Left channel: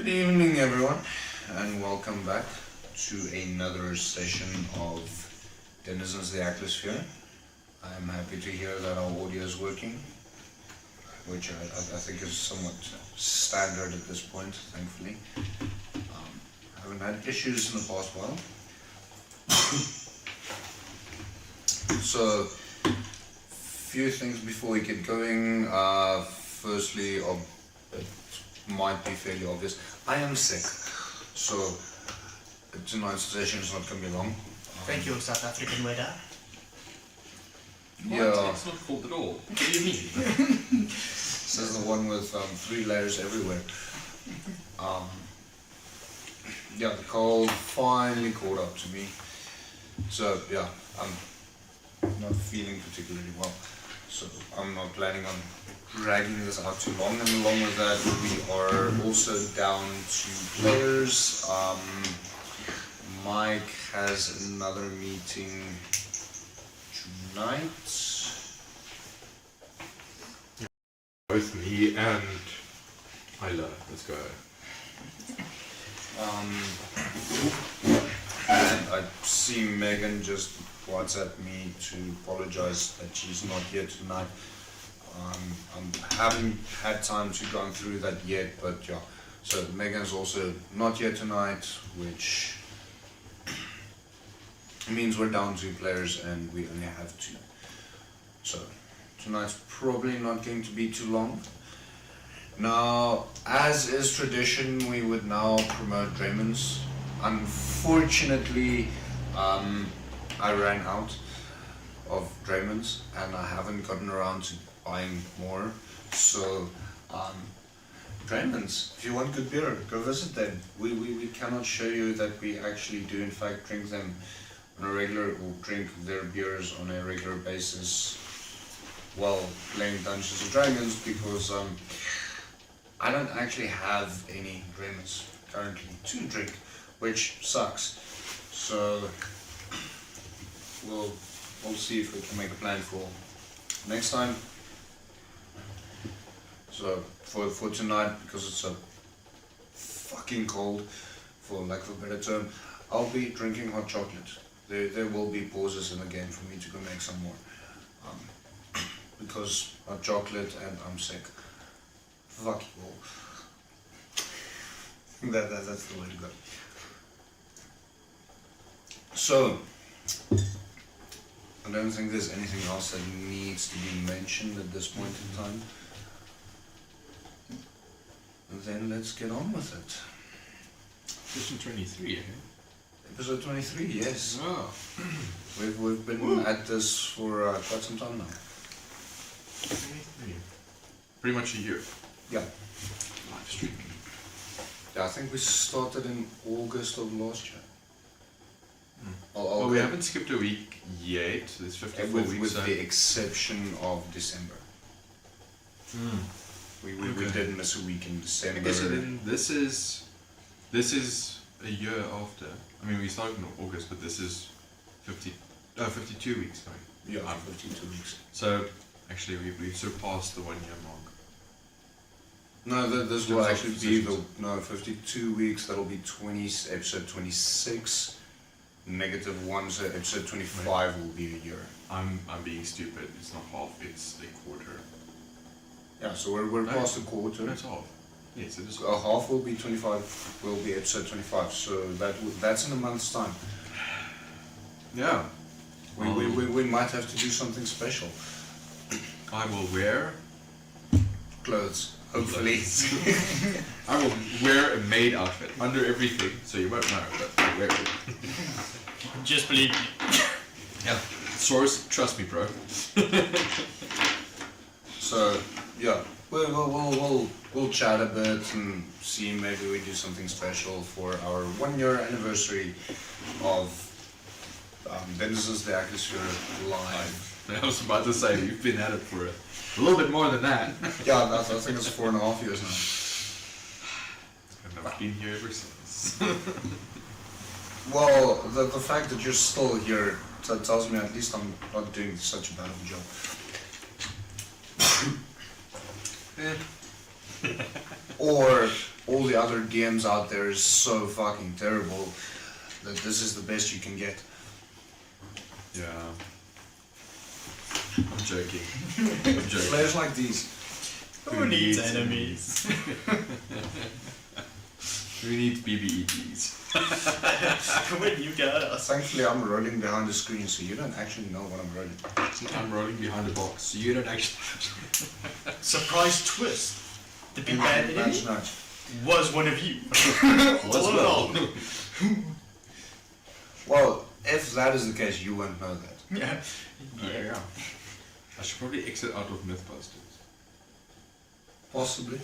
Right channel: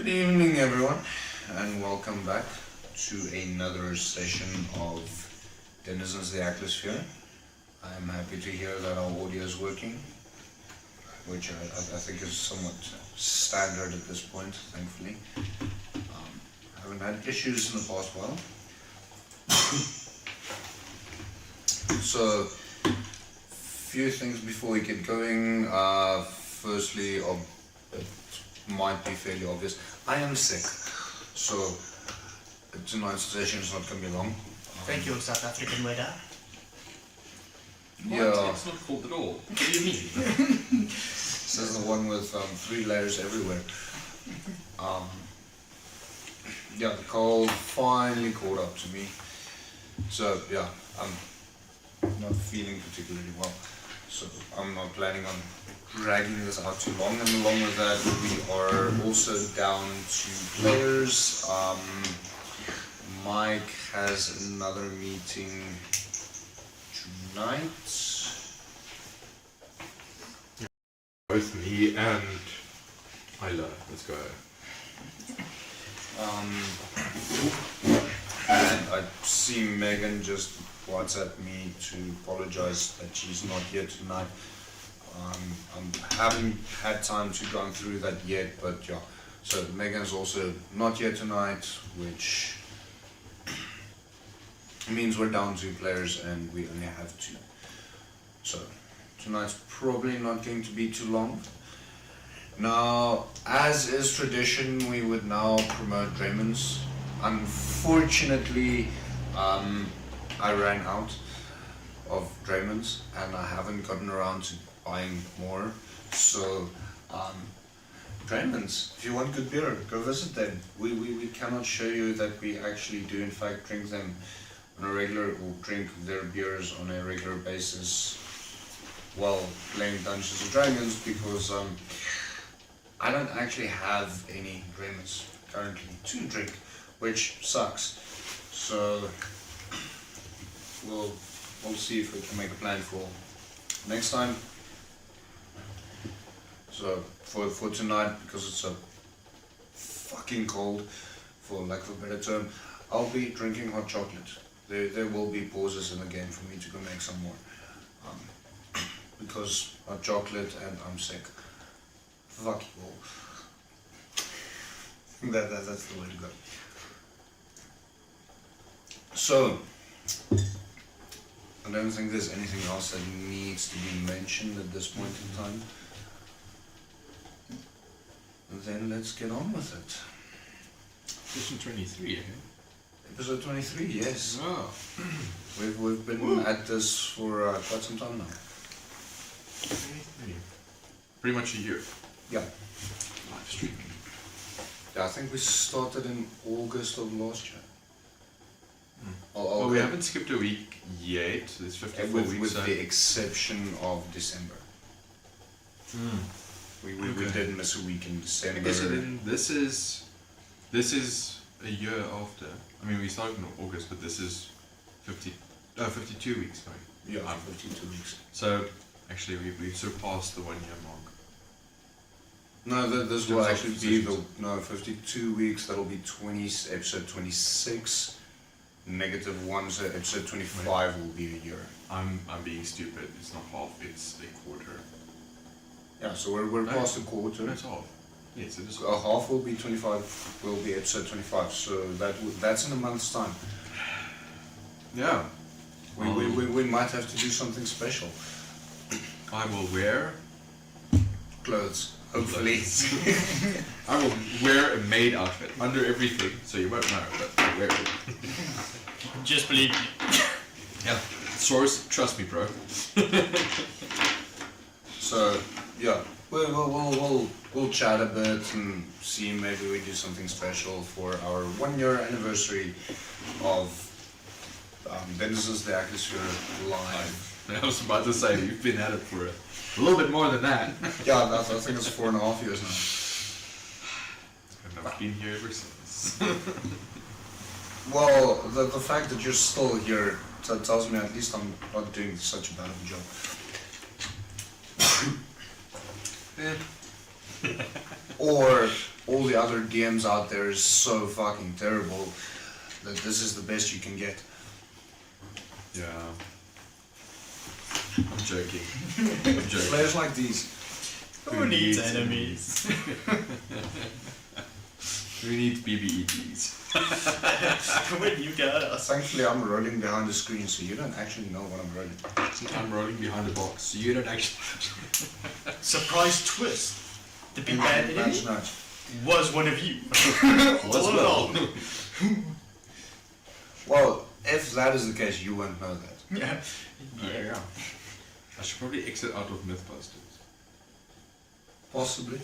Good evening, everyone, and welcome back to another session of Denizens of the Atmosphere. I'm happy to hear that our audio is working, which I think is somewhat standard at this point, thankfully. I haven't had issues in the past while. So, few things before we get going. Firstly, it might be fairly obvious. I am sick, so tonight's session is not going to be long. Thank you, South African weather. Yeah. It's not cold at all. What do you mean? This is the one with 3 layers everywhere. Yeah, the cold finally caught up to me. So yeah, I'm not feeling particularly well. So I'm not planning on dragging this out too long. And along with that, we are also down 2 players. Mike has another meeting tonight. Both me and Isla. Let's go. And I see Megan just WhatsApp me to apologize that she's not here tonight. I haven't had time to go through that yet, but yeah. So Megan's also not here tonight, which means we're down 2 players and we only have 2. So tonight's probably not going to be too long. Now, as is tradition, we would now promote Draymond's. Unfortunately, I ran out of Draymond's and I haven't gotten around to buying more. So, Draymond's, if you want good beer, go visit them. We cannot show you that we actually do in fact drink them on a regular, or drink their beers on a regular basis while playing Dungeons and Dragons, because I don't actually have any Draymond's currently to drink, which sucks. So we'll see if we can make a plan for next time. So for tonight, because it's so fucking cold, for lack of a better term, I'll be drinking hot chocolate. There will be pauses in the game for me to go make some more, because hot chocolate and I'm sick. Fuck it all. That's the way to go. So, I don't think there's anything else that needs to be mentioned at this point in time. Then let's get on with it. Edition 23, eh? Episode 23, yes. Oh. We've been at this for quite some time now. 23. Pretty much a year. Yeah. Live streaming. Yeah, I think we started in August of last year. Oh, we haven't skipped a week yet. There's 54 weeks. With the exception of December. We did miss a week in December. I guess this is a year after. I mean, we started in August, but this is 52 weeks, right? Yeah, 52 weeks. So, actually, we've surpassed the 1 year mark. No, this will actually be 52 weeks. That'll be episode 26. -1, so episode 25 will be a year. I'm being stupid. It's not half. It's a quarter. Yeah, so we're past a quarter. No, it's half. Yes, it is. A half will be 25. Will be episode 25. So that's in a month's time. Yeah. We might have to do something special. I will wear Clothes, hopefully. I will wear a maid outfit under everything, so you won't know, but I wear it. Just believe me. Yeah. Source, trust me, bro. So yeah, we'll chat a bit and see, maybe we do something special for our 1 year anniversary of Denizens of the Atmosphere live. I was about to say, you've been at it for a little bit more than that. Yeah, I think it's 4.5 years now. And I've been here ever since. Well, the fact that you're still here tells me at least I'm not doing such a bad of a job. Or all the other DMs out there is so fucking terrible that this is the best you can get. Yeah. I'm joking. I'm joking. Players like these. Who needs enemies? Who needs BBEGs? Where do you go? Thankfully, I'm rolling behind the screen, so you don't actually know what I'm rolling. I'm rolling behind the box, so you don't actually. Surprise twist. The big And bad enemy that's not. was one of you. What's All wrong? along. Well, if that is the case, you won't know that. Yeah. Yeah. I should probably exit out of Mythbusters. Possibly.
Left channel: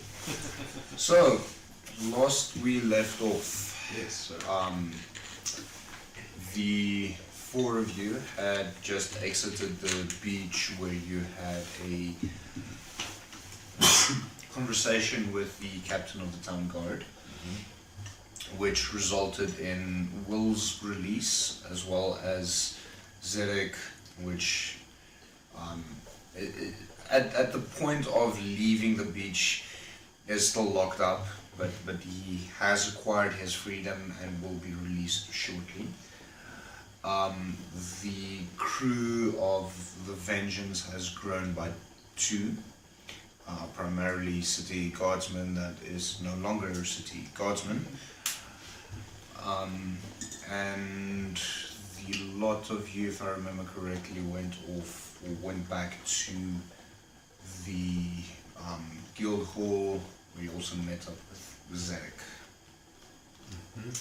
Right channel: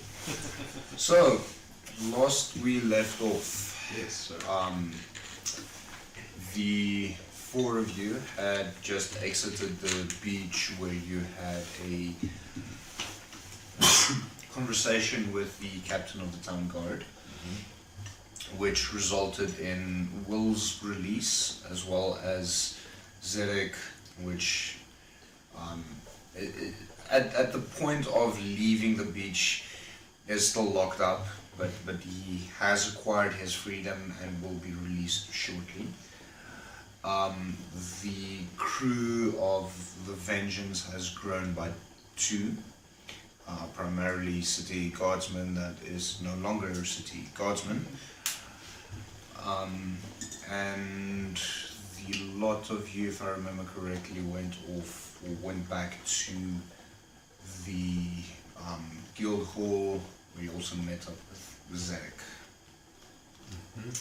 So, last we left off, Yes, sir. the four of you had just exited the beach where you had a conversation with the captain of the town guard, which resulted in Will's release as well as Zedek, which at the point of leaving the beach is still locked up, but he has acquired his freedom and will be released shortly. The crew of the Vengeance has grown by 2, primarily city guardsmen that is no longer a city guardsman, and the lot of you, if I remember correctly, went back to the guild hall. We also met up with Zedek.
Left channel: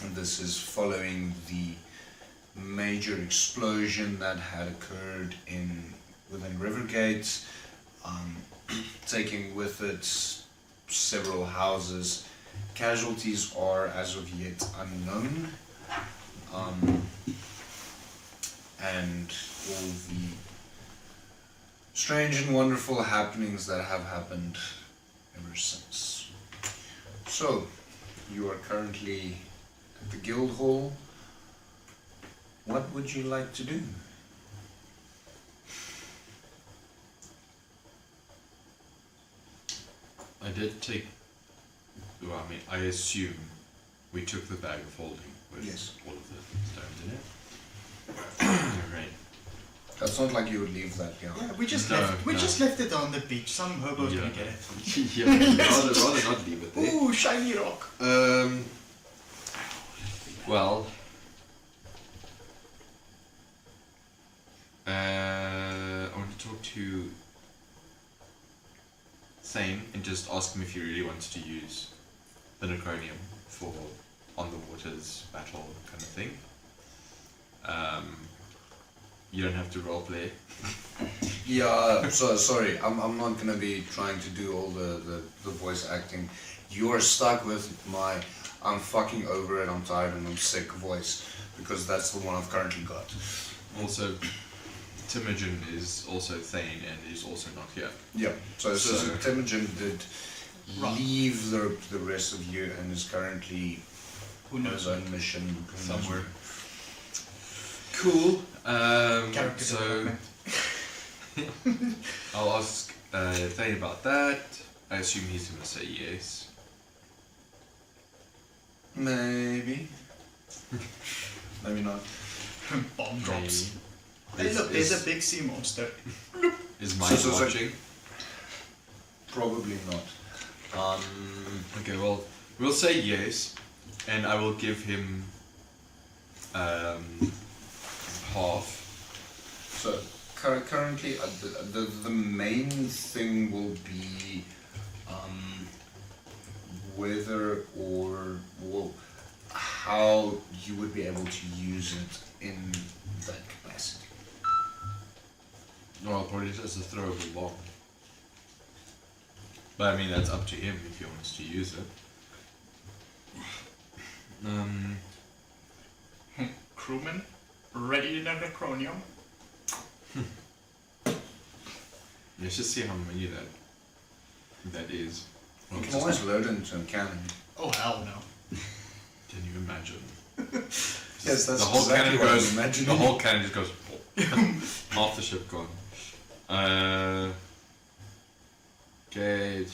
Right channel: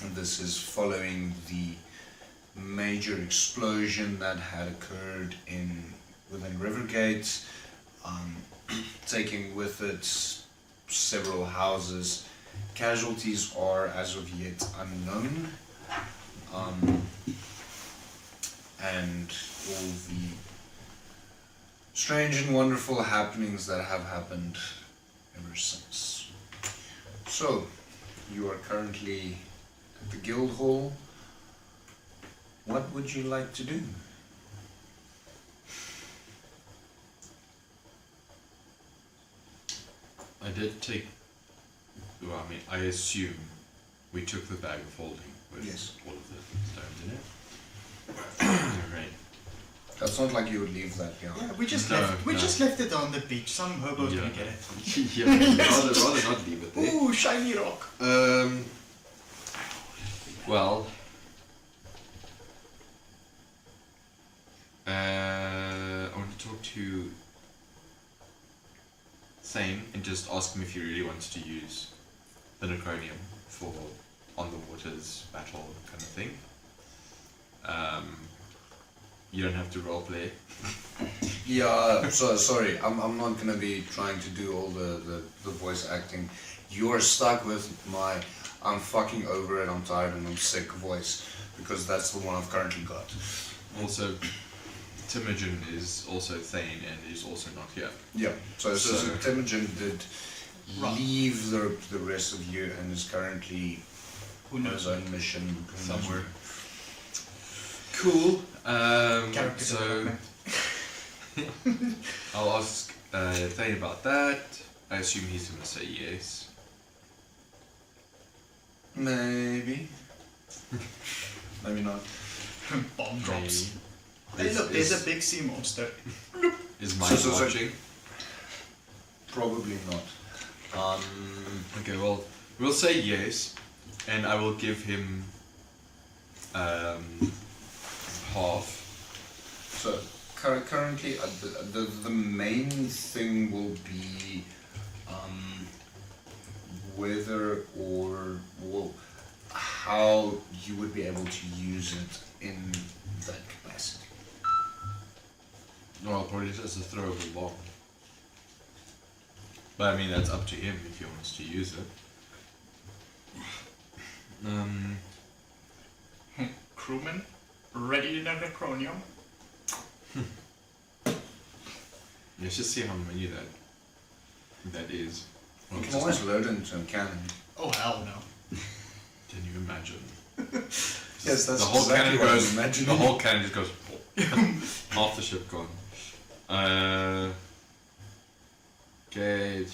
And this is following the major explosion that had occurred within Rivergate, taking with it several houses. Casualties are as of yet unknown, and all the strange and wonderful happenings that have happened ever since. So, you are currently at the guild hall. What would you like to do? I did take. Well, I mean, I assume we took the bag of holding with Yes. all of the stones in it. Right. That's not like you would leave that behind. Yeah, we just No, left. We no. just left it on the beach. Some hobo's Yeah. gonna get it. Yeah, rather not leave it there. Ooh, shiny rock. Well, I want to talk to Thane and just ask him if he really wants to use the Necronium for on the waters battle kind of thing. You don't have to roleplay. Yeah, so sorry, I'm not gonna be trying to do all the voice acting. You're stuck with my I'm fucking over it, I'm tired and I'm sick voice, because that's the one I've currently got. Also, Timogen is also Thane and is also not here. Yeah, so Temujin did leave the rest of you and is currently on his own mission Somewhere. Cool. Character So development. I'll ask Thane about that. I assume he's gonna say yes. Maybe. Maybe not. Bomb drops. Maybe. Hey, look, there's a big sea monster. Is Mike So- watching? Probably not. Okay, well, we'll say yes, and I will give him half. So currently, the main thing will be whether or how you would be able to use it in that capacity. No, probably just as a throwable bomb. But I mean, that's up to him if he wants to use it. Crewman, ready in a Necronium. Let's just see how many that is. Well, You just can always load it into a cannon. Oh hell no. can you imagine? Yes, that's The whole exactly cannon what I was goes. imagining. The whole cannon just goes. Half the ship gone. Okay,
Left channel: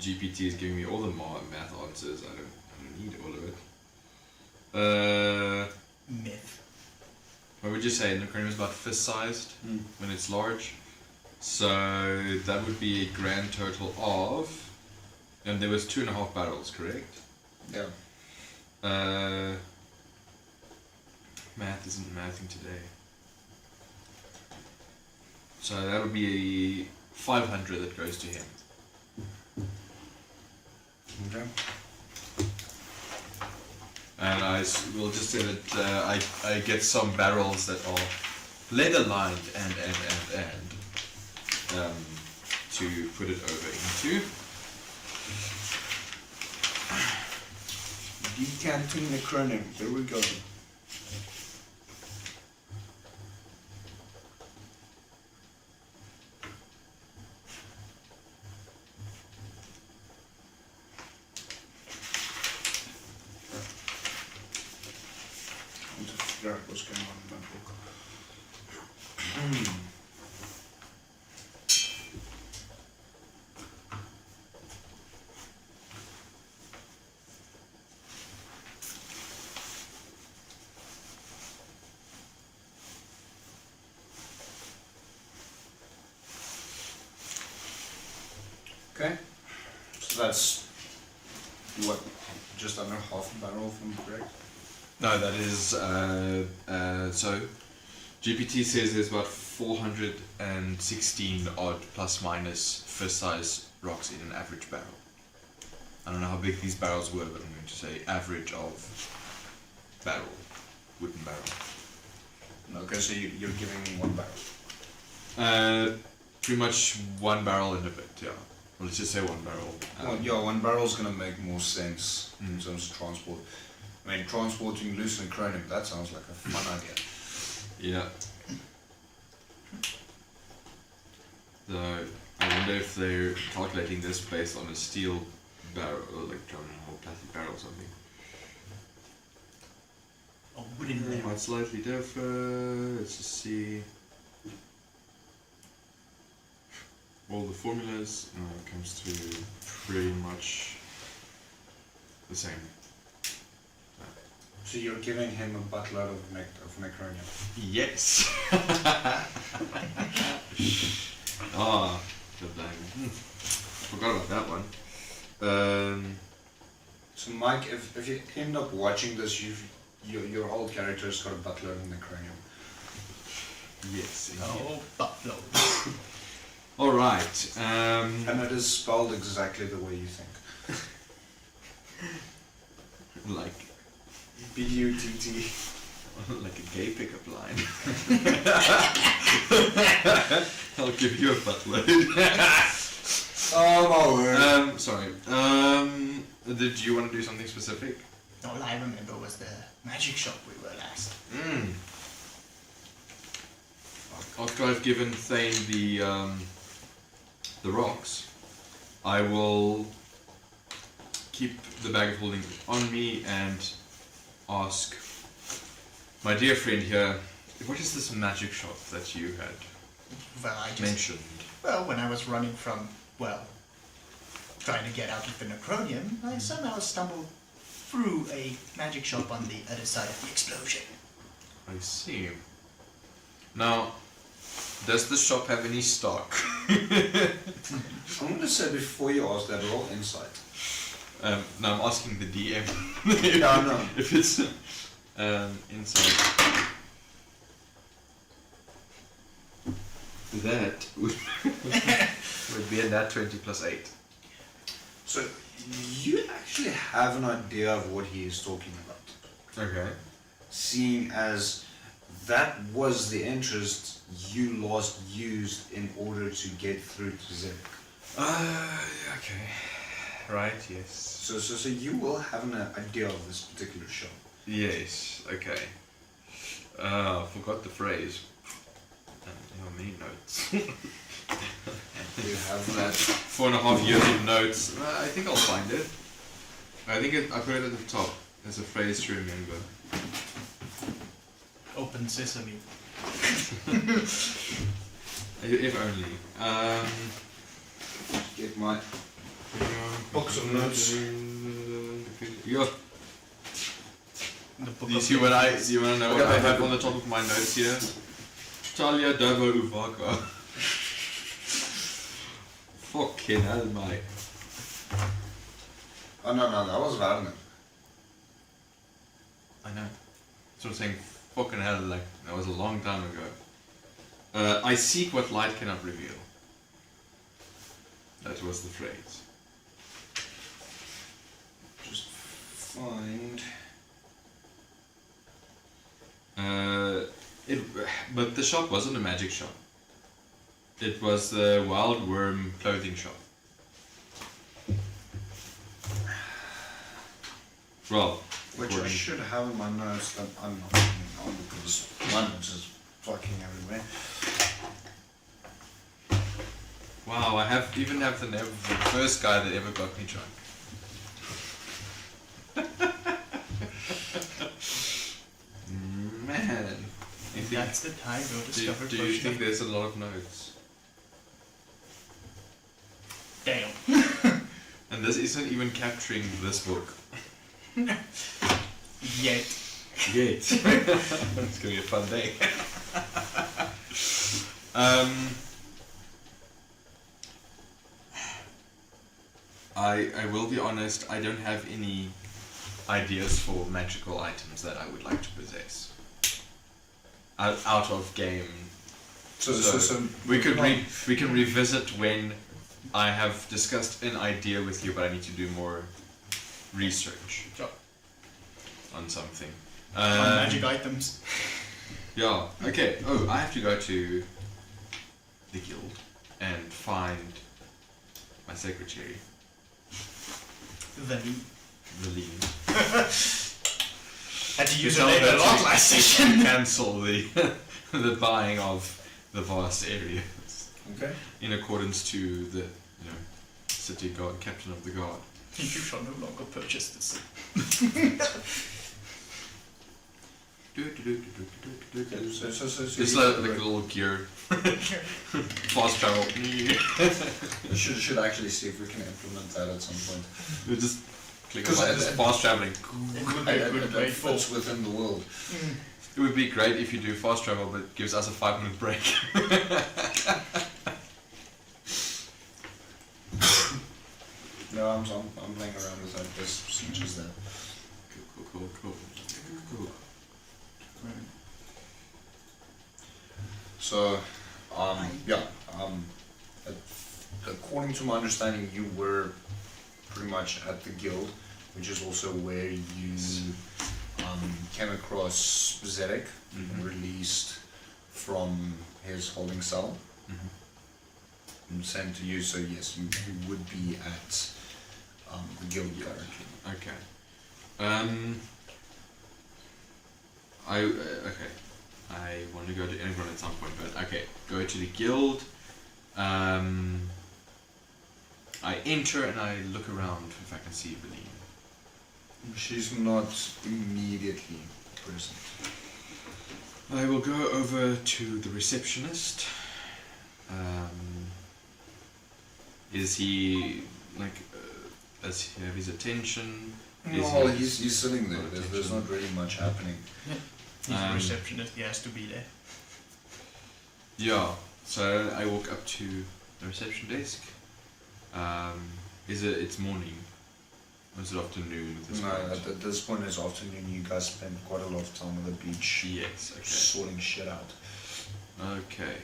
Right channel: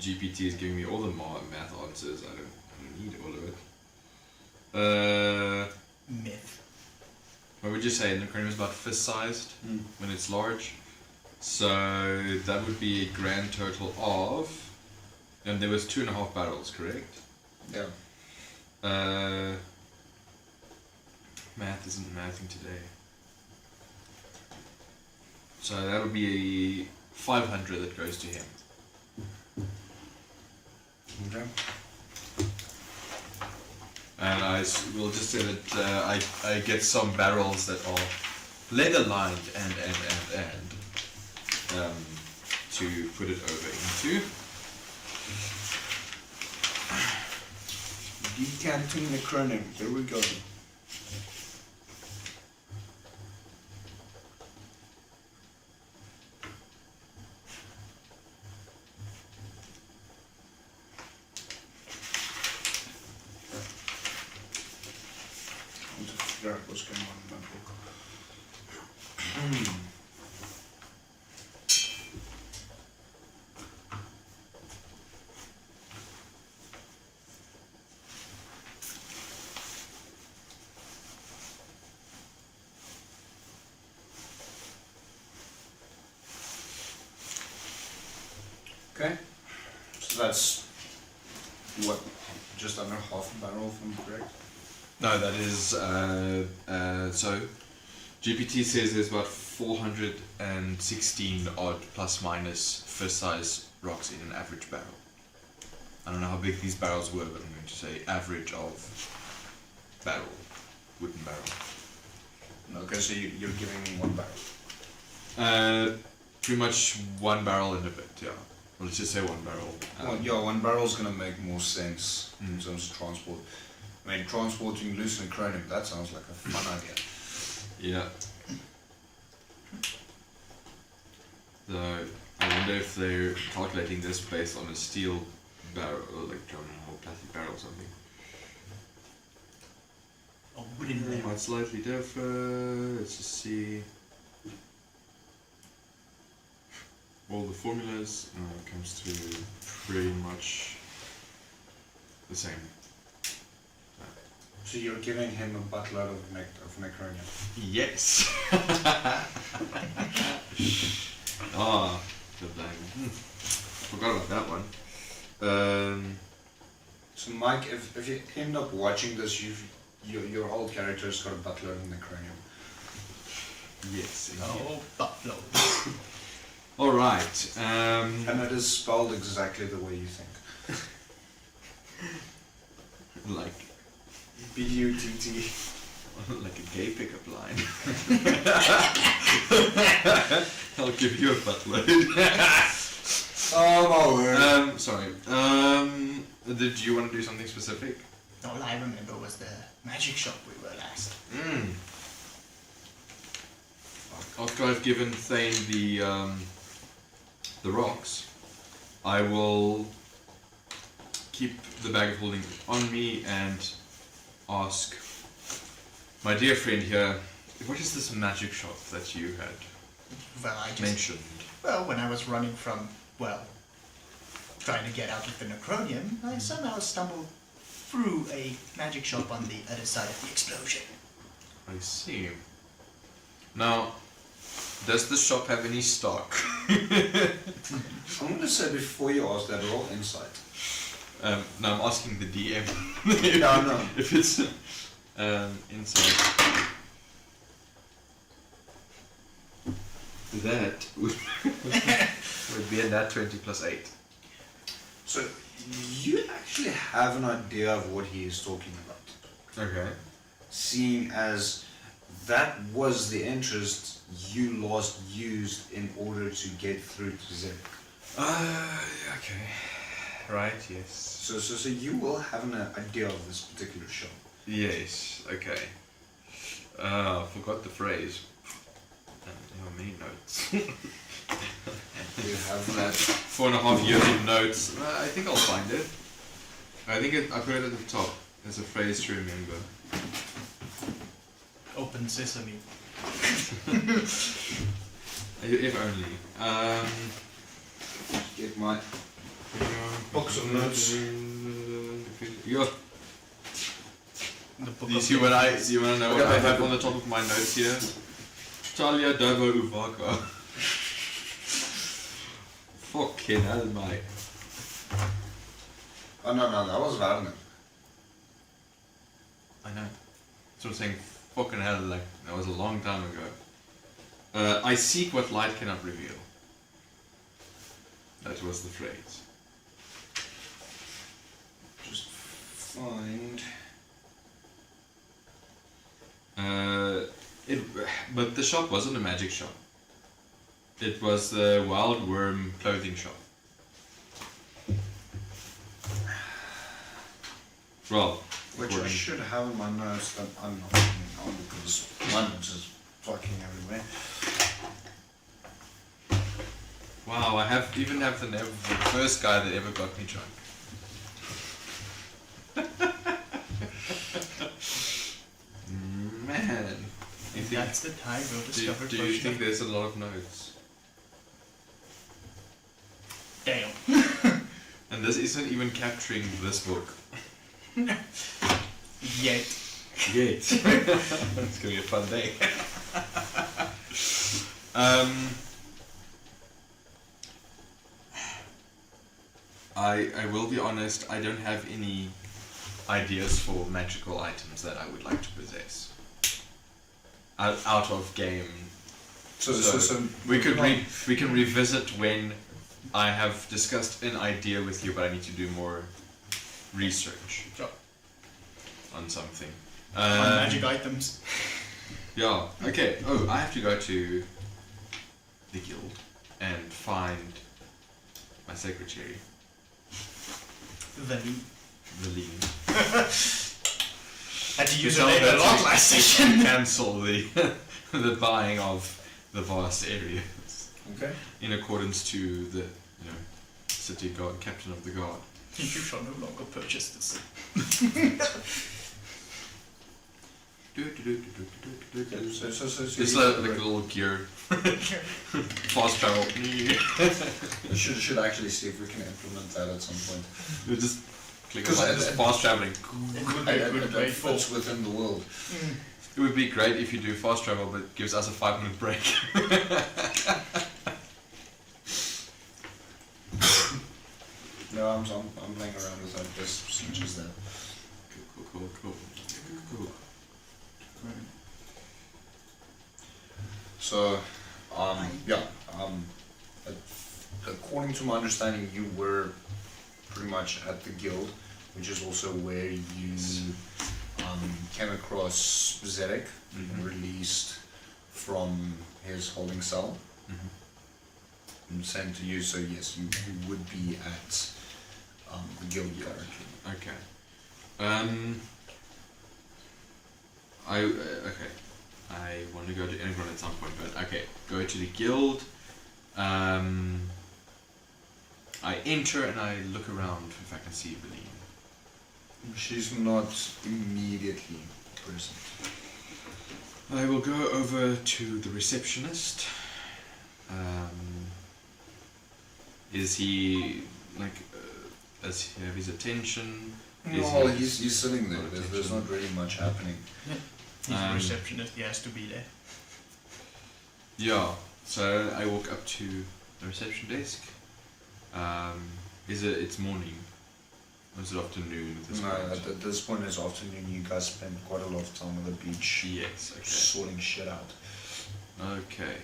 GPT is giving me all the math answers. I don't need all of it. Myth. What would you say? An acronium is about fist-sized when it's large. So that would be a grand total of, and there was 2.5 barrels, correct? Yeah. Math isn't mathing today. So that would be 500 that goes to him. Okay. And will just say that I get some barrels that are leather lined and to put it over into. Decanting the acronym. There we go. I'm just figure out what's going on in my book. Okay, so that's what, just under half a barrel from correct? No, that is so GPT says there's about 416 odd plus minus first size rocks in an average barrel. I don't know how big these barrels were, but I'm going to say average of barrel, wooden barrel. Okay, so you're giving me 1 barrel. Pretty much 1 barrel and a bit, yeah. Let's just say 1 barrel. Well, yeah, 1 barrel is going to make more sense in terms of transport. I mean, transporting loose and acronym, that sounds like a fun idea. Yeah. So I wonder if they're calculating this based on a steel barrel, or like a plastic barrel or something. Oh, wooden barrel. Might slightly differ. Let's just see. All the formulas comes to pretty much the same. So you're giving him a buttload of macaroni. Yes. Forgot about that one. So Mike, if you end up watching this, your whole character's got a buttload of macaroni. Yes. Oh, buttload. All right. And it is spelled exactly the way you think. Like B-U-T-T. like a gay pickup line. I'll give you a buttload. Oh my word. Sorry. Did you want to do something specific? All I remember was the magic shop we were last. After I've given Thane the rocks, I will keep the bag of holding on me and ask my dear friend here, what is this magic shop that you had Well, I just mentioned? Well, when I was running from, trying to get out of the Necronium, I somehow stumbled through a magic shop on the other side of the explosion. I see. Now, does the shop have any stock? I'm going to say before you ask that, roll insight. No, I'm asking the DM. No. If it's inside. That would be a nat 20 plus 8. So you actually have an idea of what he is talking about. Okay. Seeing as that was the interest you last used in order to get through to Zip. Okay. Right, yes. So you will have an idea of this particular show. Yes, okay. Forgot the phrase. Many notes. You have that. 4.5 years of notes. I think I'll find it. I think I put it at the top as a phrase to remember. Open sesame. If only. Get my Books of notes. Yeah. The book You of see what notes. you want to know what I have on the top of my notes here? Talia Davo Uvaka. Fucking hell, mate. Oh no, that was Werner. I know. So I'm saying, fucking hell, like, that was a long time ago. I seek what light cannot reveal. That was the phrase. Just find. But the shop wasn't a magic shop. It was the Wild Worm clothing shop. Well, Which I should have in my notes that I'm not putting on because my notes is fucking everywhere. wow, I even have the name of the first guy that ever got me drunk. Man. If that's the time we'll discover Do you think there's a lot of notes? Damn. And this isn't even capturing this book. Yet. Yet. It's gonna be a fun day. I will be honest, I don't have any ideas for magical items that I would like to possess. Out of game. So we can revisit when I have discussed an idea with you, but I need to do more research on something. On magic items. Yeah. Okay. Oh, I have to go to the guild and find my secretary, Valine. Had to use Tell it her a lot to last session. cancel the the buying of the vast areas okay. in accordance to the city guard, captain of the guard. You shall no longer purchase this. Just like a little gear, fast travel. should actually see if we can implement that at some point. You just click on just fast traveling. It would be a good way It for. fits within the world. It would be great if you do fast travel, but it gives us a 5-minute break. No, I'm playing around with like this procedures there. Cool. So, according to my understanding, you were pretty much at the guild, which is also where you came across Zedek, released from his holding cell, and sent to you. So yes, you would be at the guild currently. Okay. I want to go to anyone at some point, but okay, go to the guild. I enter and I look around if I can see Valine. She's not immediately present. I will go over to the receptionist. Is he does he have his attention? No, he's sitting there. There's not really much happening. He's a receptionist, he has to be there. Yeah, so I walk up to the reception desk. It's morning? Or is it afternoon at this point? At this point it's afternoon. You guys spend quite a lot of time on the beach. Yes, okay. Sorting shit out. Okay.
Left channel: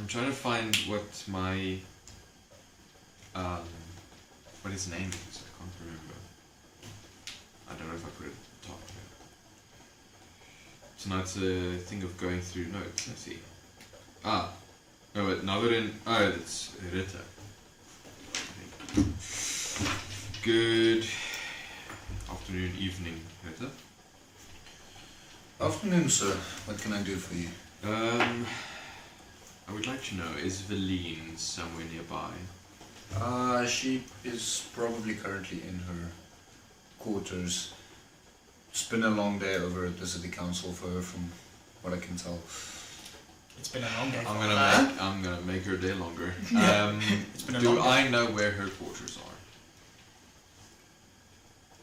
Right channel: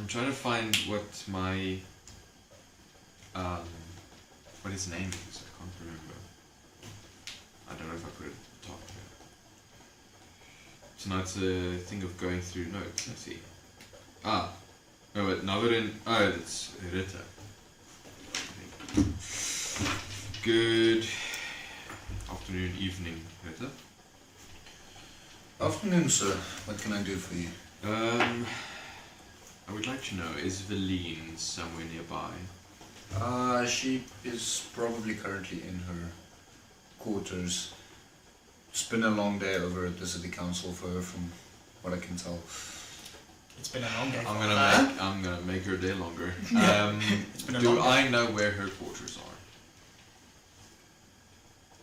I'm trying to find what my what his name is. I can't remember. I don't know if I put it at the top here. So now it's a thing of going through notes. Let's see. No, but Navarin. Oh, it's Rita. Good afternoon, evening, Rita. Afternoon, sir. What can I do for you? I would like to know, is Valine somewhere nearby? She is probably currently in her quarters. It's been a long day over at the city council for her, from what I can tell. It's been a long day. I'm gonna make her day longer. been a Do long day. I know where her quarters are?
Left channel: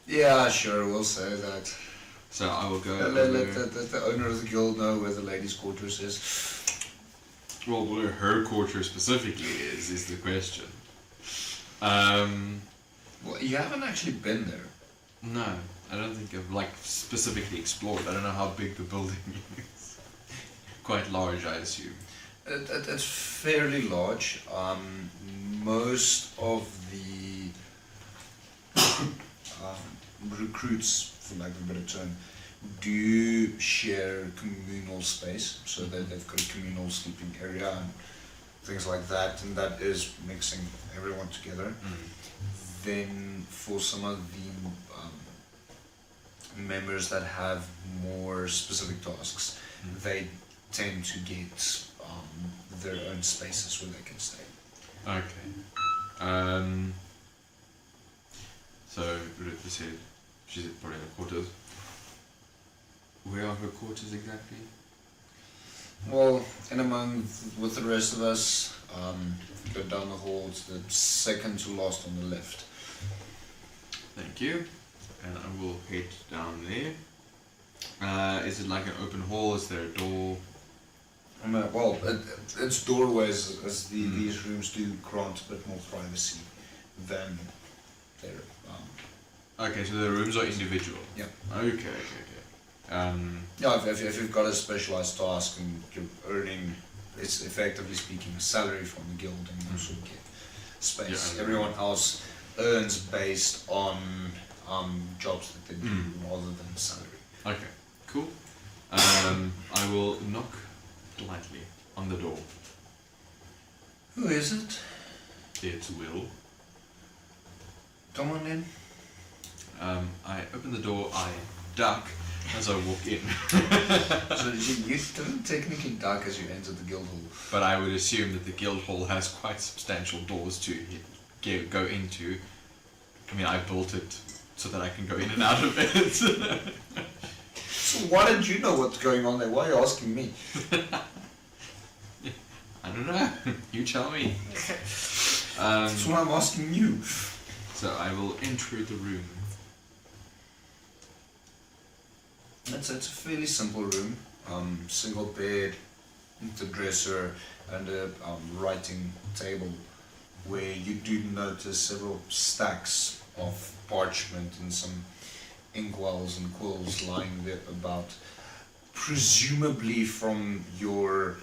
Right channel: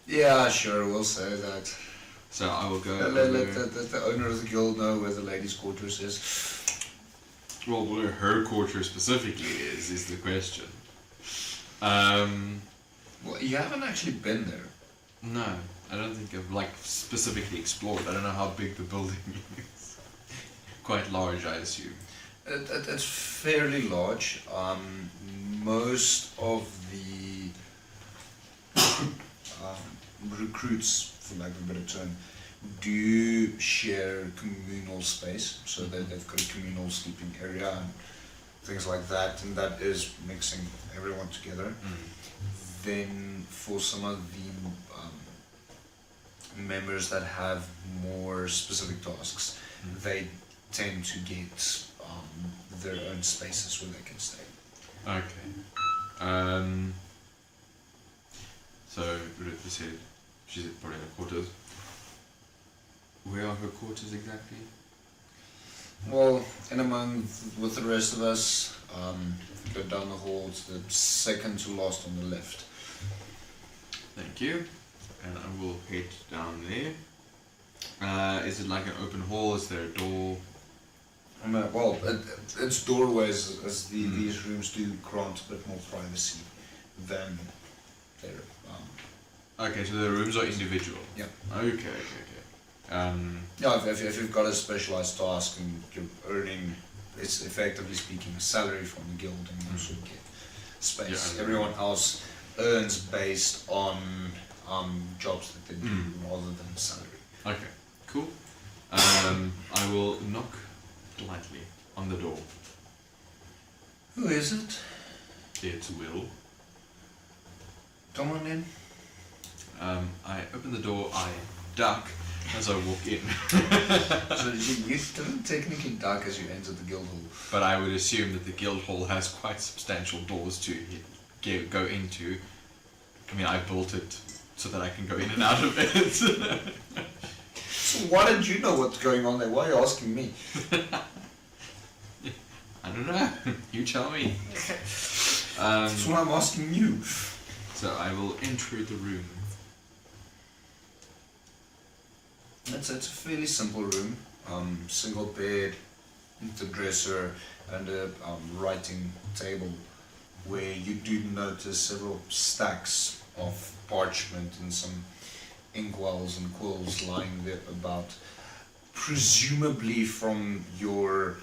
Yeah, sure, we'll say that. So I will go. Let the owner of the guild know where the ladies' quarters is. Well, where her quarters specifically is the question. Well, you haven't actually been there. No, I don't think I've specifically explored. I don't know how big the building is. Quite large, I assume. It's fairly large. Most of the recruits, for lack of a better term, do share communal space. So they've got a communal sleeping area and things like that, and that is mixing everyone together. Then for some of the members that have more specific tasks, they tend to get their own spaces where they can stay. Okay. So she's probably in her quarters. Where are her quarters exactly? Well, in among with the rest of us, go down the hall to the second to last on the left. Thank you. And I will head down there. Is it like an open hall? Is there a door? Well, it's doorways, as these rooms do grant a bit more privacy than their. Okay, so the rooms are individual. Yeah. Okay. Yeah, if you've got a specialized task and you're earning, it's effectively speaking, a salary from the guild, and you also get space. Yeah, Everyone else earns based on jobs that they do rather than salary. Okay, cool. I will knock lightly on the door. Who is it? It's Will. Come on in. I open the door, I duck as I walk in. So you didn't technically duck as you entered the guild hall. But I would assume that the guild hall has quite substantial doors to go into. I mean, I built it so that I can go in and out of it. So why don't you know what's going on there? Why are you asking me? I don't know. You tell me. That's why I'm asking you. So I will enter the room. It's a fairly simple room. Single bed, the dresser, and a writing table, where you do notice several stacks of parchment and some inkwells and quills lying there about, presumably from your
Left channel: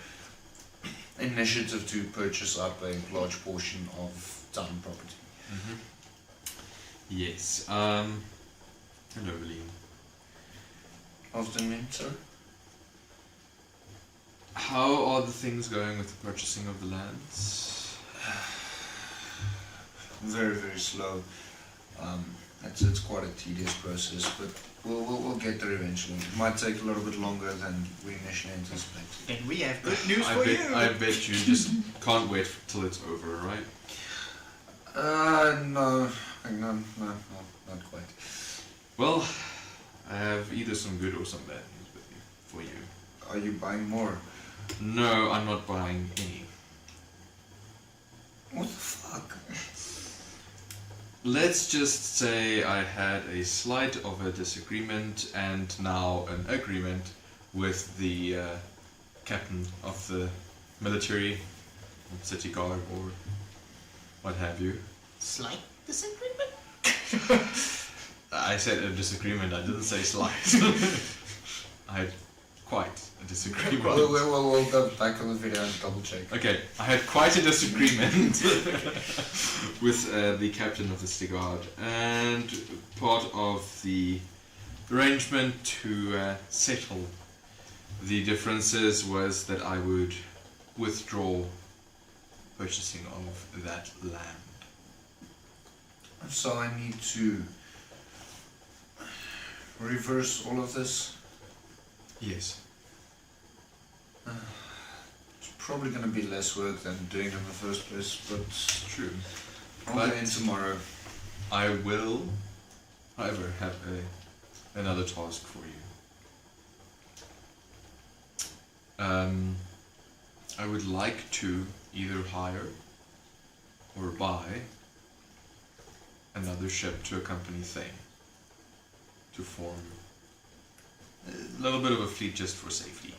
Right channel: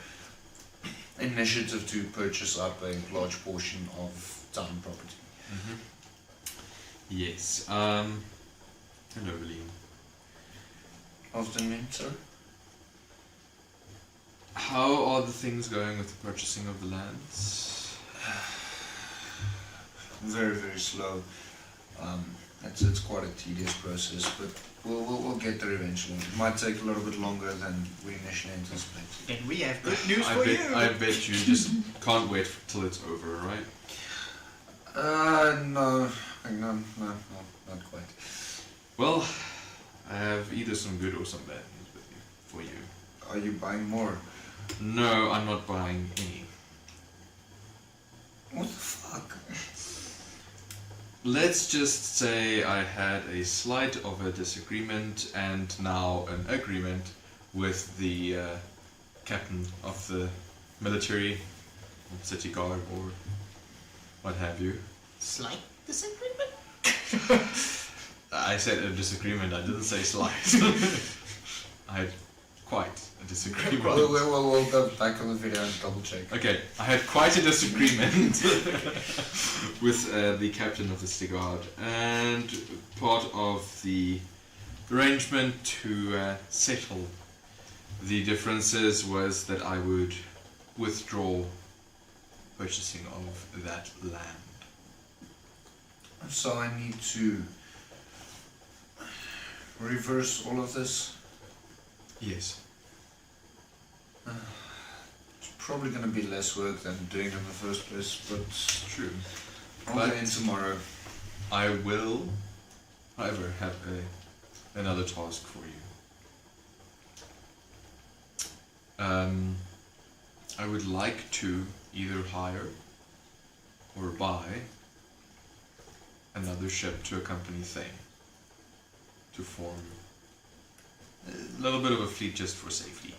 initiative to purchase up a large portion of town property. Yes. Hello, Liam. Afternoon, sir. How are the things going with the purchasing of the lands? Very, very slow. It's quite a tedious process, but we'll get there eventually. It might take a little bit longer than we initially anticipated. Then we have good news for you. I bet you just can't wait till it's over, right? No, not quite. Well, I have either some good or some bad news for you. Are you buying more? No, I'm not buying any. What the fuck? Let's just say I had a slight of a disagreement and now an agreement with the captain of the military, city guard, or what have you. Slight disagreement? I said a disagreement, I didn't say slight. I had quite a disagreement. We'll go back on the video and double check. Okay, I had quite a disagreement with the captain of the city guard, and part of the arrangement to settle the differences was that I would withdraw purchasing of that land. So I need to reverse all of this? Yes. It's probably going to be less work than doing it in the first place, but True. I'll go in tomorrow. I will, however, have another task for you. I would like to either hire or buy another ship to accompany Thane to form a little bit of a fleet just for safety.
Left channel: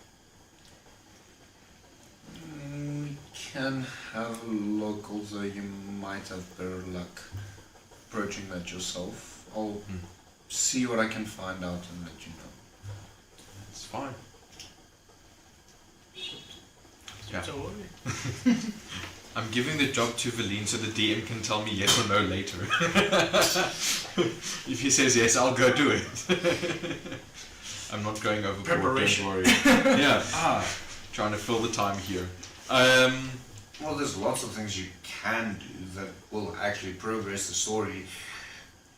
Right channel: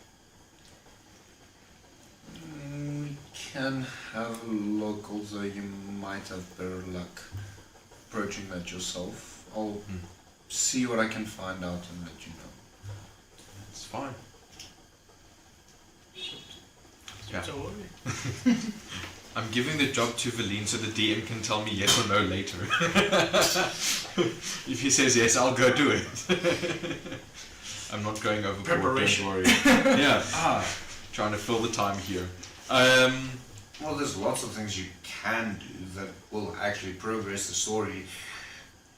We can have a look, although you might have better luck approaching that yourself. I'll see what I can find out and let you know. It's fine. Yeah. I'm giving the job to Valine so the DM can tell me yes or no later. If he says yes, I'll go do it. I'm not going overboard, don't worry. Yeah, trying to fill the time here. Well, there's lots of things you can do that will actually progress the story.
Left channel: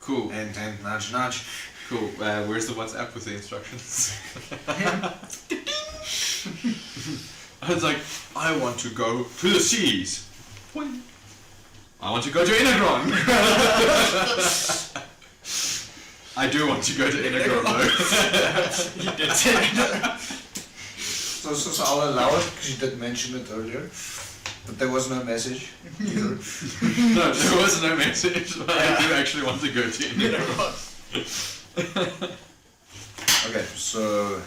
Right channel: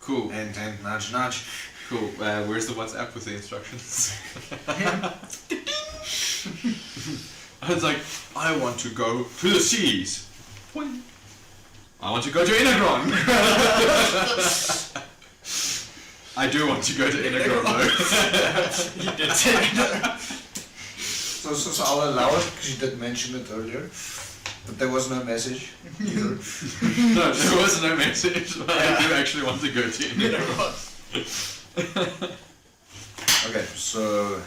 Cool. And nudge, nudge. Cool. Where's the WhatsApp with the instructions? I was like, I want to go to the seas. I want to go to Inagron. I do want to go to Inagron though. You did say that. So I'll allow it because you did mention it earlier. But there was no message. No, there was no message. But I do actually want to go to Inagron. Okay, so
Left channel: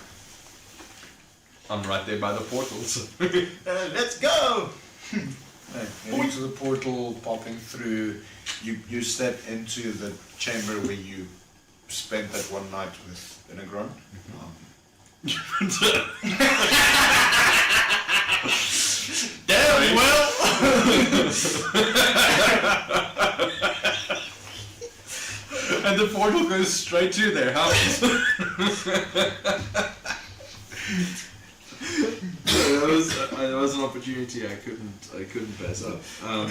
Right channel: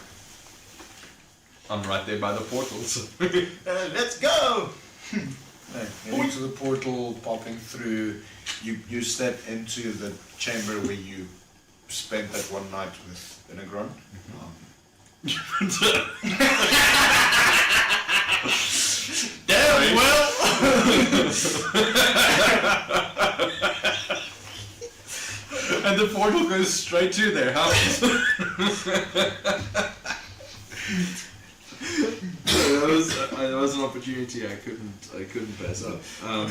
I'm right there by the portals. Let's go! yeah, heading to the portal, popping through. You step into the chamber where you spent that one night with Inagron. Damn well! And the portal goes straight to their house. That was an opportunity I couldn't pass up.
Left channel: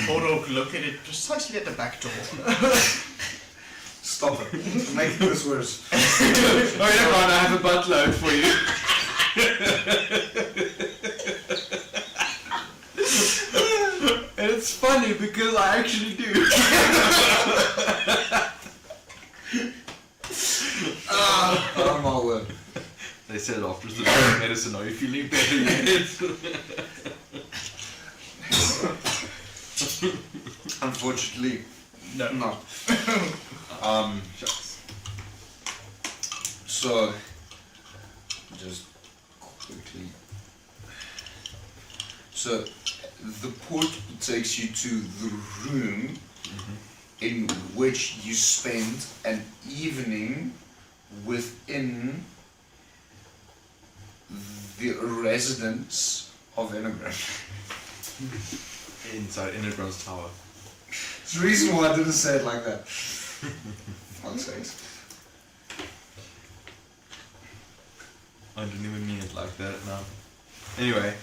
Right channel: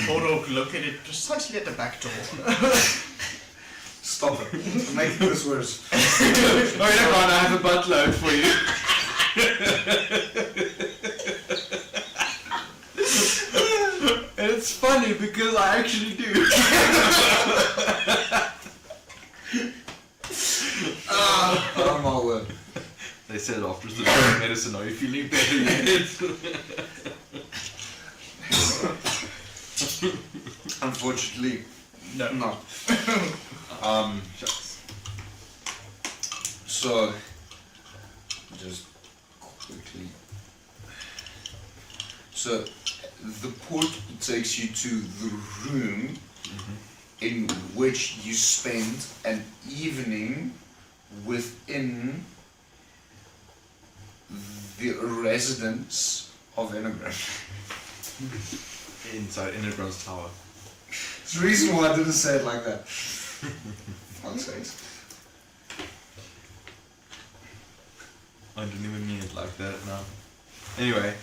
Portal located precisely at the back door. Stop it. Make this worse. Oh, never mind, I have a buttload for you. And it's funny because I actually do. Oh my word. They said after the medicine, are you feeling better yet? Unfortunately, no. So, just quickly. So, the port takes you to the room in which you spend an evening within the residence of Inagron. Inside Inagron's tower. It's the reason why I didn't say it like that. Fuck's sake. I didn't even mean it like that now. Anyway,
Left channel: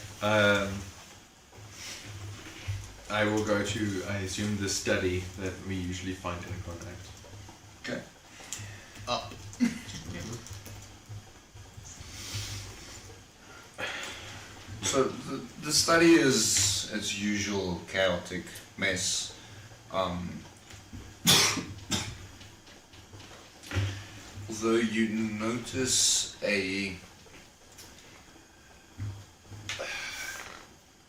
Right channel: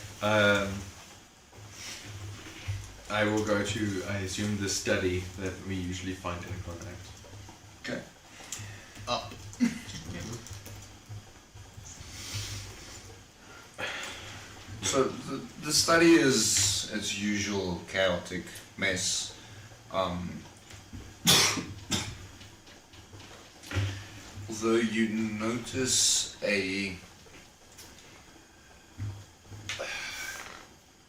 I will go to, I assume, the study that we usually find Inagron at. Okay. Up. So the study is, as usual, chaotic mess. Although you notice a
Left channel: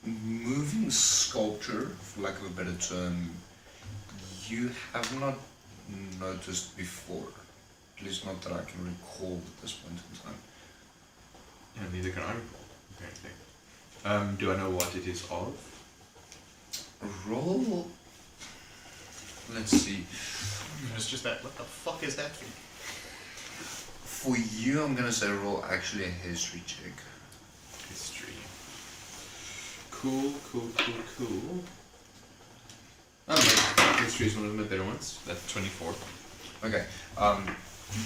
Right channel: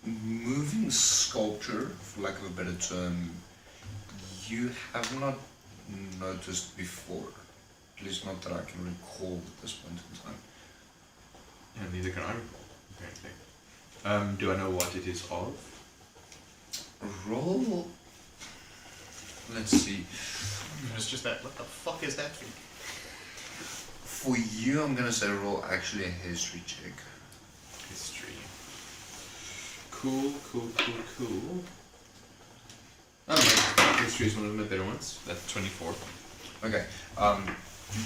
moving sculpture, for lack of a better term, you have not noticed before. At least not that I can recall at this point in time. And neither can I recall. Okay. Do I know what it is of? Roll. Let's see. It's just that. What the fuck is that thing? For you, I'm gonna say roll actually a history check. History. Cool. History is one of my better ones. That's 24. Okay.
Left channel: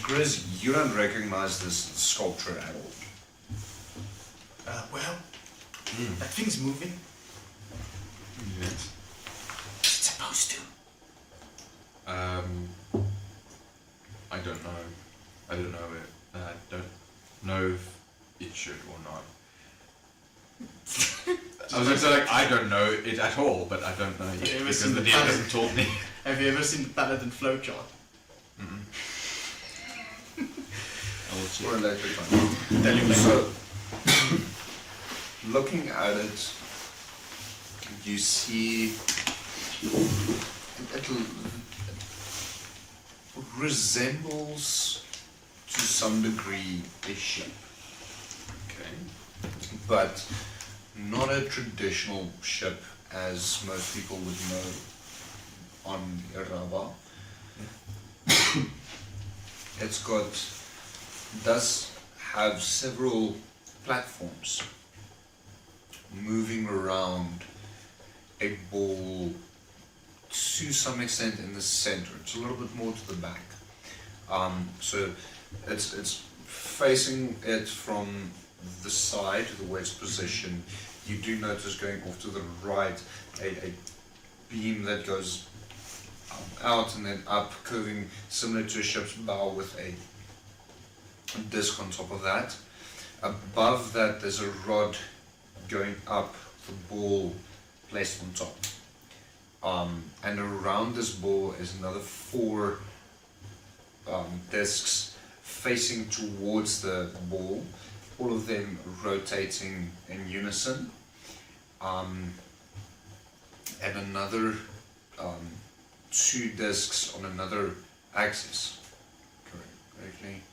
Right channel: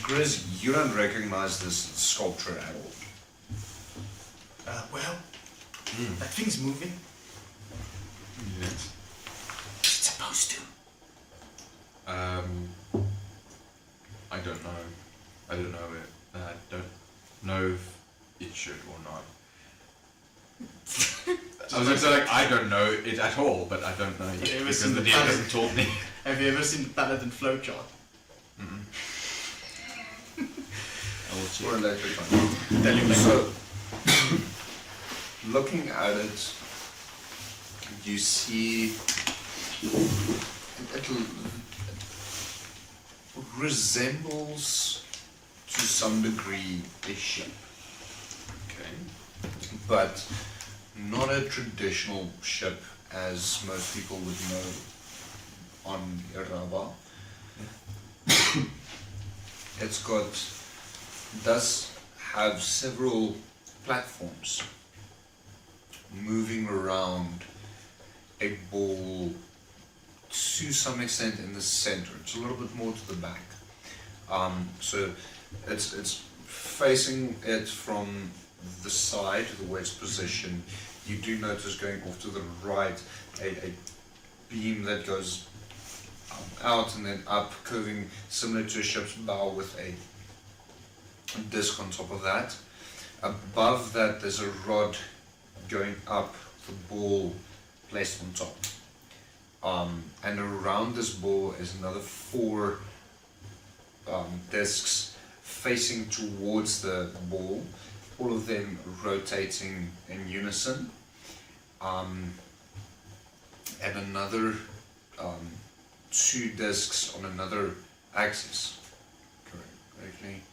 Grizz, you don't recognize this sculpture at all. That thing's moving. Yes. It's supposed to. I don't know. I don't know if it should or not. I was going to say, like, I don't know it at all, but I don't know yet because the DM hasn't told me. Have you ever seen the Paladin flowchart? I'll check. Or later time. So, looking at it, you see it resembles to some degree a ship. Okay. But not a traditional ship as most people would know on Irava. Does have several platforms moving around a ball to some extent in the center. It's a little bit more to the back. So it's facing it from the side, the way it's positioned. You do notice going off to the right a beam that goes out and then up, curving similar to a ship's bow with a disc on top of that. Above that there's a rod going up, the ball placed on top. And around this ball is another 4 discs facing towards the ball, all of them rotating in unison. And another 2 discs on another axis. Correctly.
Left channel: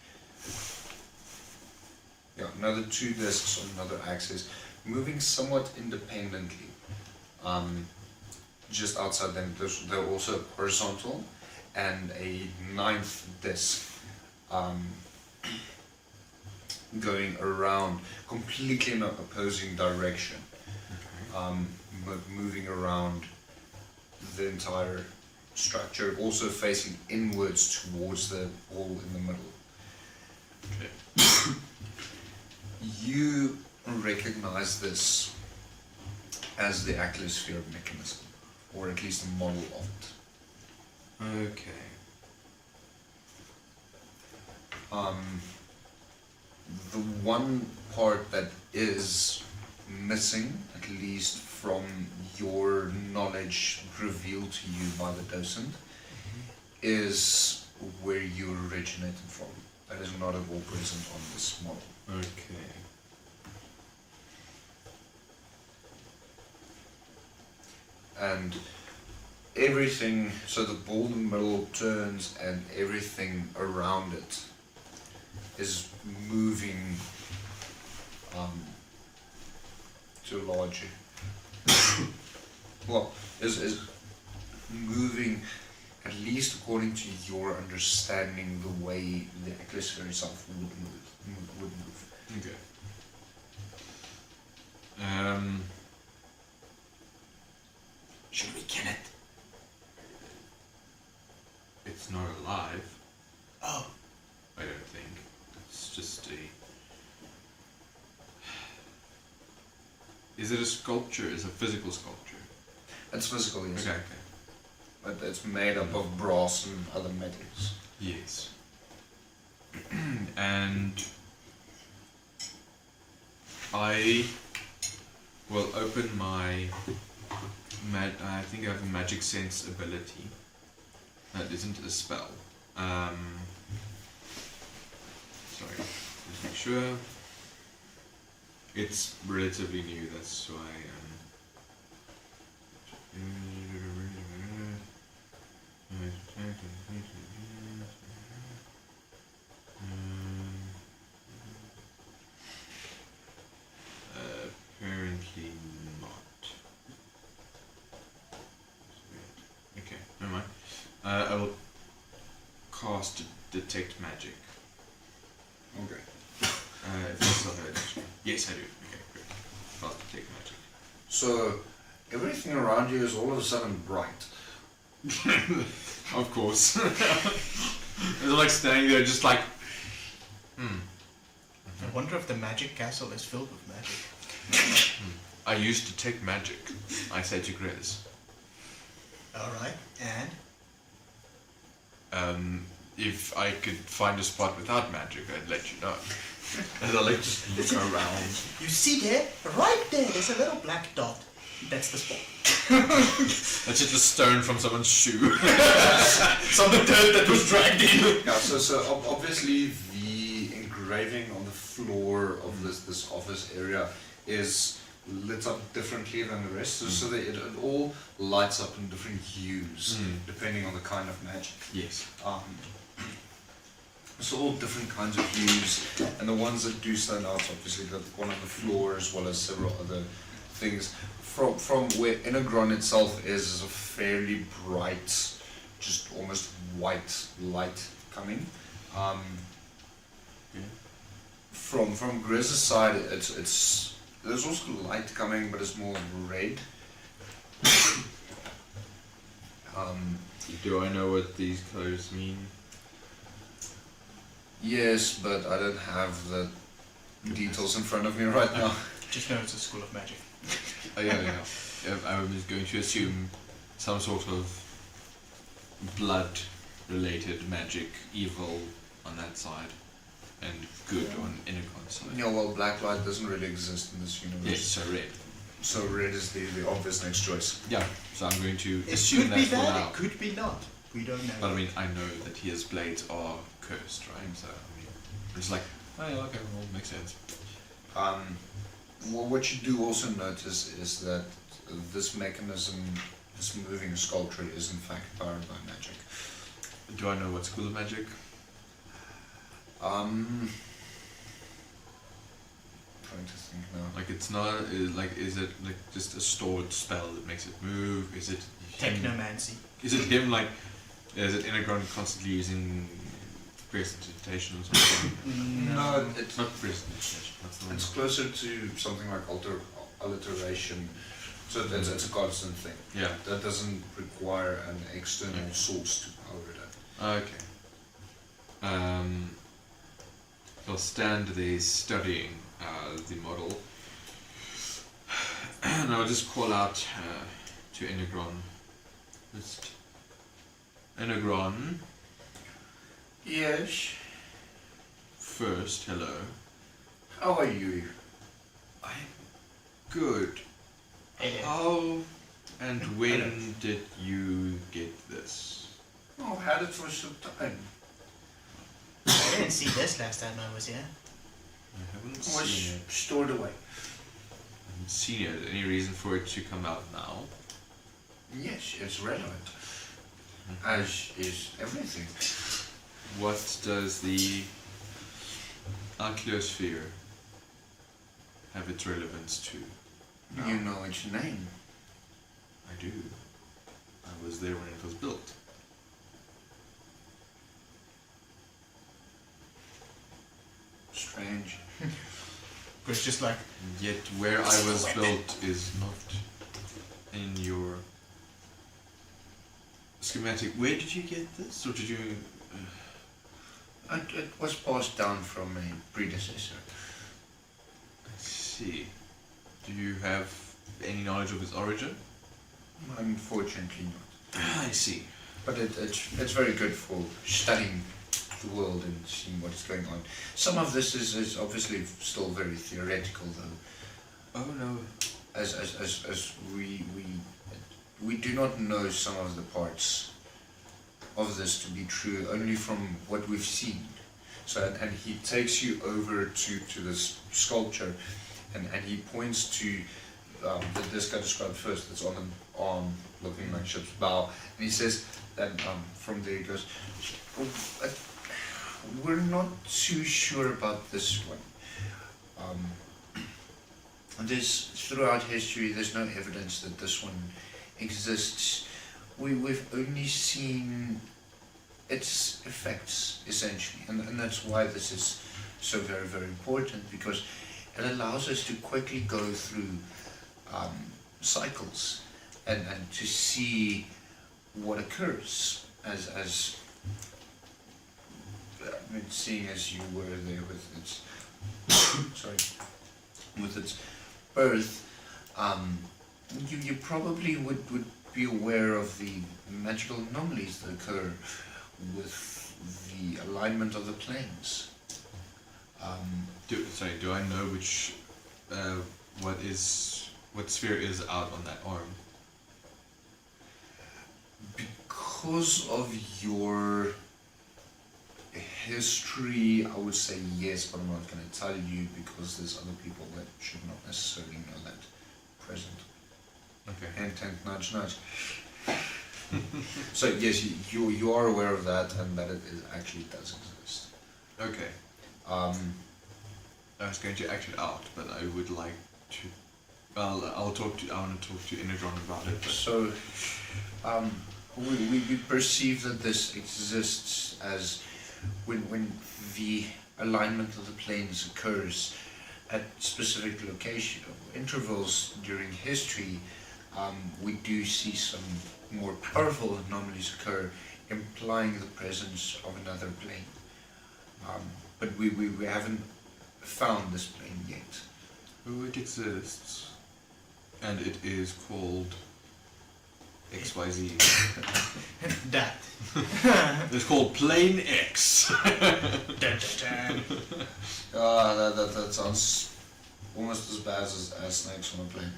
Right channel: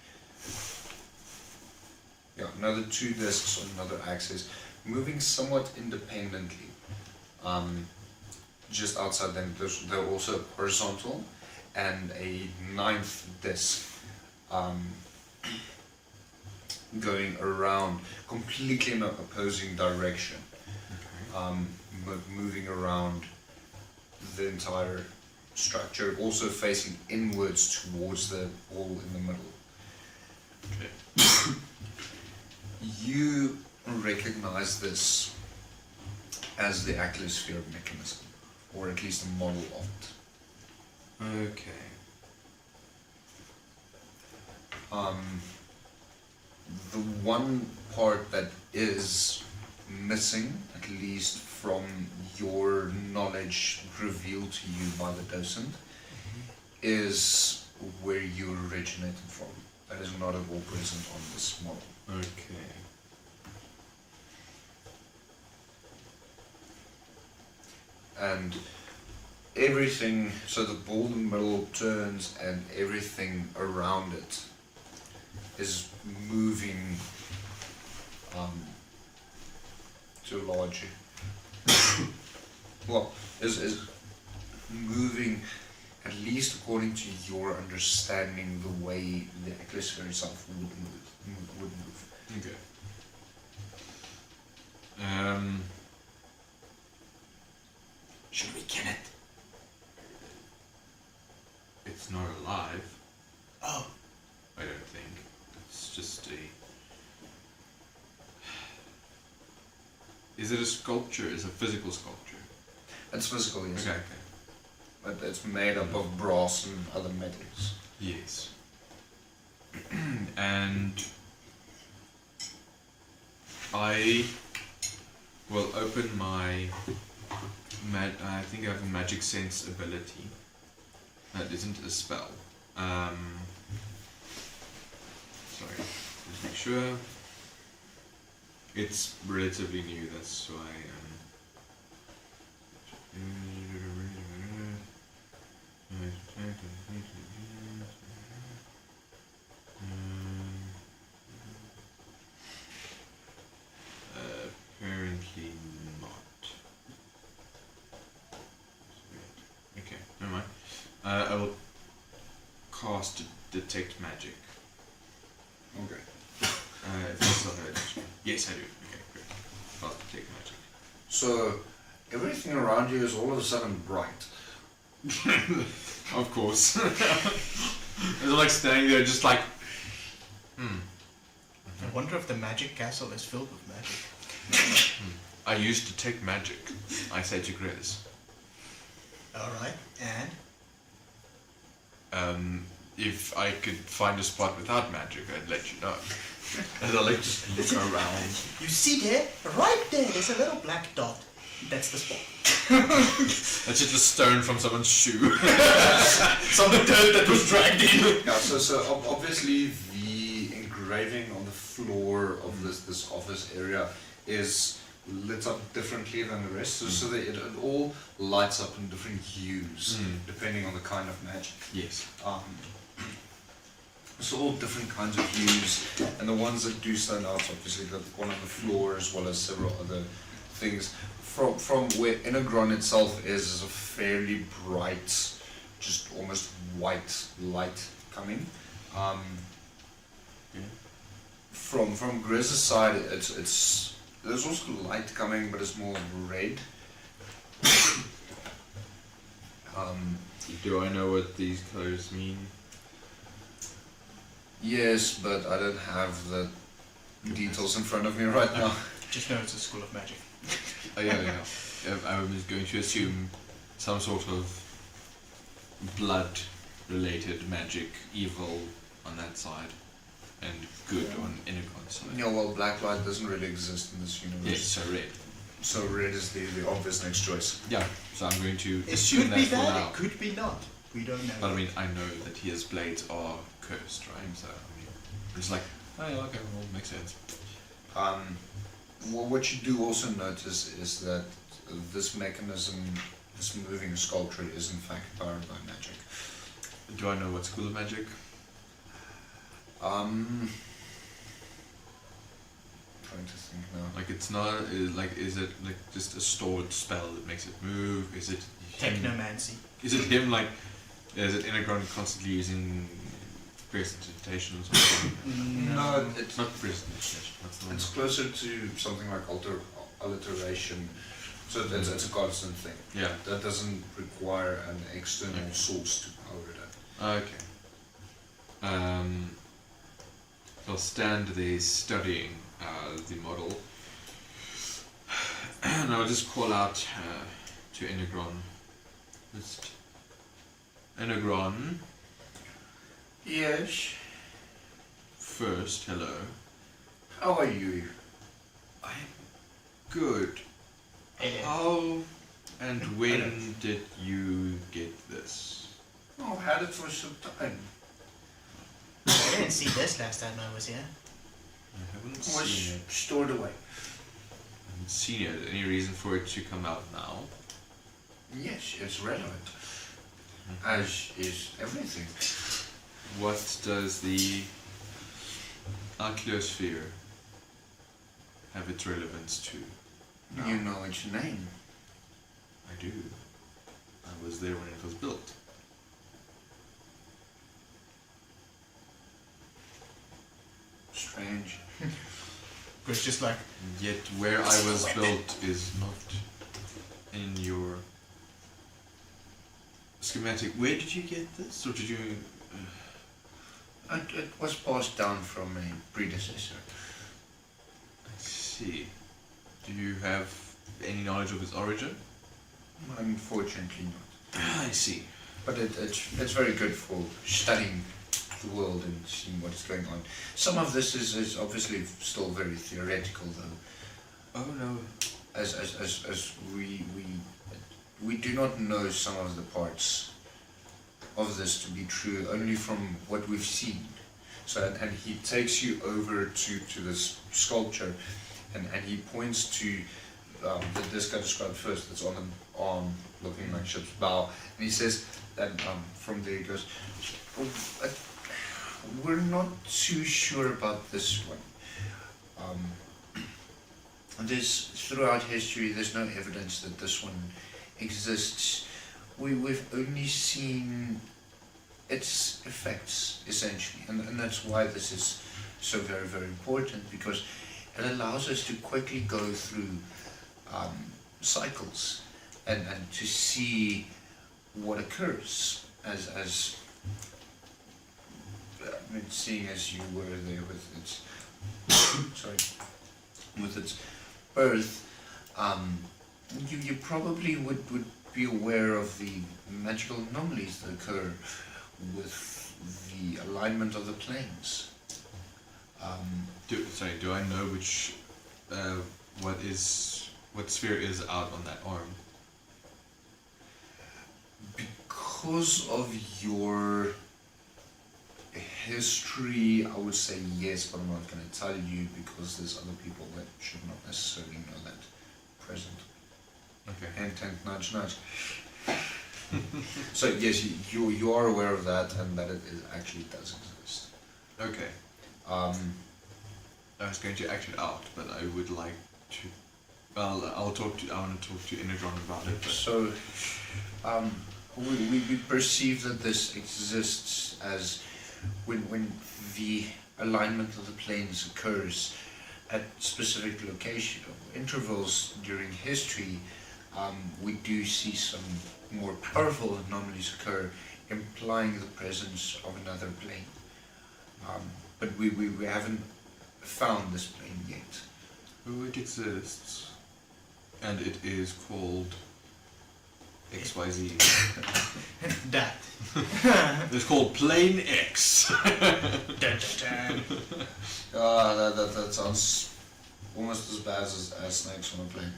Yeah, another 2 discs on another axis, moving somewhat independently. Just outside them, they're also horizontal, and a 9th disc going around completely in an opposing direction, moving around the entire structure, also facing inwards towards the ball in the middle. Okay. You recognize this as the Atmosphere mechanism, or at least a model of it. Okay. The one part that is missing, at least from your knowledge revealed to you by the docent, is where you originated from. That is not at all present on this model. Okay. And everything, so the ball in the middle turns and everything around it is moving to a large, well, is moving, at least according to your understanding, the way the atmosphere itself would move. Okay. Should we kill it? It's not alive. Oh. I don't think. It's just a... Is it a sculpture? Is it a physical sculpture? It's physical, yes. Okay. But it's made up of brass and other metals. Yes. And I will open my... I think I have a magic sense ability. That isn't a spell. Sorry, just make sure. It's relatively new, that's why. Apparently not. Okay, never mind. I will cast Detect Magic. Okay. If I still have it. Yes, I do. Okay, great. Cast Detect Magic. So, everything around you is all of a sudden bright. Of course. It's like standing there just like, I wonder if the magic castle is filled with magic. I used Detect Magic. I said to Grizz. Alright, and? If I could find a spot without magic, I'd let you know. And I'll let you look around. You see there? Right there, there's a little black dot. That's the spot. That's just a stone from someone's shoe. Some dirt that was dragged in. Now, so obviously the engraving on the floor of this office area is lit up differently than the rest, so that it all lights up in different hues depending on the kind of magic. Yes. So all different kinds of hues, and the ones that do stand out, obviously, the one on the floor as well as several other things. From where Inagron itself is a fairly bright, just almost white light coming. From Grizz's side, it's there's also light coming, but it's more red. Do I know what these colors mean? Yes, but I don't have the details in front of me right now. Just know it's a school of magic. Oh, yeah. I was going to assume some sort of blood-related magic, evil on that side, and good on Inagron's side. Yeah, well, black light doesn't really exist in this universe. Yes, so red. So red is the obvious next choice. Yeah, so I'm going to It assume could be that for that, now. it could be not. We don't know. But I mean, I know that his blades are cursed, right? So, I mean, it's like, oh yeah, okay, well, makes sense. Well, what you do also notice is that this mechanism, this moving sculpture, is in fact powered by magic. Do I know what school of magic? Trying to think now. Like, it's not, is it like just a stored spell that makes it move? Is it Technomancy. Is it him, like, is it Inagron constantly using prestidigitation or something? No, it's It's not prestidigitation, that's the one. It's closer to something like alliteration. So it's a constant thing. Yeah. That doesn't require an external source to power it. Okay. I'll stand there studying the model, and I'll just call out to Inagron. Just, Inagron, Yes. first, hello. How are you? I'm good. How and when did you get this? Oh, I've had it for some time. I didn't see this last time I was here. I haven't It was seen it. stored away. I haven't seen it. Any reason for it to come out now? Yes, it's relevant. As is everything. What does the Archaeosphere have its relevance to? You know its name. I do. I was there when it was built. Strange. But it's just like, And yet where I was built is not in your schematic. Where did you get this? Or did you... It was passed down from a predecessor. I see. Do you have any knowledge of its origin? Unfortunately not. I see. But it's very good for studying the world and seeing what's going on. Some of this is obviously still very theoretical, though. Oh no. As we do not know some of the parts of this to be true only from what we've seen. So and he takes you over to this sculpture, and he points to this guy described first. That's on the arm, looking like ship's bow, and he says that from there he goes, we're not too sure about this one. There's throughout history, there's no evidence that this one exists. We've only seen its effects, essentially, and that's why this is so very, very important, because it allows us to quickly go through cycles and to see what occurs as I mean, seeing as you were there with its with its birth, you probably would be aware of the magical anomalies that occur with the alignment of the planes. Do I know which what sphere is out on that arm? Because of your History, I would say yes, but I'm not going to tell you because there's other people that should not necessarily know that present. Okay. Hint, hint, nudge, nudge. So yes, you are aware of that, and that it actually does exist. Okay. I was going to act it out, but I would like to. Well, I want to talk to Inagron about it. So, we perceive that this exists as when the alignment of the planes occurs at specific location intervals during history. We do see some more powerful anomalies occur, implying the presence of another plane. But we haven't found this plane yet. It exists, and it is called XYZ. That. It's called Plane X. That sounds almost as bad as snakes on a plane.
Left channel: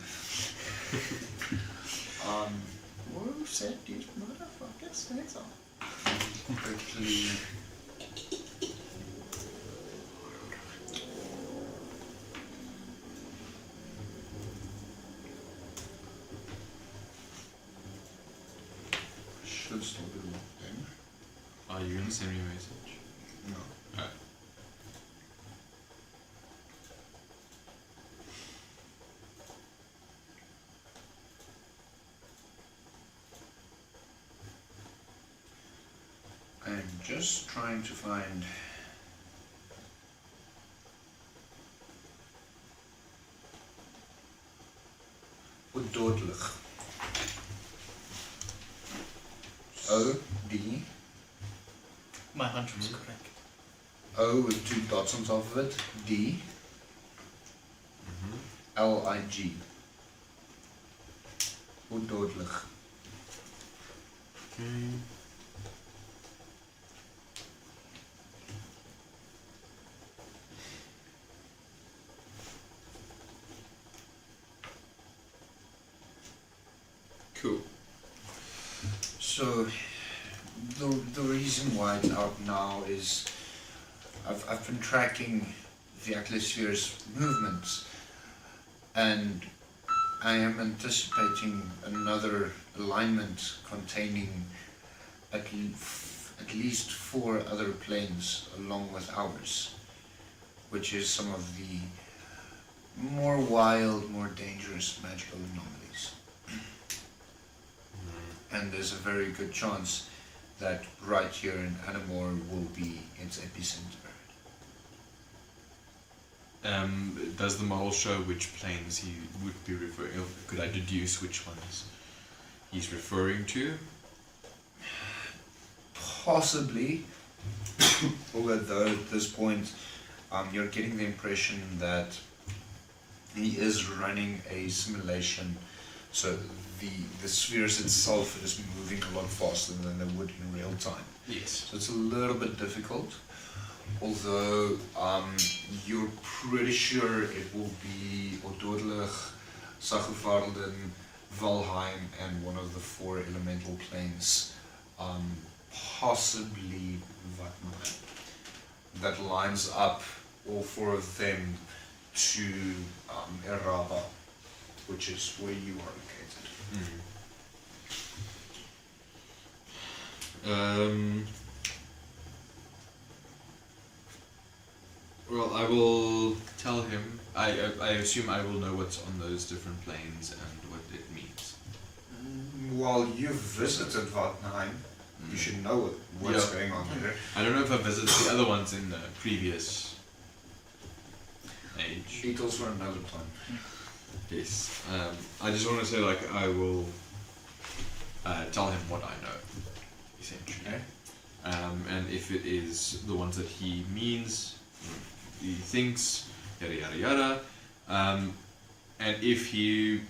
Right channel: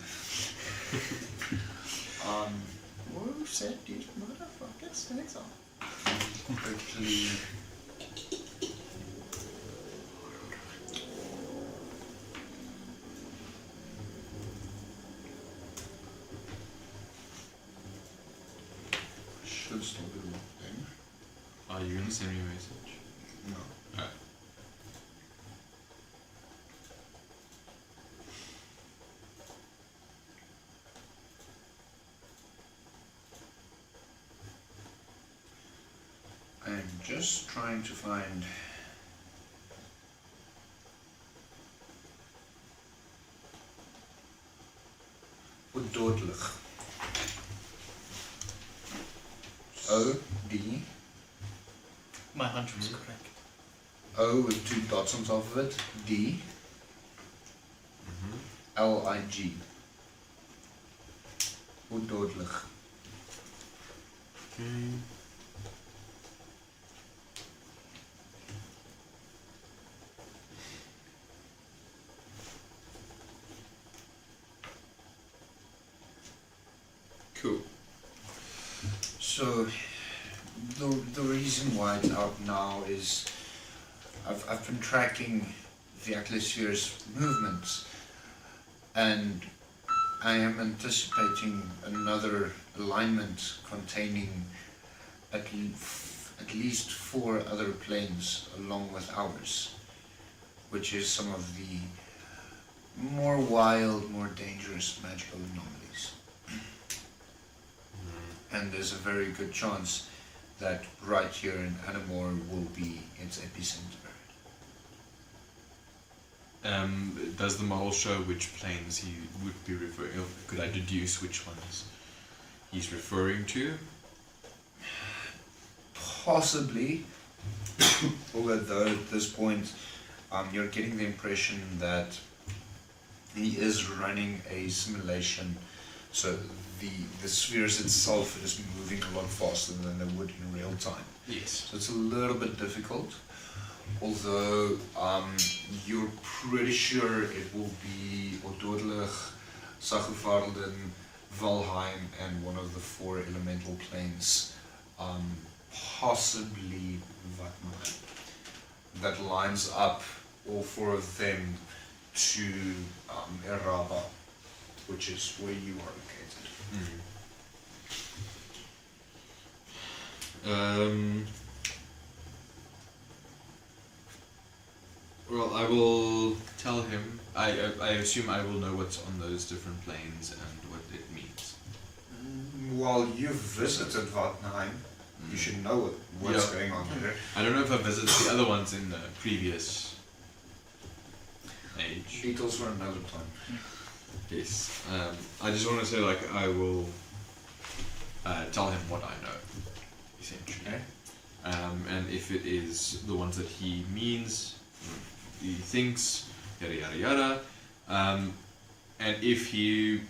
What you said, dude? Motherfucker, snakes on. Quickly. Should still be locked in. Are you going to send me a message? No. Alright. I'm just trying to find Ododlich. O-D, My hunch was correct. O with 2 dots on top of it, D, L-I-G. Ododlich. Okay. Cool. So, the reason why it's out now is I've been tracking the atmosphere's movements, and I am anticipating another alignment containing at least 4 other planes along with ours, which is some of the more wild, more dangerous magical anomalies. And there's a very good chance that right here in Adomawyr will be its epicenter. Does the model show which planes he would be referring? Could I deduce which ones he's referring to? Possibly, although at this point you're getting the impression that he is running a simulation, so the spheres itself is moving a lot faster than they would in real time. Yes. So it's a little bit difficult, although you're pretty sure it will be Ododlich, Sachuvarden, Valheim, and one of the 4 elemental planes, possibly Vatman, that lines up all 4 of them to Eraba, which is where you are located. Well, I will tell him. I assume I will know what's on those different planes and what it means. While you've visited Vatnheim, you should know what's going on there. I don't know if I visited the other ones in the previous age. Details for another time. Yes. I just want to say, like, I will tell him what I know, essentially. Okay. And if it is the ones that he means, he thinks, yada yada yada, and if he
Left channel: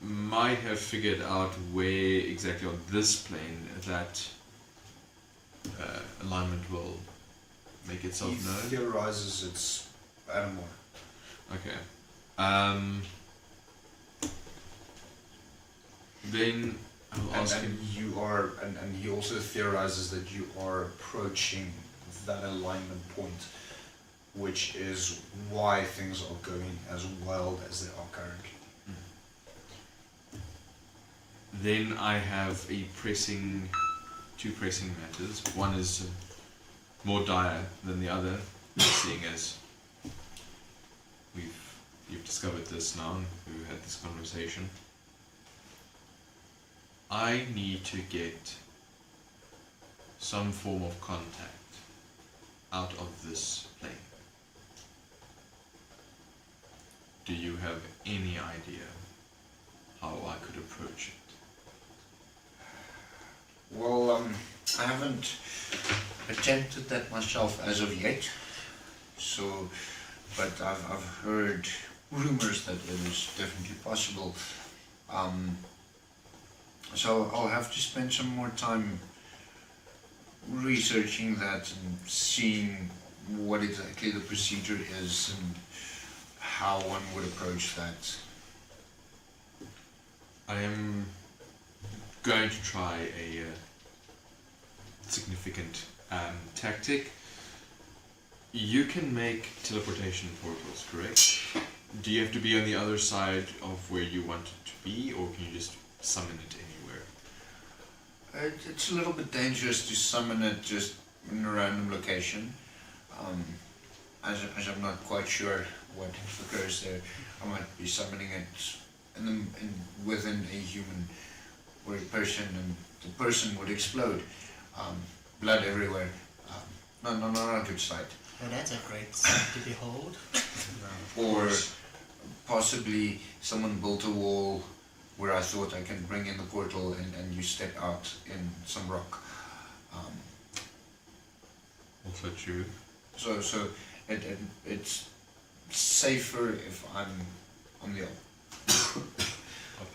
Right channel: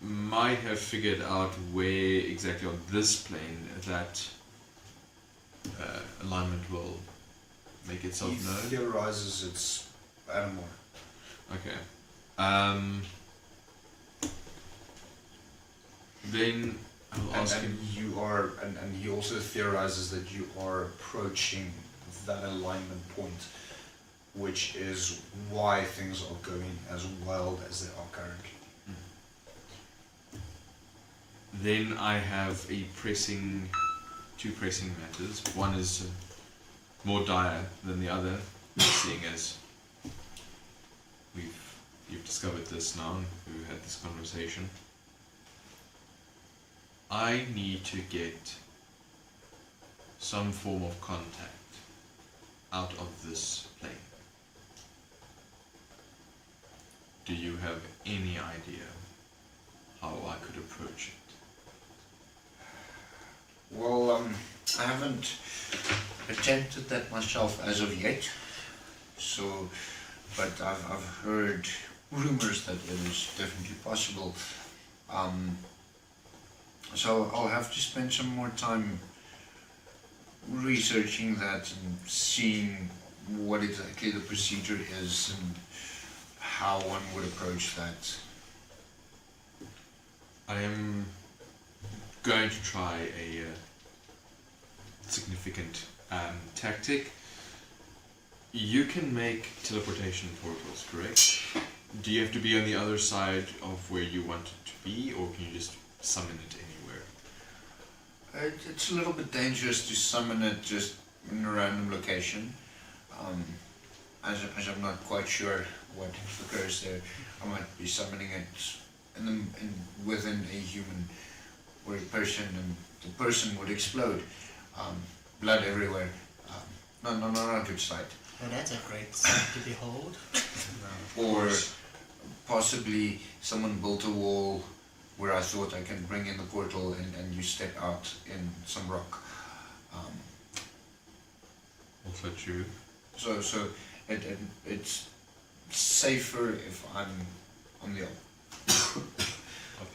might have figured out where exactly on this plane that alignment will make itself He known. theorizes it's Adomawyr. Okay. Then I'll ask him. And he also theorizes that you are approaching that alignment point, which is why things are going as wild as they are currently. Then I have two pressing matters. One is more dire than the other, seeing as you've discovered this now and we had this conversation. I need to get some form of contact out of this plane. Do you have any idea how I could approach it? Well, I haven't attempted that myself as of yet, so, but I've heard rumors that it is definitely possible. So I'll have to spend some more time researching that and seeing what exactly the procedure is and how one would approach that. I am going to try a significant tactic. You can make teleportation portals, correct? Do you have to be on the other side of where you want it to be, or can you just summon it anywhere? It's a little bit dangerous to summon it just in a random location. As I'm not quite sure what occurs there, I might be summoning it within a human or a person, and the person would explode. Blood everywhere. Not a good sight. Oh, that's a great sight to behold. Or possibly someone built a wall where I thought I can bring in the portal and you step out in some rock. Also true. So it's safer if I'm on the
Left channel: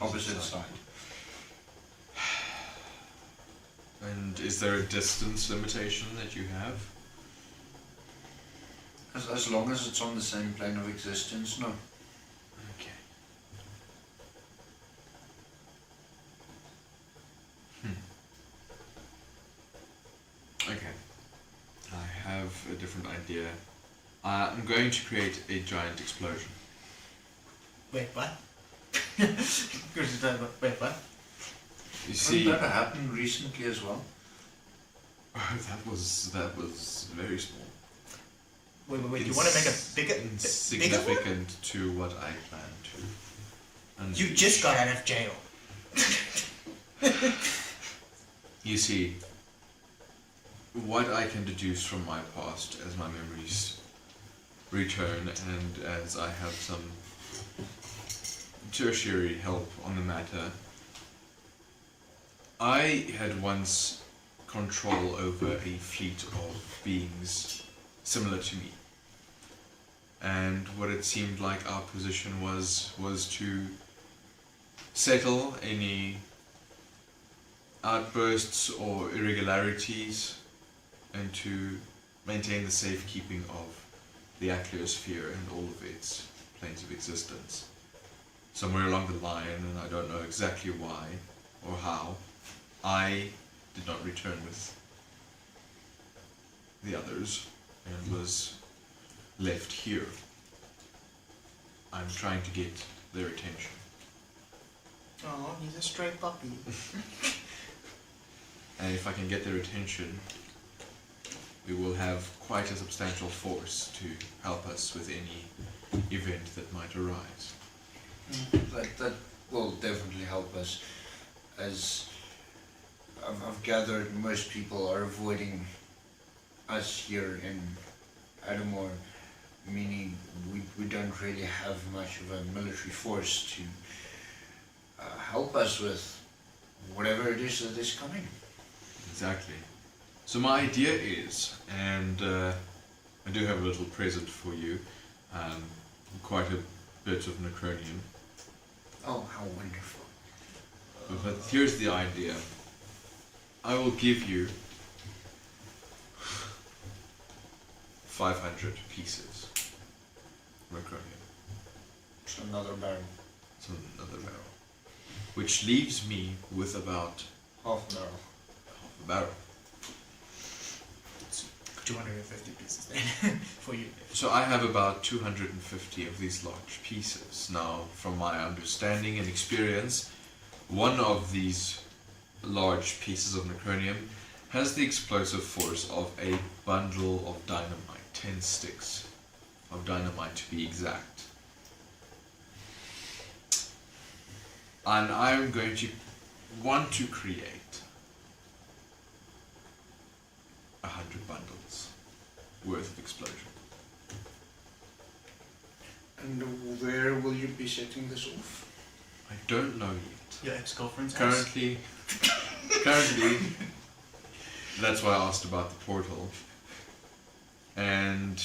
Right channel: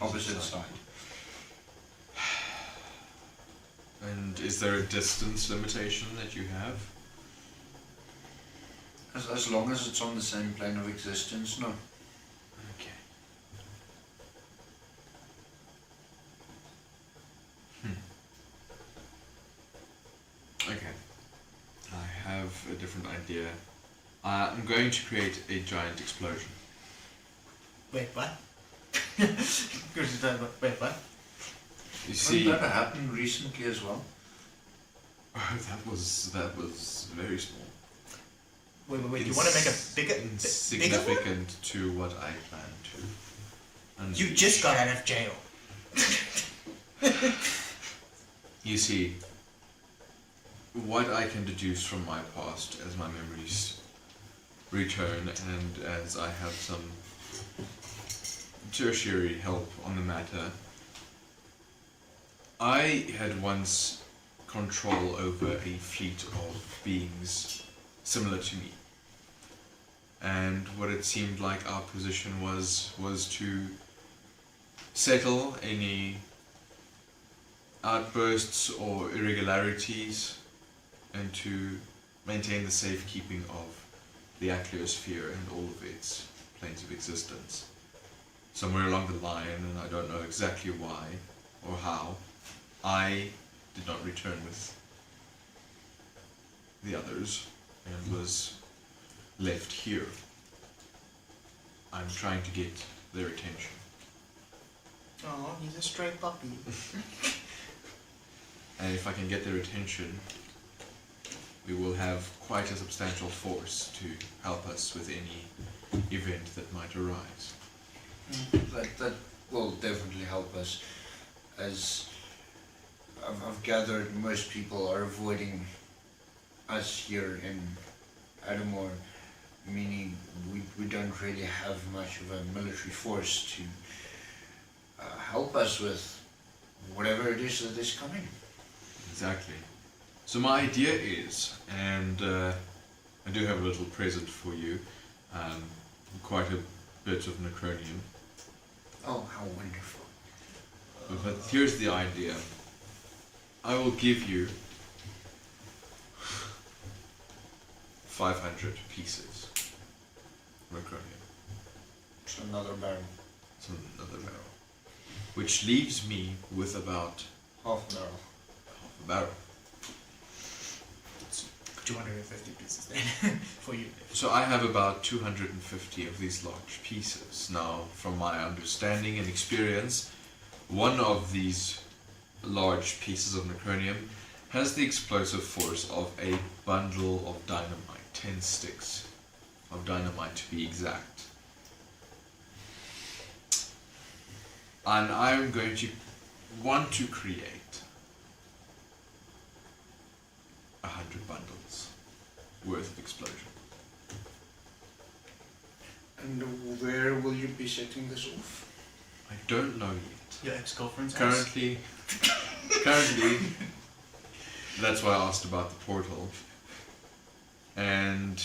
opposite side. And is there a distance limitation that you have? As long as it's on the same plane of existence, no. Okay. Okay. I have a different idea. I'm going to create a giant explosion. Wait, what? Wait, what? You see, That happened recently as well. that was very small. Wait, you want to make a bigger one? Insignificant to what I plan to. And You just got out of jail. you see, what I can deduce from my past as my memories return, and as I have some tertiary help on the matter, I had once control over a fleet of beings similar to me. And what it seemed like our position was to settle any outbursts or irregularities and to maintain the safekeeping of the atmosphere and all of its planes of existence. Somewhere along the line, and I don't know exactly why or how, I did not return with the others and was left here. I'm trying to get their attention. Oh, he's a stray puppy. And if I can get their attention, we will have quite a substantial force to help us with any event that might arise. That will definitely help us. As I've gathered, most people are avoiding us here in Adomawyr, meaning we don't really have much of a military force to help us with whatever it is that is coming. Exactly. So my idea is, and I do have a little present for you, quite a bit of necronium. Oh, how wonderful. But here's the idea. I will give you 500 pieces of necronium. It's another barrel. It's another barrel. Which leaves me with about Half barrel. barrel. 250 pieces then for you. So I have about 250 of these large pieces. Now, from my understanding and experience, one of these large pieces of necronium has the explosive force of a bundle of dynamite, 10 sticks of dynamite to be exact. And I'm going to want to create 100 bundles worth of explosion. And where will you be setting this off? I don't know yet. Your ex-girlfriend's house? Currently, that's why I asked about the portal. And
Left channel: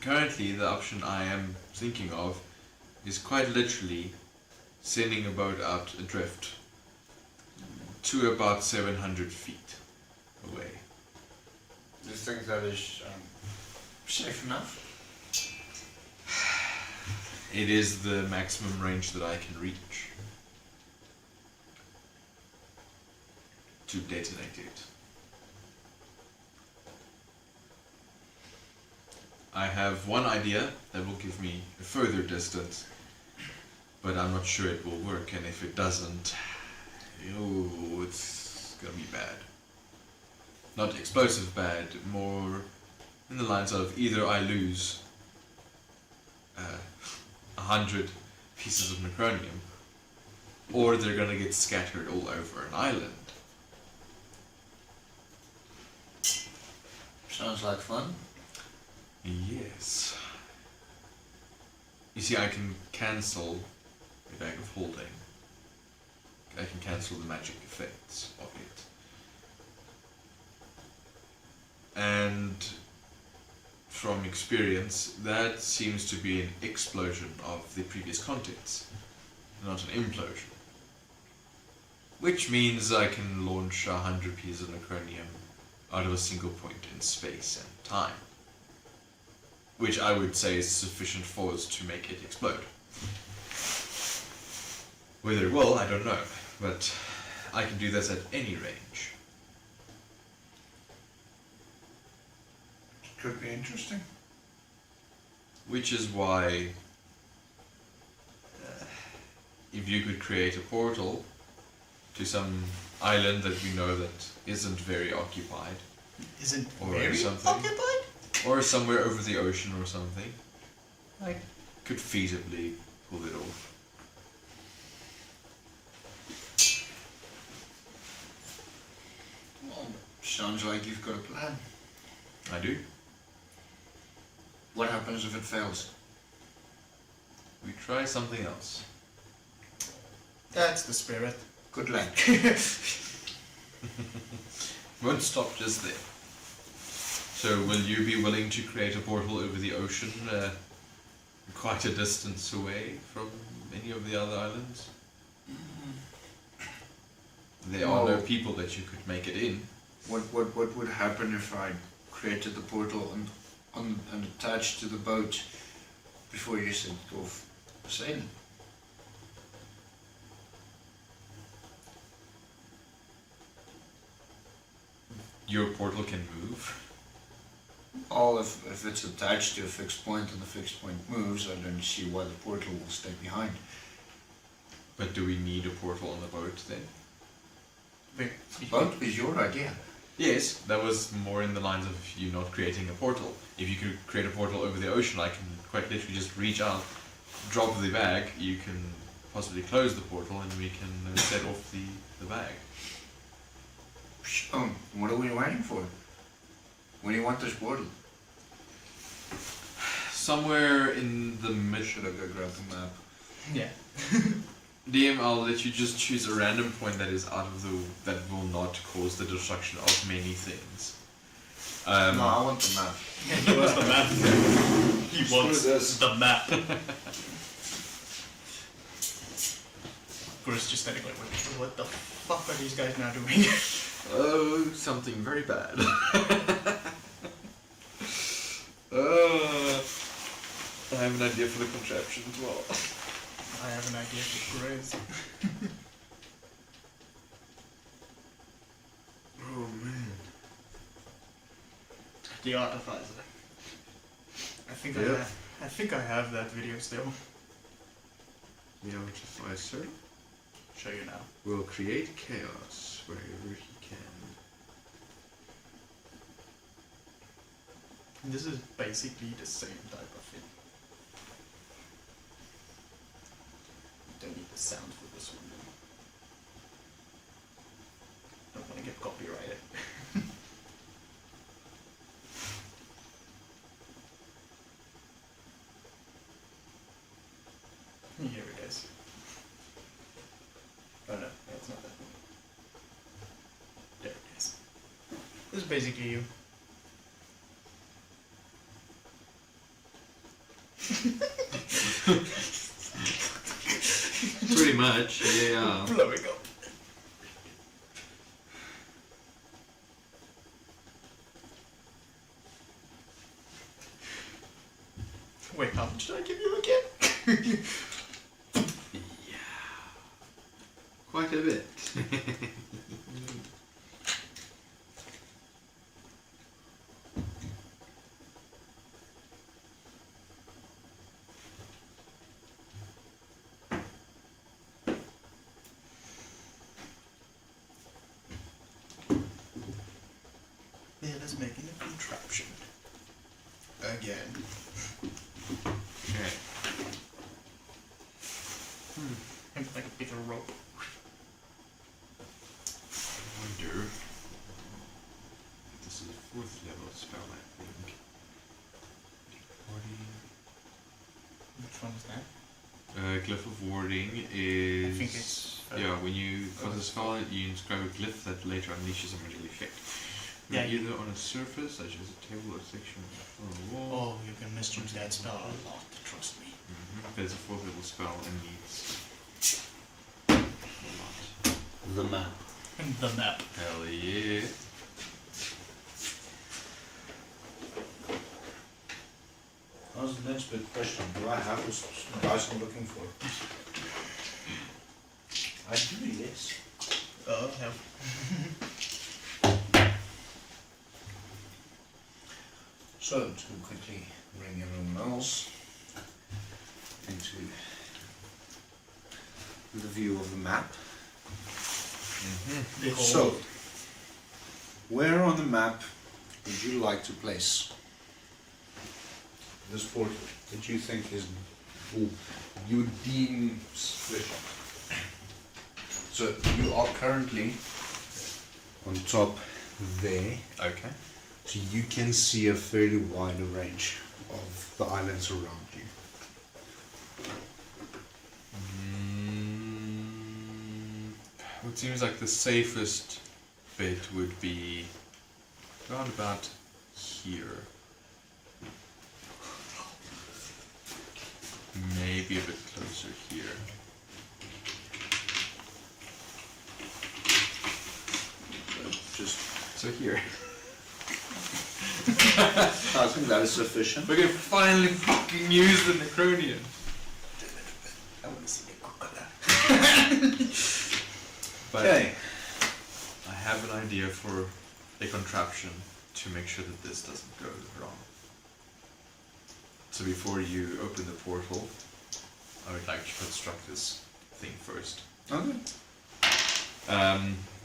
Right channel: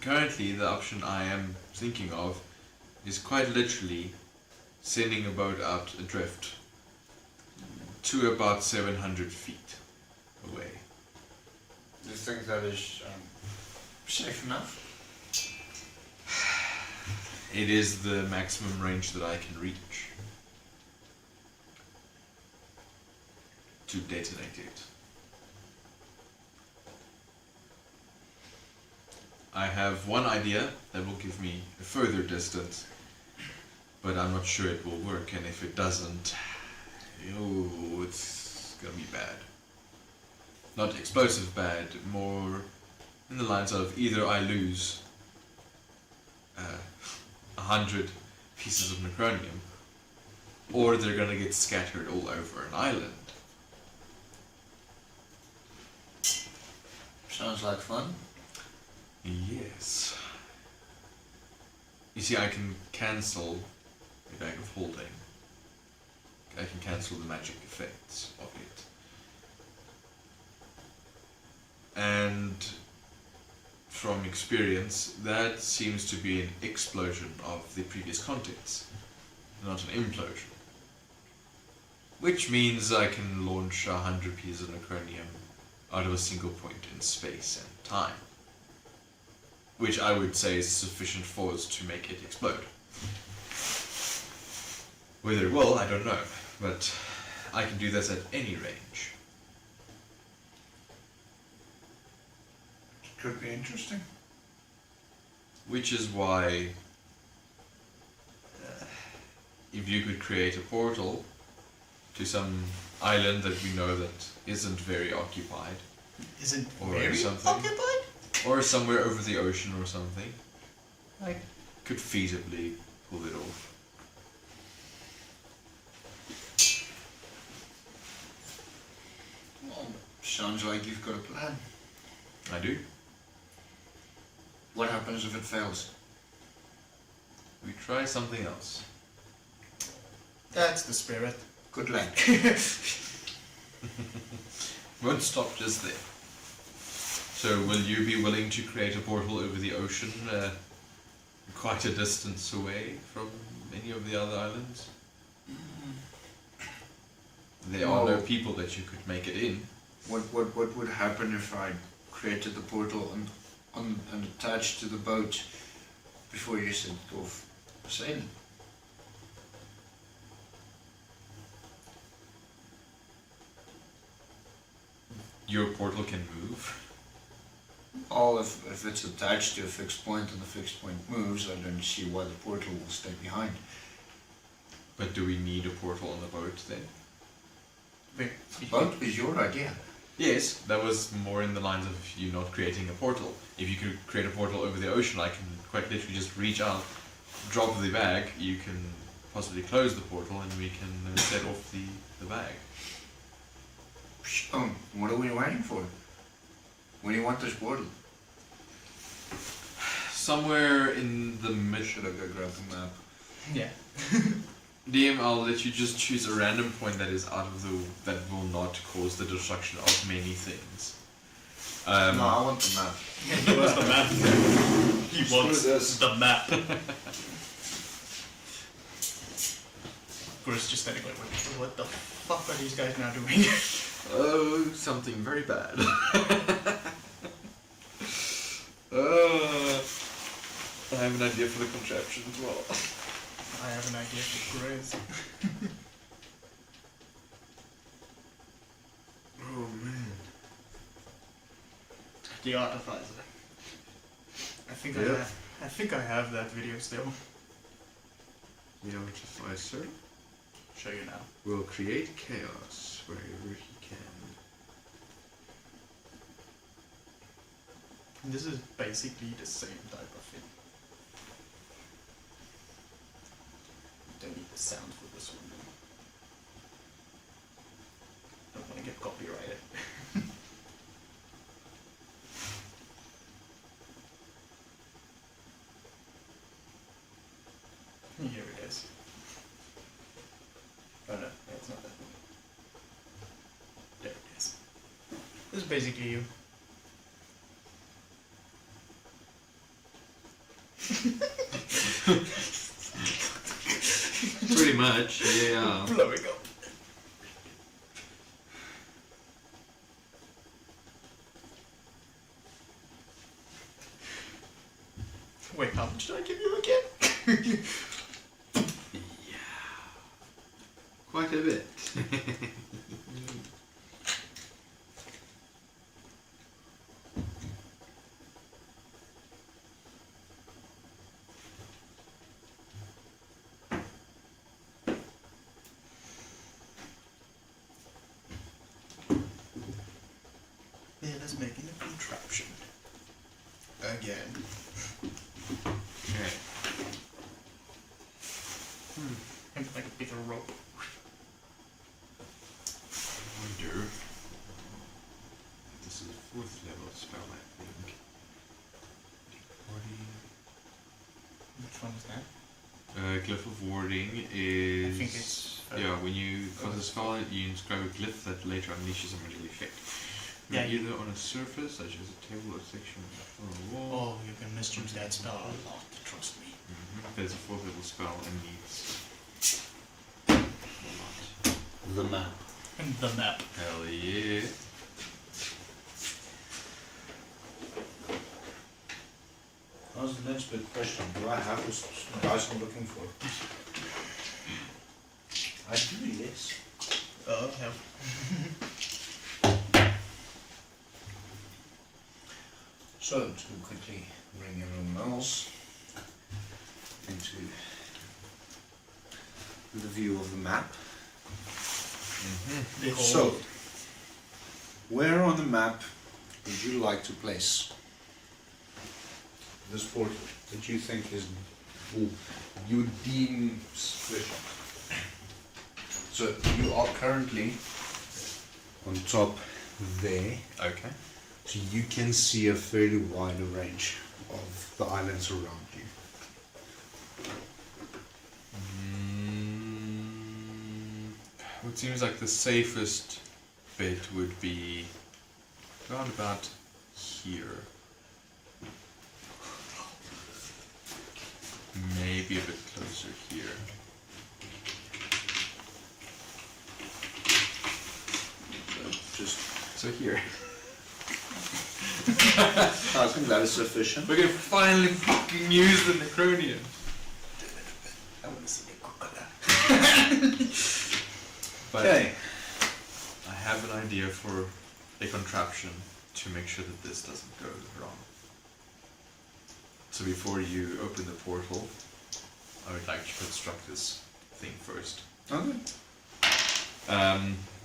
currently, the option I am thinking of is quite literally sending a boat out adrift to about 700 feet away. Do you think that is safe enough? It is the maximum range that I can reach to detonate it. I have one idea that will give me a further distance, but I'm not sure it will work, and if it doesn't, it's gonna be bad. Not explosive bad, more in the lines of either I lose 100 pieces of necronium, or they're gonna get scattered all over an island. Sounds like fun. Yes. You see, I can cancel a bag of holding. I can cancel the magic effects of it. And from experience, that seems to be an explosion of the previous contents, not an implosion. Which means I can launch 100 pieces of necronium out of a single point in space and time. Which I would say is sufficient force to make it explode. Whether it will, I don't know, but I can do this at any range. Could be interesting. Which is why, if you could create a portal to some island that we know that isn't very occupied, Isn't or very something, occupied? or somewhere over the ocean or something, I could feasibly pull it off. Well, sounds like you've got a plan. I do. What happens if it fails? We try something else. That's the spirit. Good luck. Won't stop just there. So will you be willing to create a portal over the ocean, quite a distance away from any of the other islands? There are no people that you could make it in. What would happen if I created the portal and attached to the boat before you sent it off sailing? Your portal can move. Or if it's attached to a fixed point and the fixed point moves, I don't see why the portal will stay behind. But do we need a portal on the boat then? The boat is your idea. Yes, that was more in the lines of you not creating a portal. If you could create a portal over the ocean, I can quite literally just reach out, drop the bag, you can possibly close the portal, and we can set off the bag. Oh, what are we waiting for? When do you want this portal? Somewhere in the Should I go grab the map? Yeah. DM, I'll let you just choose a random point that is out of that will not cause the destruction of many things. No, I want the map. He wants the map. He Screw wants this. the map. Bruce just standing like, what the fuck are these guys now doing? Oh, something very bad. I have an idea for the contraption as well. I have an idea for Grizz. Oh man. The Artificer. I think Yeah. I think I have that video still. The Artificer Show you now. will create chaos wherever he can. This is basically the same type of thing. Don't need the sound for this one. Don't want to get copyrighted. Here it is. Oh no, that's not that one. There it is. This is basically you. Pretty much, yeah. Blowing up. Wait, how much did I give you again? Quite a bit. Yeah, let's make it a contraption. Again. Okay. And like a bigger rope. Wonder. This is a 4th level spell, I think. Warding. Which one is that? Glyph of Warding is. I think it's. Yeah, when you cast a spell, you inscribe a glyph that later unleashes a magical effect. Yeah, Either on a surface, such as a table or section on the wall. Oh, you can misuse that spell a lot, trust me. There's a 4th level spell and needs. The map. The map. Hell yeah. How's the next big question? Do I have this dice I'm looking for? I do, yes. Oh, yeah. So, to quickly bring everyone else into the view of the map. So, where on the map would you like to place this portal that you think is, or you deem sufficient? So, you are currently on top there. Okay. So you can see a fairly wide range of the islands around you. It seems like the safest bet would be around about here. Maybe a bit closer here. Just, So here. I think that is sufficient. We can finally fucking use the Necronian. I want to see the crocodile. But Okay. I have an idea for a contraption to make sure that this doesn't go wrong. So before you open the portal, I would like to construct this thing first. Okay.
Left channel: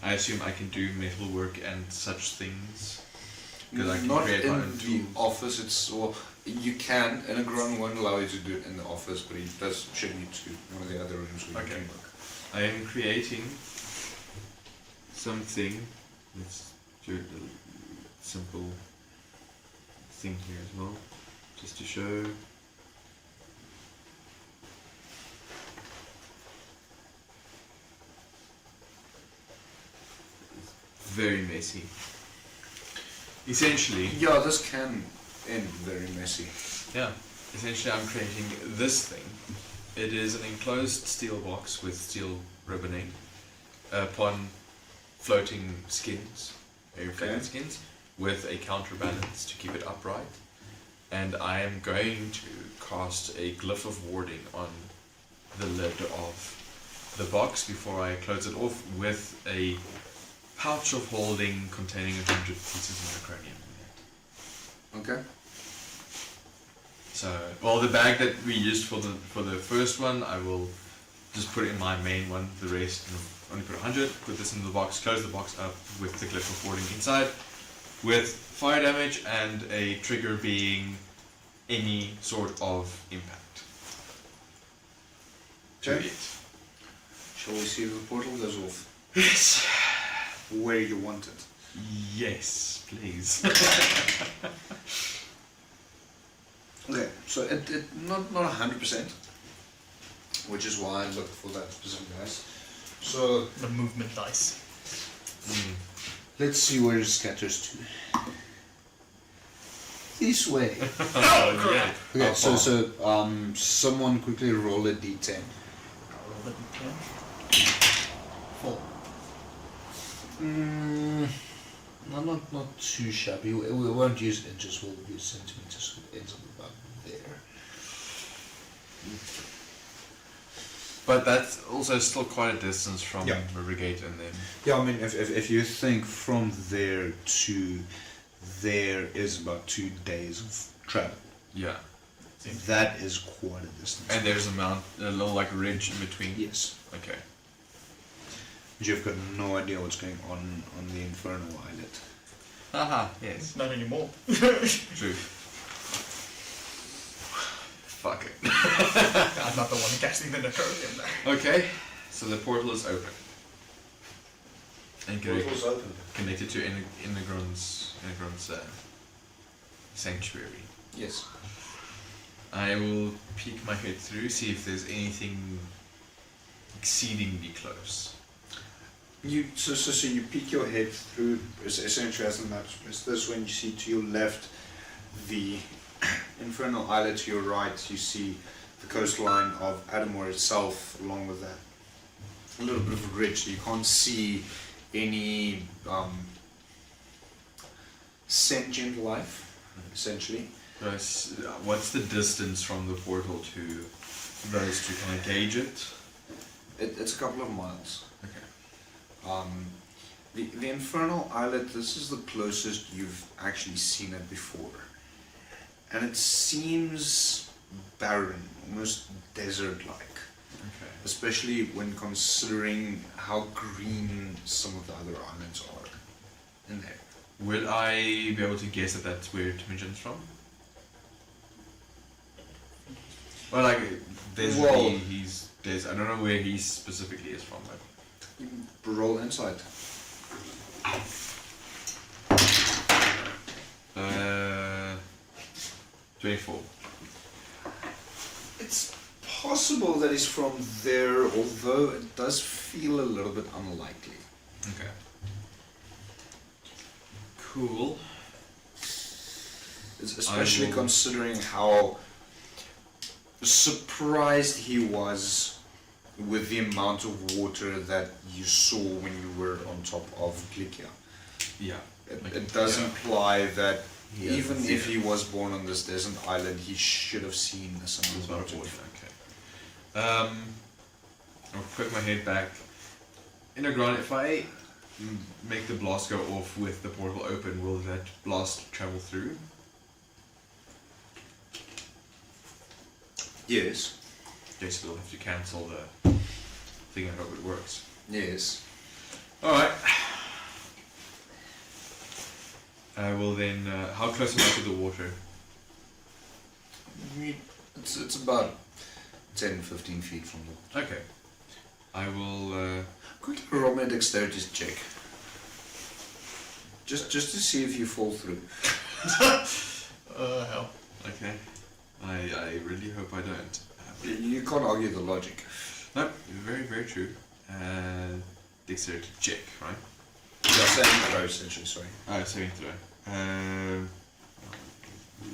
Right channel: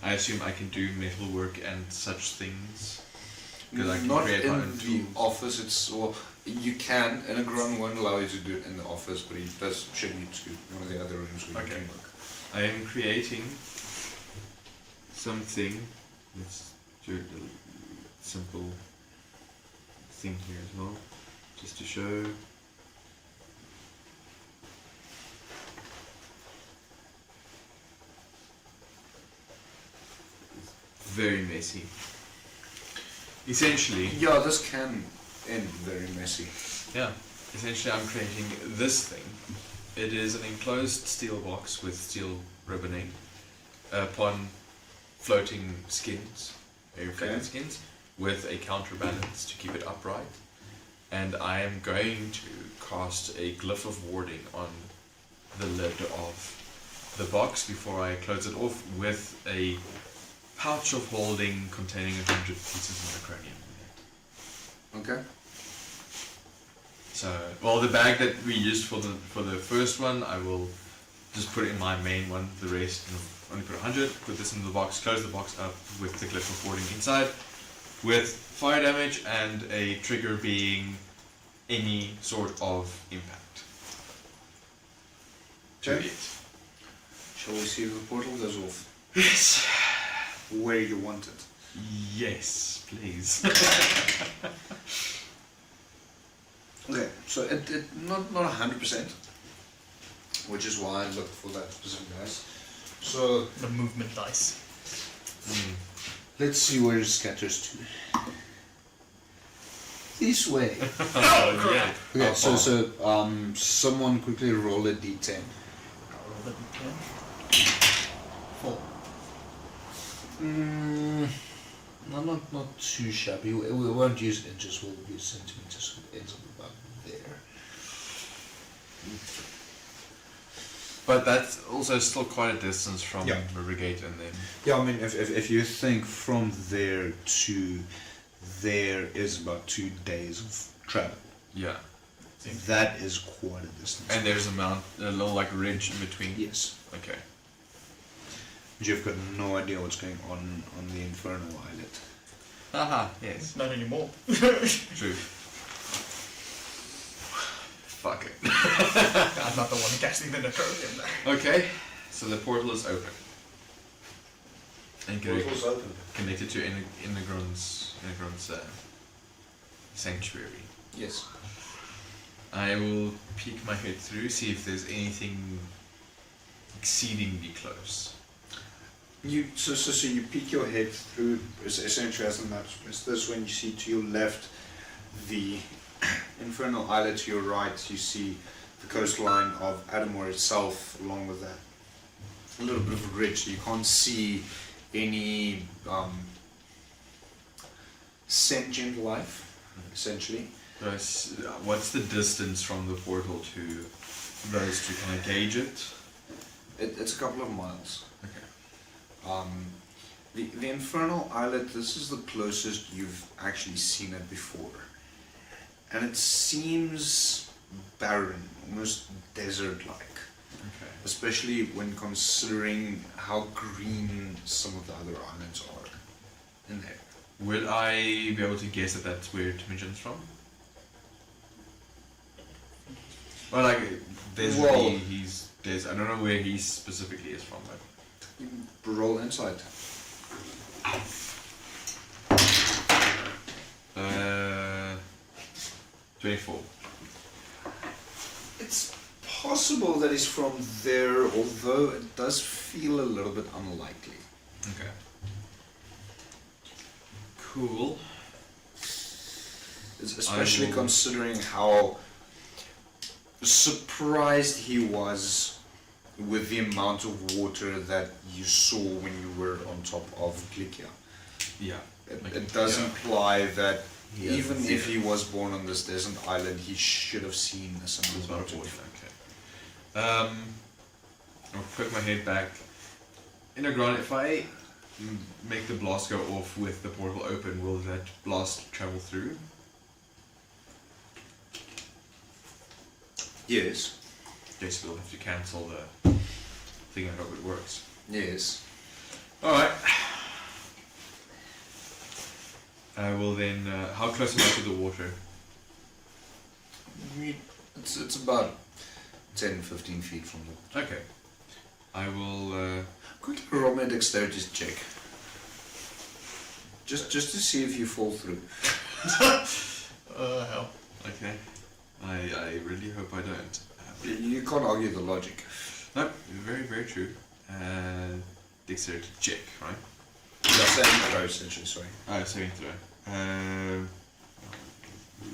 I assume I can do metalwork and such things. Because I can Not create my in own the tools. office, it's, well, you can, and a grunt won't allow you to do it in the office, but he does should need to one of the other rooms where you Okay. can work. I am creating something. Let's do a simple thing here as well, just to show. Very messy. Essentially, Yeah, this can end very messy. yeah. Essentially, I'm creating this thing. It is an enclosed steel box with steel ribboning upon floating skins, air-fitted Okay. skins, with a counterbalance to keep it upright. And I am going to cast a glyph of warding on the lid of the box before I close it off with a pouch of holding containing 100 pieces of necronium. Okay. So, well, the bag that we used for the first one, I will just put it in my main one. The rest, only put 100. Put this in the box. Close the box up with the glyph of warding inside, with fire damage and a trigger being any sort of impact. Okay. Shall we see if the portal goes off? Yes. Where you want it? Yes, please. Okay, so it not 100%, which is why I looked for that specific dice. So The movement dice. let's see where it scatters to. This way. Yeah. Okay, so someone quickly roll a d10. Four. Not too shabby. We won't use inches, we'll use centimeters. It ends up about there. But that's also still quite a distance from Yeah. Rivergate and then. Yeah, I mean, if you think from there to there is about 2 days of travel. Yeah. That is quite a distance. And there's a little like ridge in between. Yes. Okay. But you've got no idea what's going on the Infernal Islet. Haha, yes. Not anymore. True. Fuck it. I'm not the one casting the Necronium there. Okay, so the portal is open. And open. connected to Inegron's sanctuary. Yes. I will peek my head through, see if there's anything exceedingly close. So you peek your head through, essentially as the map. Is this when you see to your left the Infernal Islet, to your right you see the coastline of Adomawyr itself, along with that a little bit of a ridge. So you can't see any sentient life, essentially. What's the distance from the portal to those two? Can I gauge it? It's a couple of miles. Okay. The Infernal Islet, this is the closest you've actually seen it before. And it seems barren, almost desert-like. Okay. Especially when considering how green some of the other islands are in there. Will I be able to guess that that's where Timogen's from? Well, like, I don't know where he specifically is from, but... Roll insight. 24. It's possible that he's from there, although it does feel a little bit unlikely. Okay. Cool. Especially considering how surprised he was with the amount of water that you saw when you were on top of Glikia. Yeah. It does imply that even if he was born on this desert island, he should have seen a similar water. Okay. I'll put my head back. Inegron, if I make the blast go off with the portal open, will that blast travel through? Yes. They still have to cancel the thing. I hope it works. Yes. Alright. I will then... how close am I to the water? It's about 10-15 feet from the... Okay. I will... Quickly roll me a dexterity check. Just to see if you fall through. Hell. Okay. I really hope I don't. You can't argue the logic. No, very, very true. Dexterity check, right? Yeah, saving throw, essentially, sorry. Saving throw.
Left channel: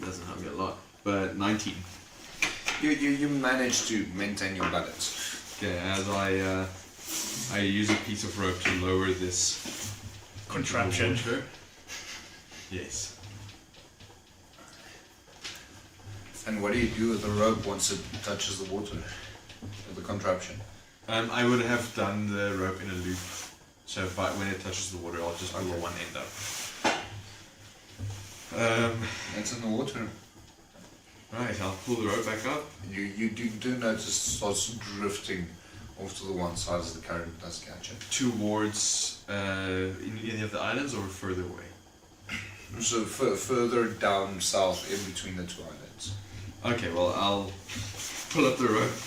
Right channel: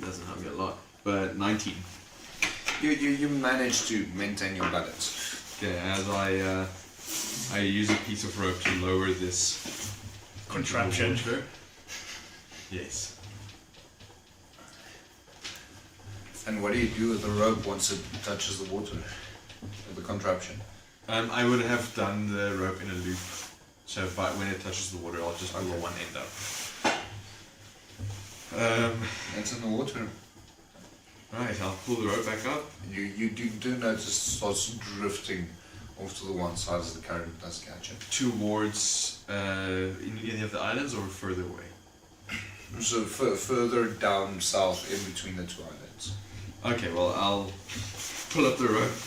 Doesn't help me a lot, but 19. You manage to maintain your balance. Yeah, as I use a piece of rope to lower this Contraption. water. Yes. And what do you do with the rope once it touches the water? Or the contraption? I would have done the rope in a loop, so when it touches the water, I'll just pull one end up. It's in the water. Right, I'll pull the rope back up. You do notice it starts drifting off to the one side as the current does catch it. Towards in any of the islands or further away? So further down south in between the two islands. Okay, well, I'll pull up the rope,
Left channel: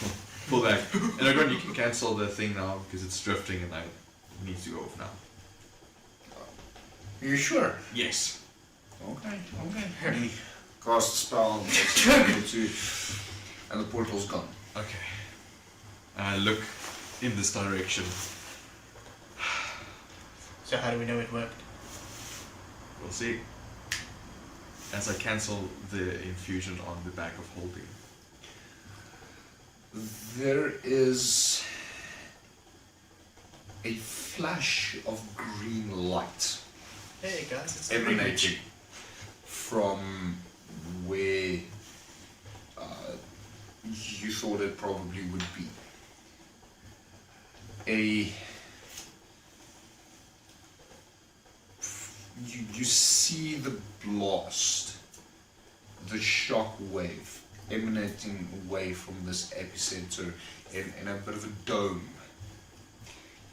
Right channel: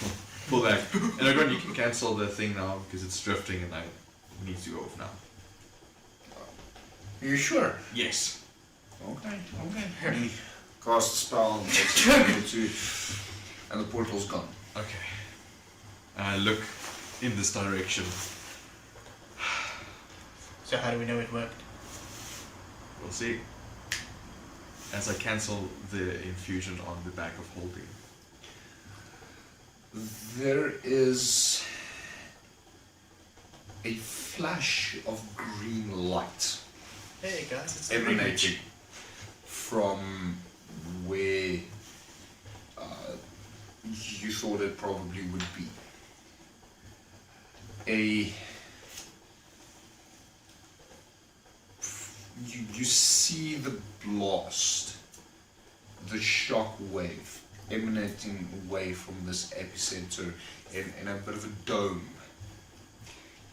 pull back. And again, you can cancel the thing now because it's drifting and it needs to go off now. Are you sure? Yes. Okay. He casts a spell and the portal's gone. Okay. And I look in this direction. So how do we know it worked? We'll see. As I cancel the infusion on the bag of holding. There is a flash of green light Hey guys, it's emanating from where you thought it probably would be. You see the blast, the shock wave emanating away from this epicenter in a bit of a dome.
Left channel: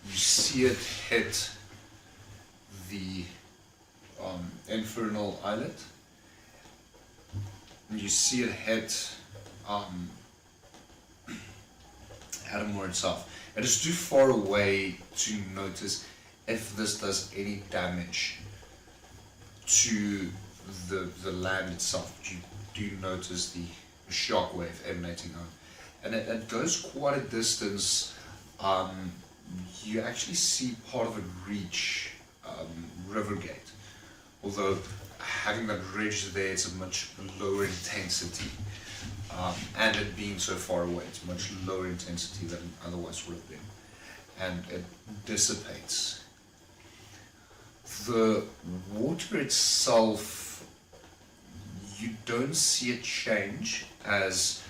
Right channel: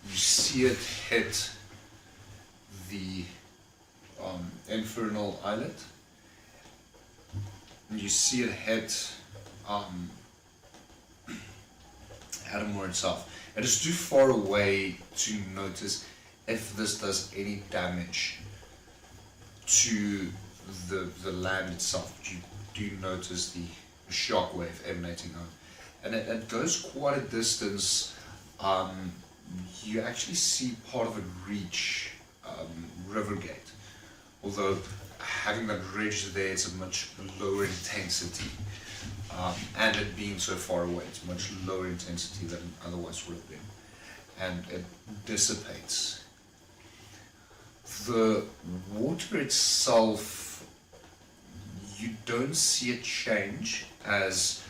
You see it hit the infernal islet. You see it hit Adomawyr itself. It is too far away to notice if this does any damage to the land itself. But you do notice the shockwave emanating out, and it goes quite a distance. You actually see part of it reach Rivergate, although having that ridge there, it's a much lower intensity, and it being so far away, it's much lower intensity than it otherwise would have been, and it dissipates. The water itself, you don't see it change, as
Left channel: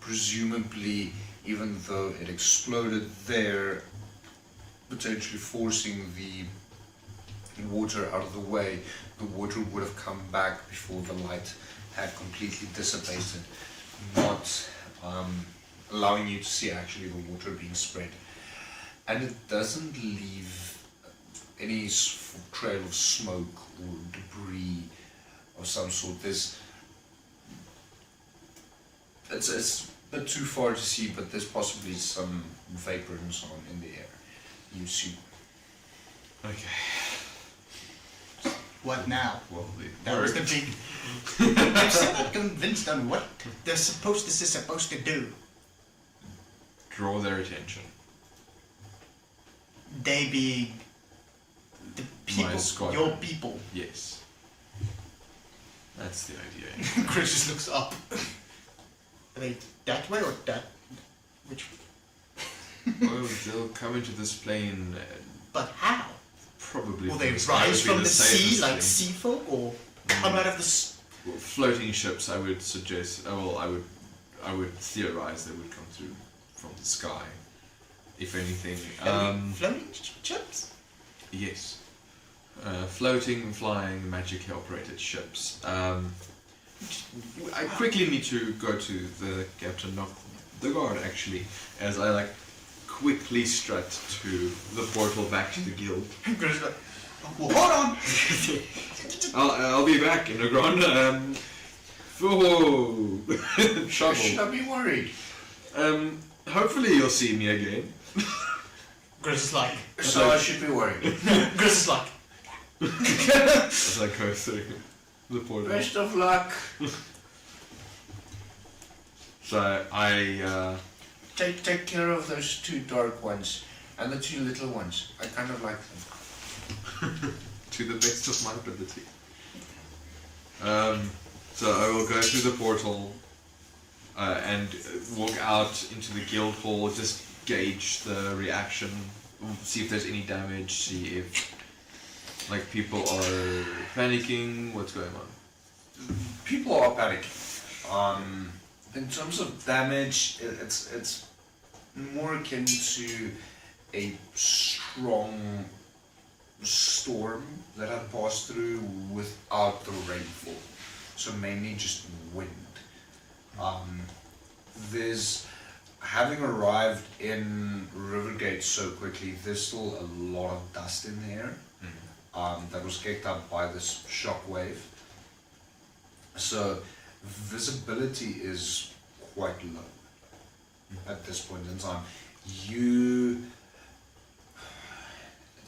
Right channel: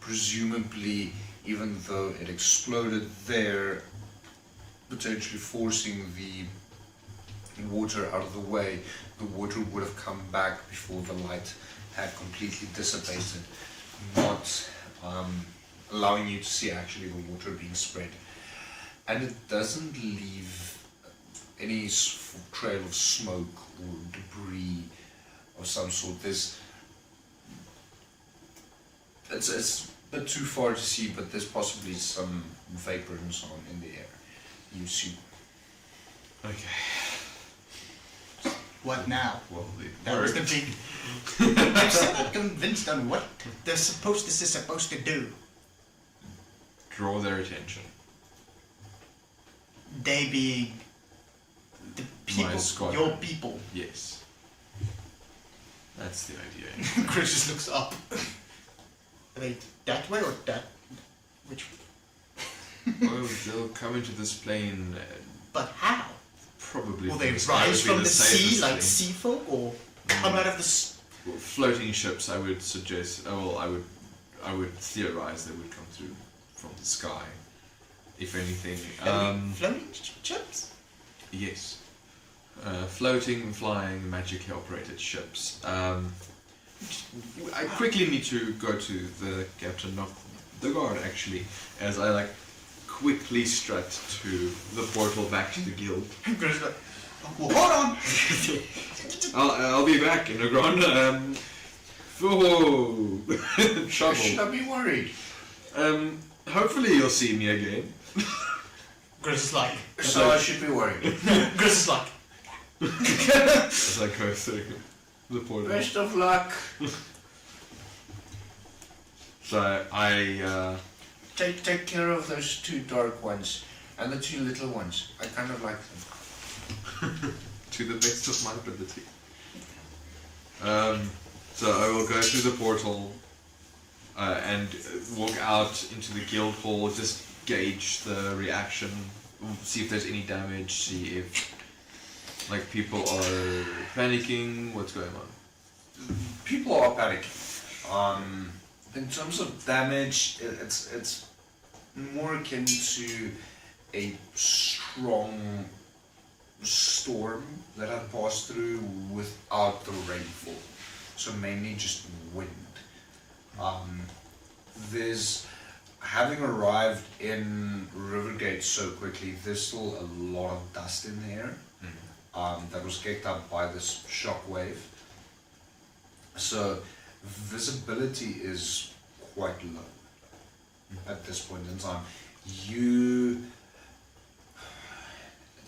presumably, even though it exploded there, potentially forcing the water out of the way, the water would have come back before the light had completely dissipated, not allowing you to see actually the water being spread. And it doesn't leave any trail of smoke or debris of some sort. It's a bit too far to see, but there's possibly some vapor and so on in the air. You see. Okay. What now? Well, That was the big. I'm still not convinced on what this is supposed to do. Draw their attention. They be the people, squadron. your people. Yes. That's the idea. Chris just looks up. Are they that way or that? Which? Well, they'll come into this plane. But how? Probably. Will they from rise from the sea like thing. sea folk, or come out of the? Floating ships, I would suggest. Well, I would theorize they would come through from the sky, if anything. Floating ships? Yes. Floating, flying, magically operated ships. I quickly need to go to the captain of the guard, actually, as I quickly strut to the portal back to the guild. Chris like, well, hold on. I'll be back in the ground. Trouble. Should I be worried? Hopefully you'll see me again. Chris is like. So I should be worried. Chris is like. As I go through the portal. Best of luck. So I Take care of those two dark ones and the two little ones. I kind of like them. to the best of my ability. So I will go through the portal and walk out into the guild hall, just gauge the reaction, see if there's any damage, see if people are panicking, what's going on. People are panicking. In terms of damage, it's more akin to a strong storm that had passed through without the rainfall. So mainly just wind. There's, having arrived in Rivergate so quickly, there's still a lot of dust in the air that was kicked up by this shock wave. So visibility is quite low at this point in time.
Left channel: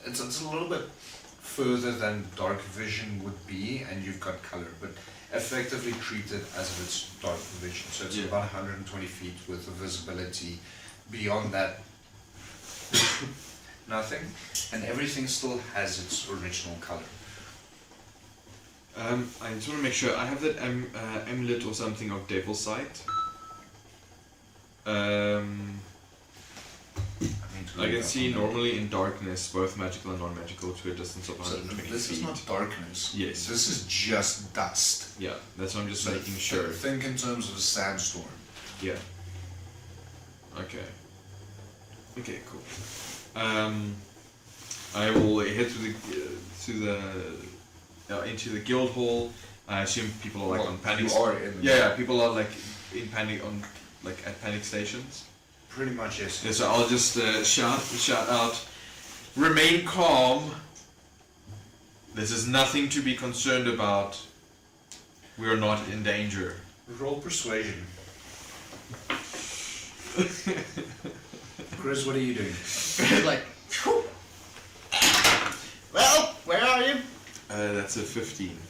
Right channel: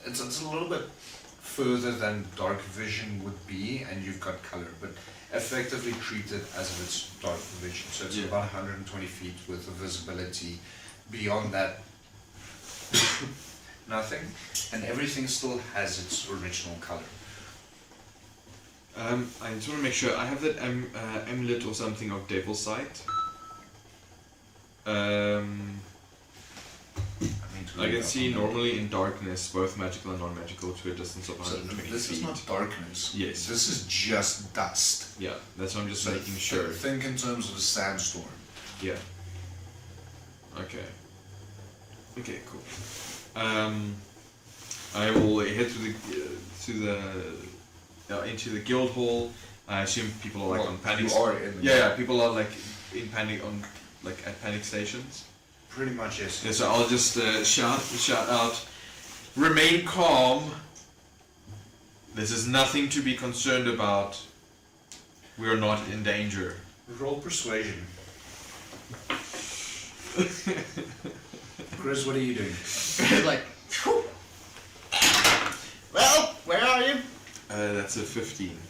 It's a little bit further than dark vision would be, and you've got color, but effectively treat it as if it's dark vision. So it's about 120 feet with the visibility. Beyond that, nothing, and everything still has its original color. I just want to make sure I have that amulet or something of Devil Sight. I can see normally in darkness, both magical and non-magical, to a distance of 120 This feet. is not darkness. Yes. This is just dust. Yeah, that's what I'm just So making sure. Think in terms of a sandstorm. Yeah. Okay. Okay, cool. I will head into the guild hall. I assume people are like on panic. You are in the Yeah, people are like in panic on at panic stations. Pretty much, yes. Yeah, so I'll just shout out, remain calm. This is nothing to be concerned about. We are not in danger. Roll persuasion. Chris, what are you doing? Like, whew. Well, where are you? That's a 15.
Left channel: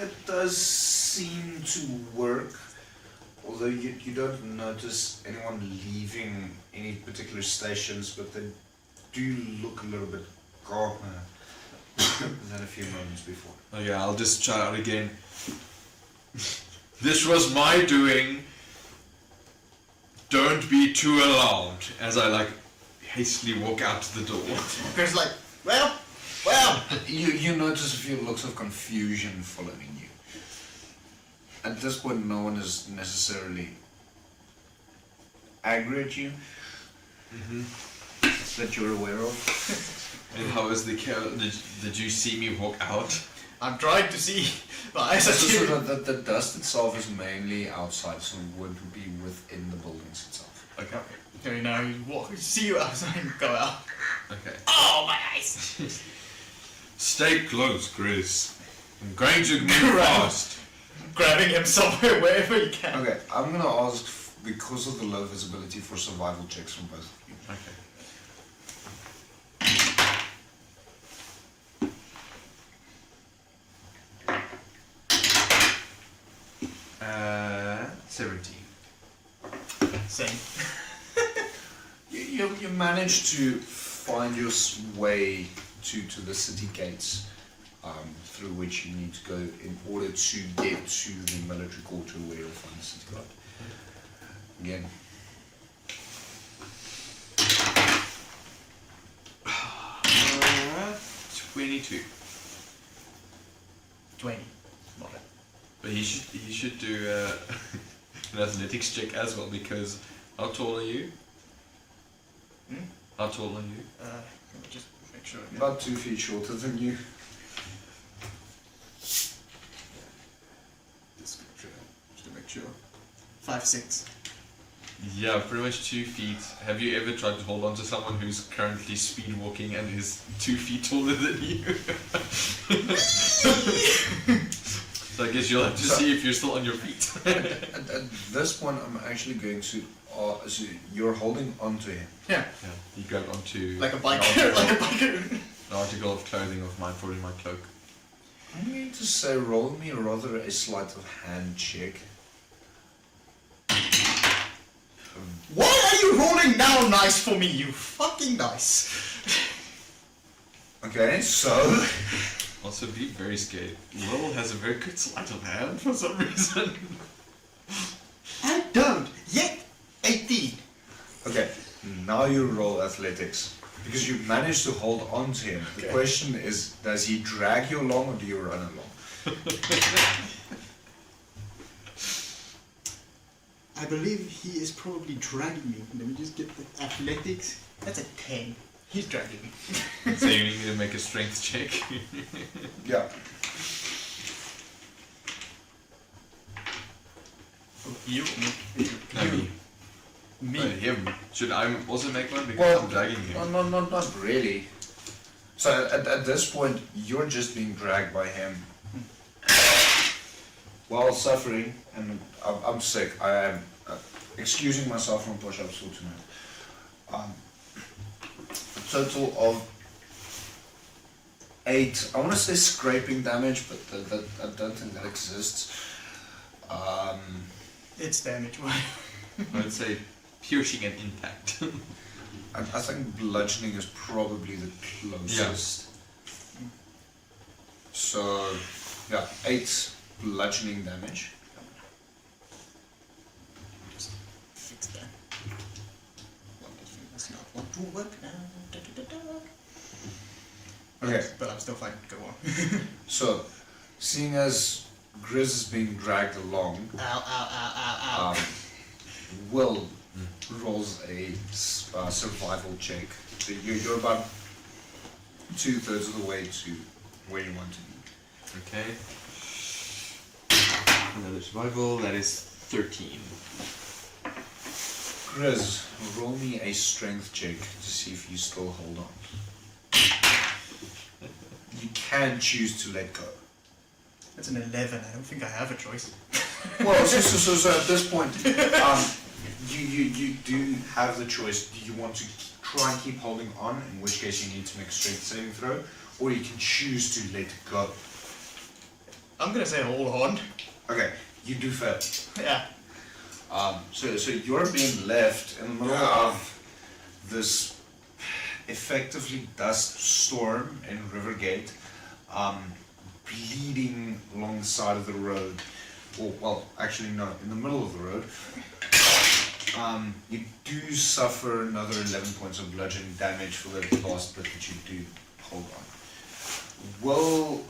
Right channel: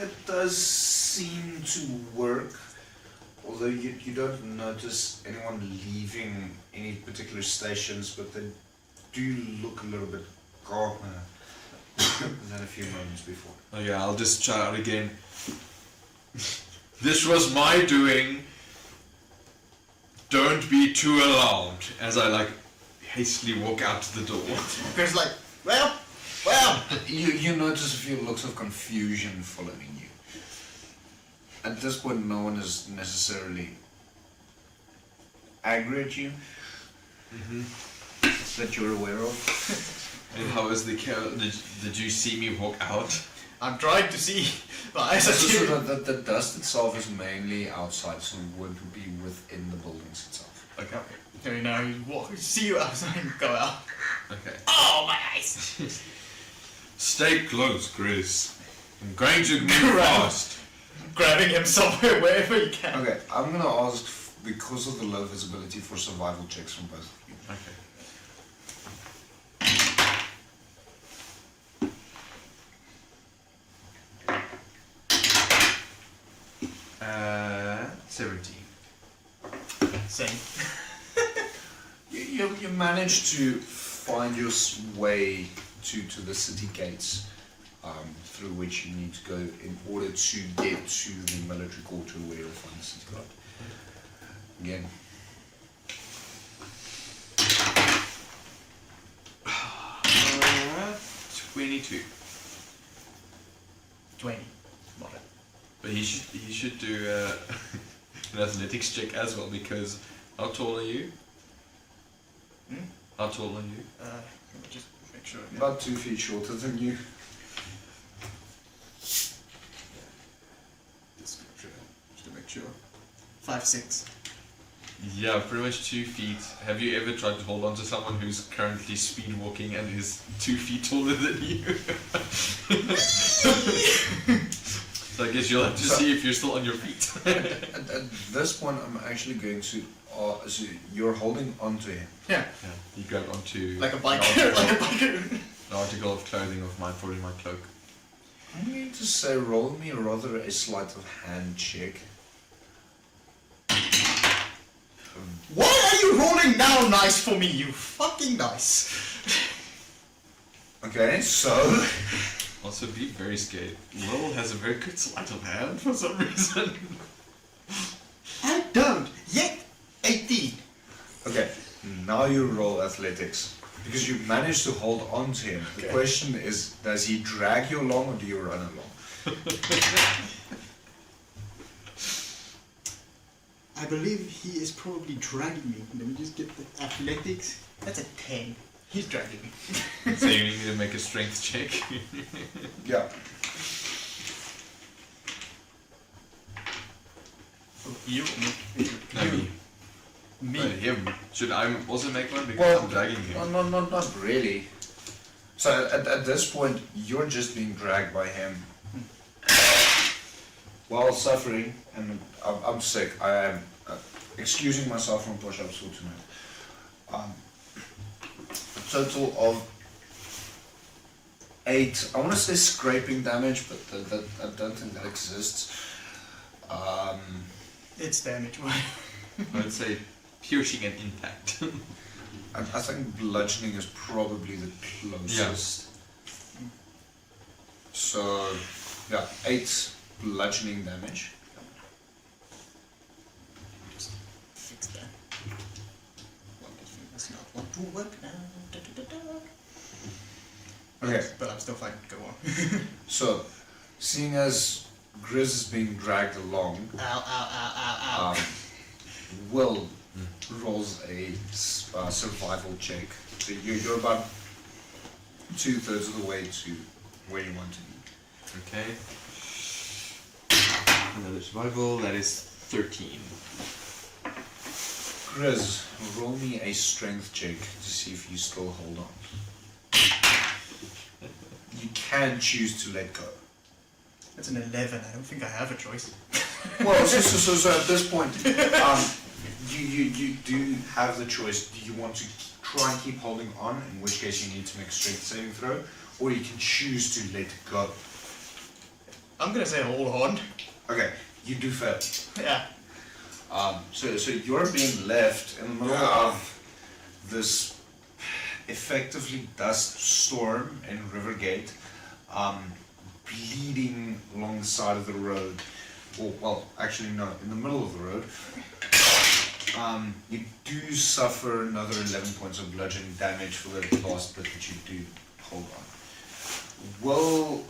It does seem to work. Although you don't notice anyone leaving any particular stations, but they do look a little bit calmer than a few moments before. Oh yeah, I'll just shout out again. This was my doing. Don't be too alarmed. As I hastily walk out the door. Chris like, well. You notice a few looks of confusion following you. At this point, no one is necessarily angry at you that you're aware of. And how is the did you see me walk out? I'm trying to see. My eyes are So clear. the dust itself is mainly outside, so it would be within the buildings itself. Okay. Okay, now you walk. See you outside and go out. Okay. Oh, my eyes. Stay close, Chris. I'm going to move fast. Grabbing him somewhere, wherever you can. Okay, I'm gonna ask, because of the low visibility, for survival checks from both of you. Okay. 17. Same. You managed to find your way to the city gates, through which you need to go in order to get to the military quarter where you'll find the city guard. Again. Uh, 22. 20. But he should do an athletics check as well, because how tall are you? How tall are you? Let me just make sure. About 2 feet shorter than you. Just to make sure. 5'6". Yeah, pretty much 2 feet. Have you ever tried to hold on to someone who's currently speed walking and is 2 feet taller than you? So I guess you'll have to see if you're still on your feet. At this point, I'm actually going to. So you're holding onto him. Yeah. Yeah, you grab onto Like a biker. Like a biker. an article of clothing of mine, probably my cloak. I'm going to say, roll me rather a sleight of hand check. Why are you rolling now nice for me, you fucking nice? Okay, so. Also, be very scared. Lowell has a very good sleight of hand for some reason. I don't yet. 18. Okay, now you roll athletics. Because you managed to hold on to him. The question is, does he drag you along or do you run along? I believe he is probably dragging me. Let me just get the athletics. That's a 10. He's dragging me. So you need to make a strength check. Yeah. You? No, me. Me? Him. Should I also make one because Well, I'm dragging him? no, not really. So at this point, you're just being dragged by him while suffering, and I'm sick. I am excusing myself from push-ups for tonight. A total of 8. I want to say scraping damage, but I don't think that exists. It's damage. I would say piercing and impact. I think bludgeoning is probably the closest. So, yeah, 8 bludgeoning damage. Just fix that. That's not want to work now. Da, da, da, da. Okay, But I'm still fighting. Go on. so, seeing as Grizz is being dragged along, Ow, ow, ow, ow, ow. Will rolls a survival check. So you're about 2/3 of the way to where you want to be. Okay. Another survival, that is 13. Grizz, roll me a strength check to see if you still hold on. You can choose to let go. That's an 11. I don't think I have a choice. Well, so at this point, you do have the choice. Do you want to try and keep holding on, in which case you need to make a strength saving throw, or you can choose to let go. I'm gonna say hold on. Okay, you do fail. Yeah. So you're being left in the middle of this effectively dust storm in Rivergate, bleeding along the side of the road. Or, well, actually no, in the middle of the road. You do suffer another 11 points of bludgeoning damage for the last bit that you do hold on. Will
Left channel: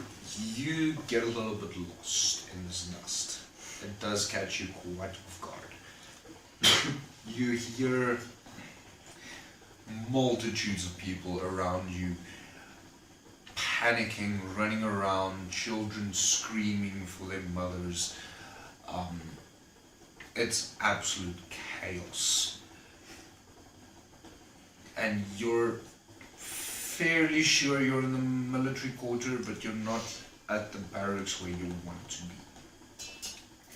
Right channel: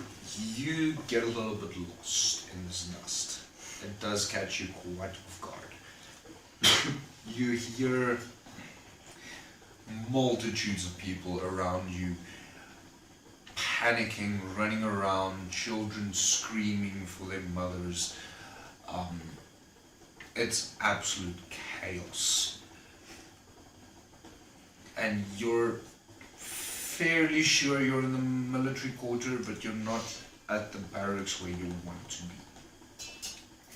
you get a little bit lost in this dust? It does catch you quite off guard. You hear multitudes of people around you panicking, running around, children screaming for their mothers. It's absolute chaos. And you're fairly sure you're in the military quarter, but you're not at the barracks where you want to be.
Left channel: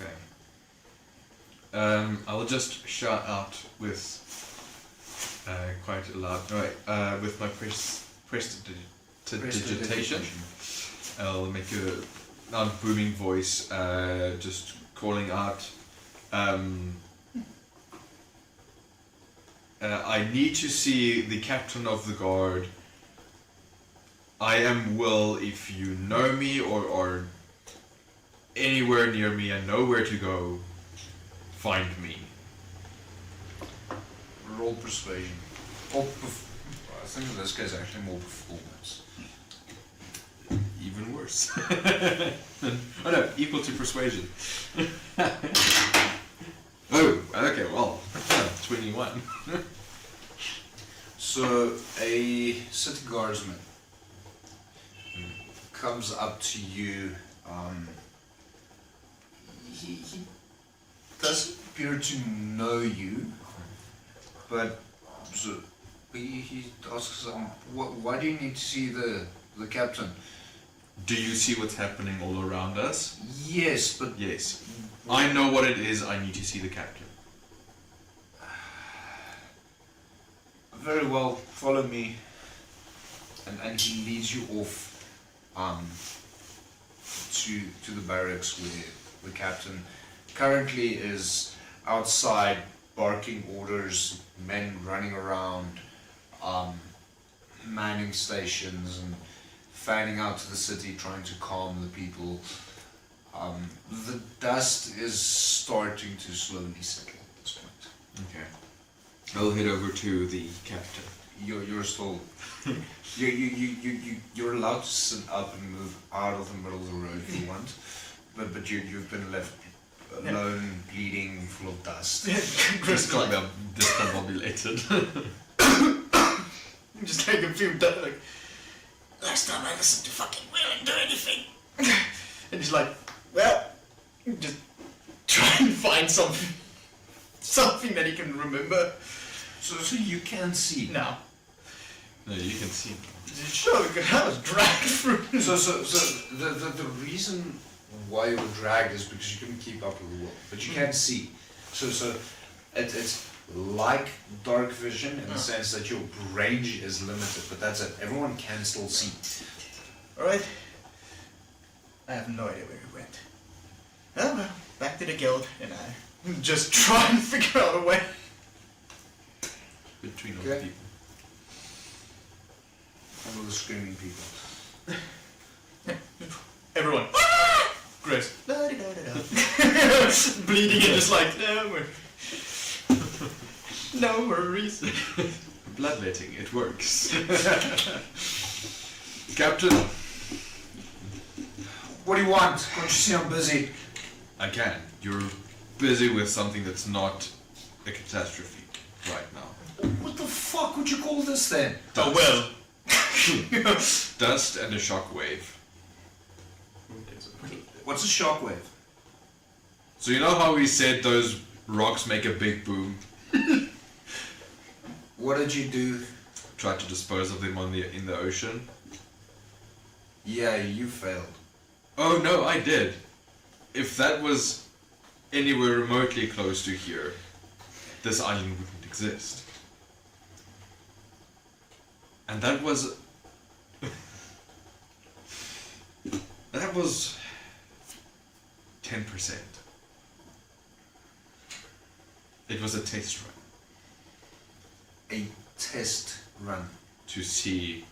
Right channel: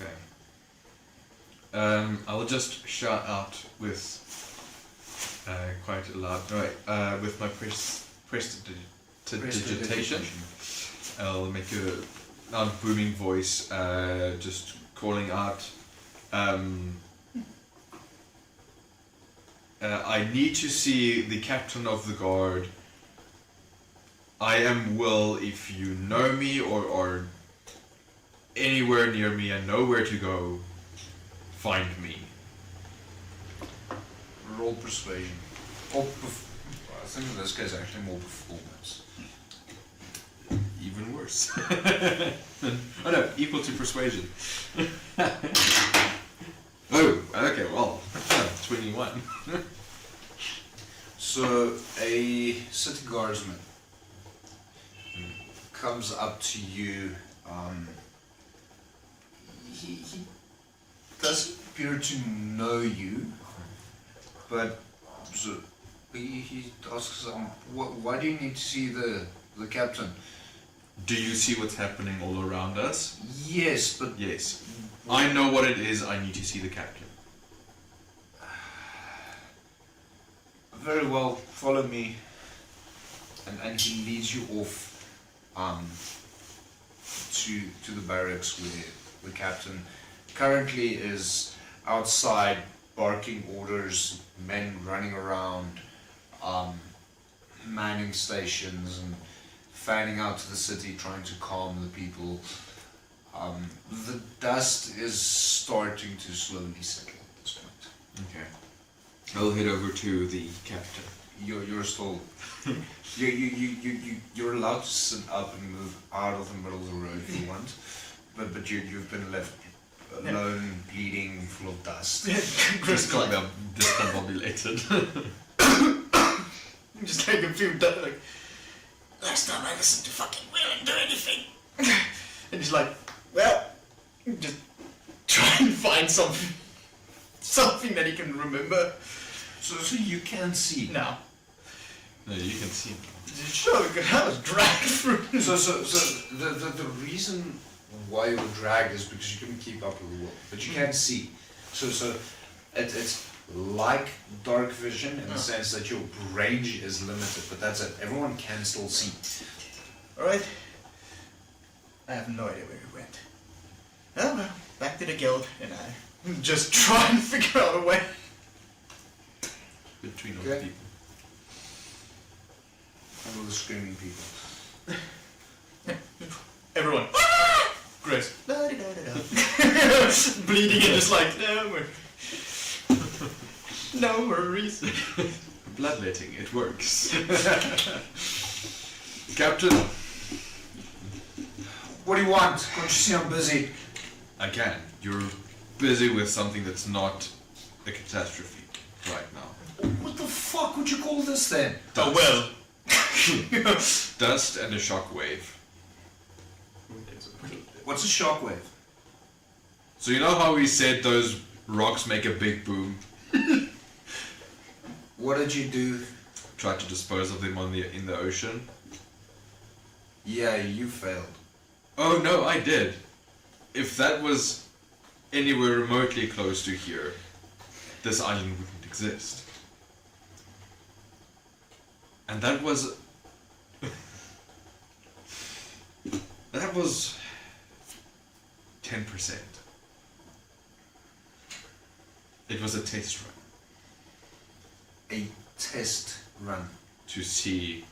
Okay. I'll just shout out with quite a loud, with my prestidigitation. I'll make a loud booming voice, just calling out. I need to see the captain of the guard. I am Will. If you know me or anywhere near me and know where to go, find me. Roll persuasion. Or I think in this case actually more performance. Even worse. Oh no, equal to persuasion. Oh, okay, well, 21. So a city guardsman comes up to you. He does appear to know you, but so he asks, why do you need to see the captain? Do you see what's happening all around us? Yes, but Yes. I know what it is. I need to see the captain. very well, follow me. And he leads you off to the barracks where the captain currently is outside barking orders, men running around, manning stations and fanning out to the city trying to calm the people. The dust is starting to slowly settle at this point. Okay. I'll head over to the captain. You're still you're allowed to sit up and move out of the middle of the road if you want, but you've been left alone, bleeding, full of dust. Discombobulated. Just take a few days. Like, last time I listened to fucking Will and do anything. And he's like, well, just try and find something that he can remember. So you can see. No. No, you can see him. Sure, we could have us dragged through. So the reason why you were dragged is because you couldn't keep up with the world, but you can see. So it's like dark vision in the sense that your range is limited, but that's it. Everyone can still see. Alright. I have no idea where he went. Oh well, back to the guild, and I just try and figure out a way. Between all Okay. people. And all the screaming people. Everyone. Grace. Bleeding and just like, no worries. Bloodletting, it works. Captain, What do you want? Can't you see I'm busy? I can. You're busy with something that's not a catastrophe right now. What the fuck would you call this then? Oh well. Dust and a shockwave. What's a shockwave? So you know how we said those rocks make a big boom? What did you do? Tried to dispose of them in the ocean? Yeah, you failed. Oh no, I did. If that was anywhere remotely close to here, this island wouldn't exist. And that was 10%. It was a test run A test run. to see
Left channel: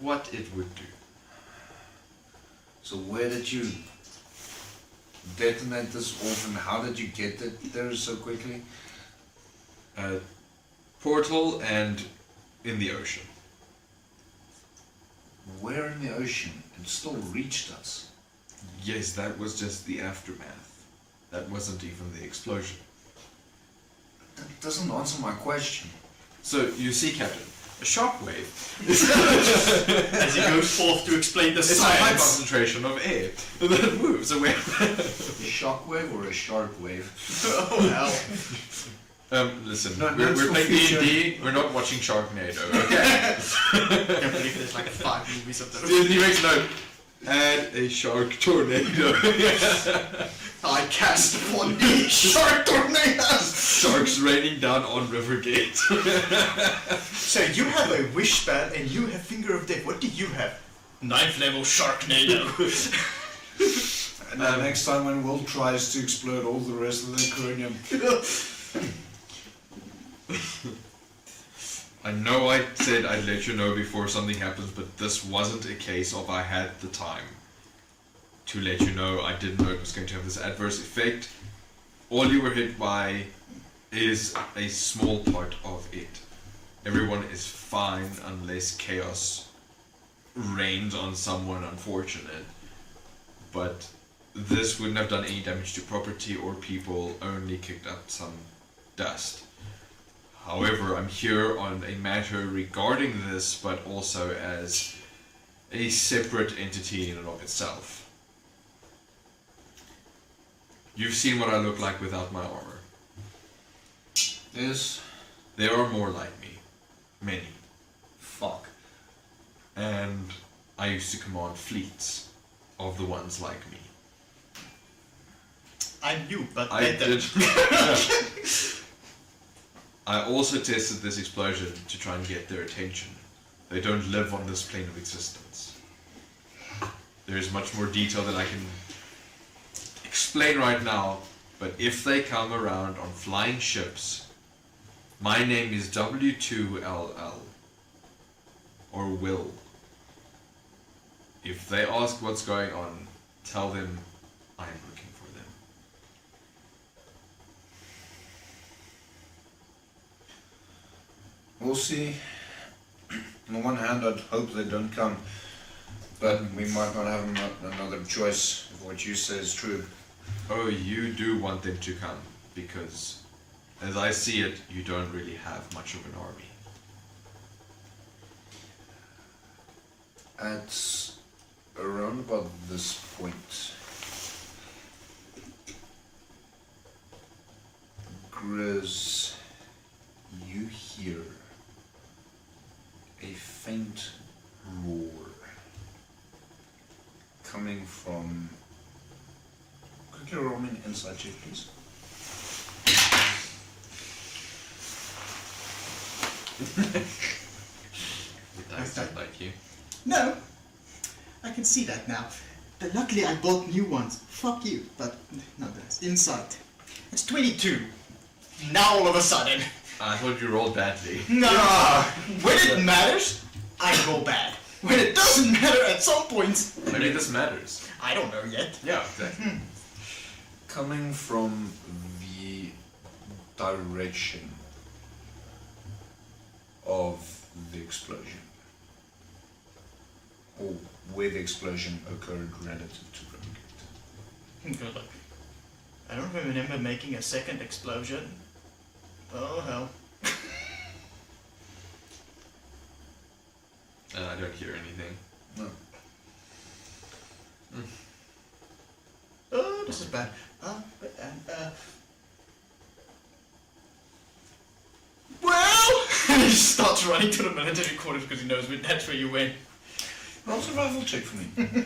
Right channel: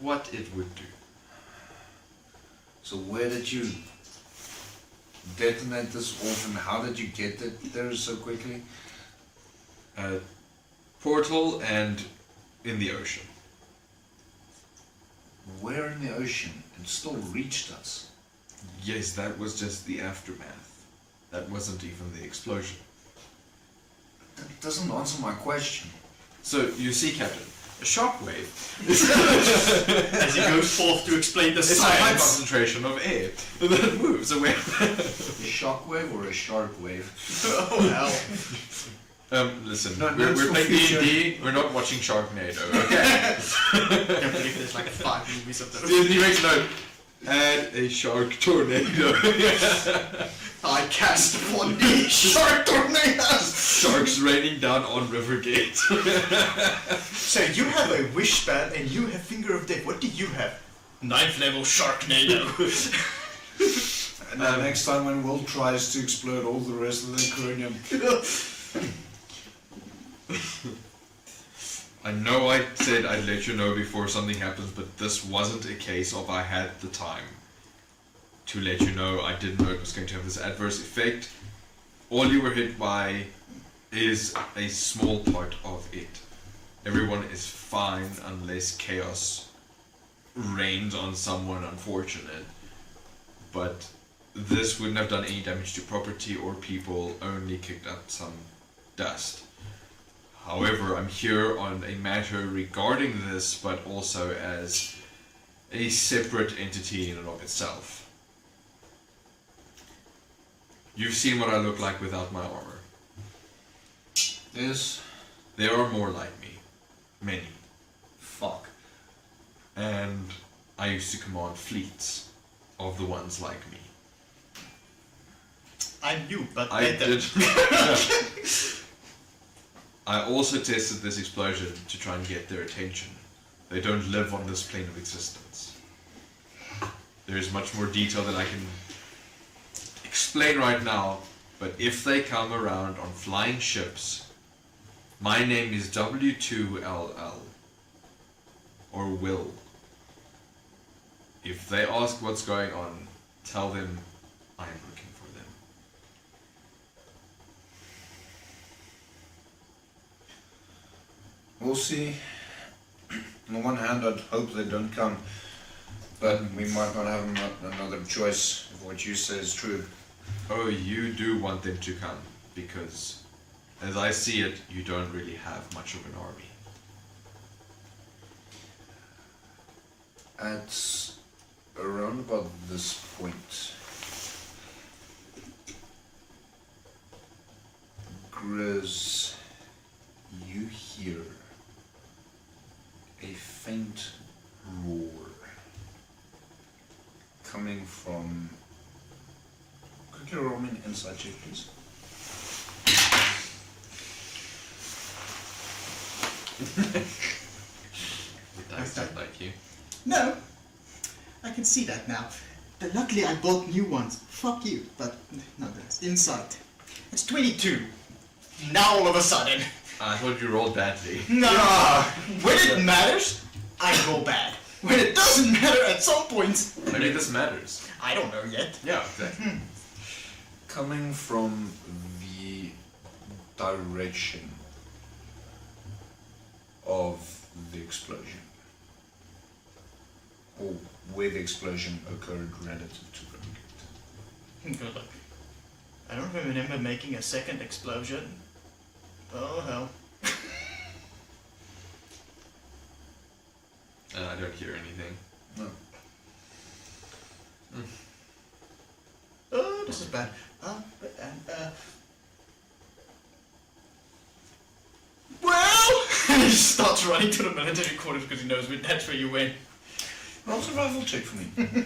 what it would do. So where did you detonate this off and how did you get it there so quickly? Portal and in the ocean. Where in the ocean? It still reached us. Yes, that was just the aftermath. That wasn't even the explosion. That doesn't answer my question. So, you see, Captain, a shockwave As he goes forth to explain the is a high science. concentration of air that moves away. A shockwave or a shark wave? Oh hell. Listen, No, we're for playing future. D&D, we're not watching Sharknado, okay? I believe there's like 5 movies of those. D&D makes note. Add a shark tornado. I cast upon me shark tornadoes. Sharks raining down on Rivergate. So you have a wish spell and you have finger of death. What do you have? 9th level sharknado. And then next time when Will tries to explode all the rest of the cranium. I know I said I'd let you know before something happens, but this wasn't a case of I had the time to let you know. I didn't know it was going to have this adverse effect. All you were hit by is a small part of it. Everyone is fine unless chaos rains on someone unfortunate. But this wouldn't have done any damage to property or people, only kicked up some dust. However, I'm here on a matter regarding this, but also as a separate entity in and of itself. You've seen what I look like without my armor. Yes. There are more like me. Many. Fuck. And I used to command fleets of the ones like me. I'm you, but I better. did. I also tested this explosion to try and get their attention. They don't live on this plane of existence. There is much more detail than I can explain right now, but if they come around on flying ships, my name is W2LL, or Will. If they ask what's going on, tell them I am looking for them. We'll see. On the one hand, I'd hope they don't come, but we might not have another choice if what you say is true. Oh, you do want them to come, because, as I see it, you don't really have much of an army. At around about this point, Grizz, you hear a faint roar coming from. Quickly roll me an inside check, please. I don't like you. No, I can see that now. But luckily I bought new ones. Fuck you. But nonetheless, inside. It's 22. Now all of a sudden. I thought you rolled badly. Nah. When it matters, I roll bad. When it doesn't matter at some point, Maybe this matters. I don't know yet. Yeah, exactly. Coming from the direction of the explosion, or where the explosion occurred relative to Brink. Good luck. I don't remember making a second explosion. Oh hell. And I don't hear anything. No. Oh, this is bad. Well, and he starts running to the military quarters because he knows that's where you went. Roll survival check for me.